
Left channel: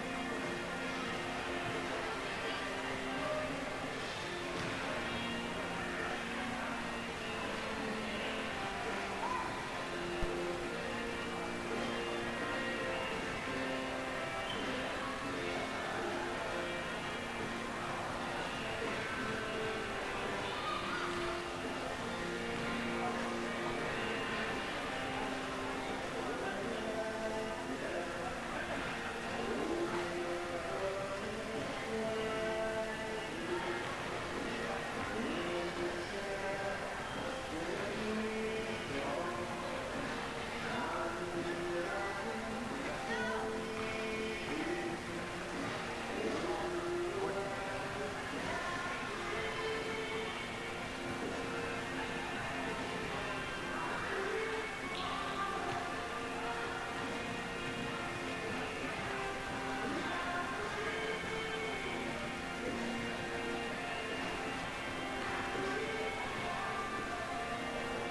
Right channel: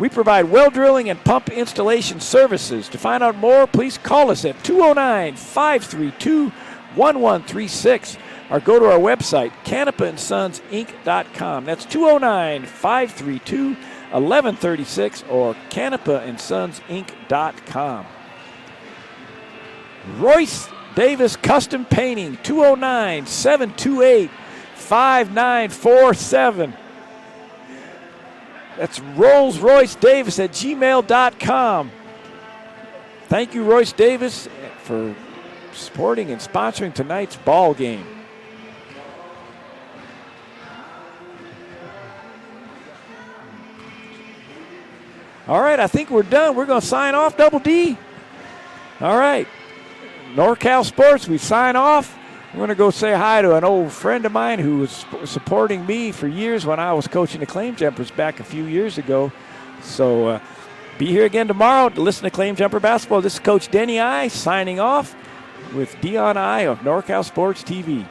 We provide well drilling and pump installation services. To find out more, please call us at 209-532-1136 or go to our website, canapaandsonsinc.com. That's 209-532-1136 or canapaandsonsinc.com. Royce Davis Custom Painting, 209-728-5947. That's Rolls-Royce-Davis at gmail.com. Thank you, Royce Davis, for supporting and sponsoring tonight's ball game. All right, I think we're done. We're going to sign off, Double D. All right. NorCal Sports, we sign off. I'm going to go say hi to an old friend of mine who was supporting me for years when I was coaching the Claim Jumpers back a few years ago. So be here again tomorrow to listen to Claim Jumper Basketball. This is Coach Denny I signing off with Dion I of NorCal Sports TV.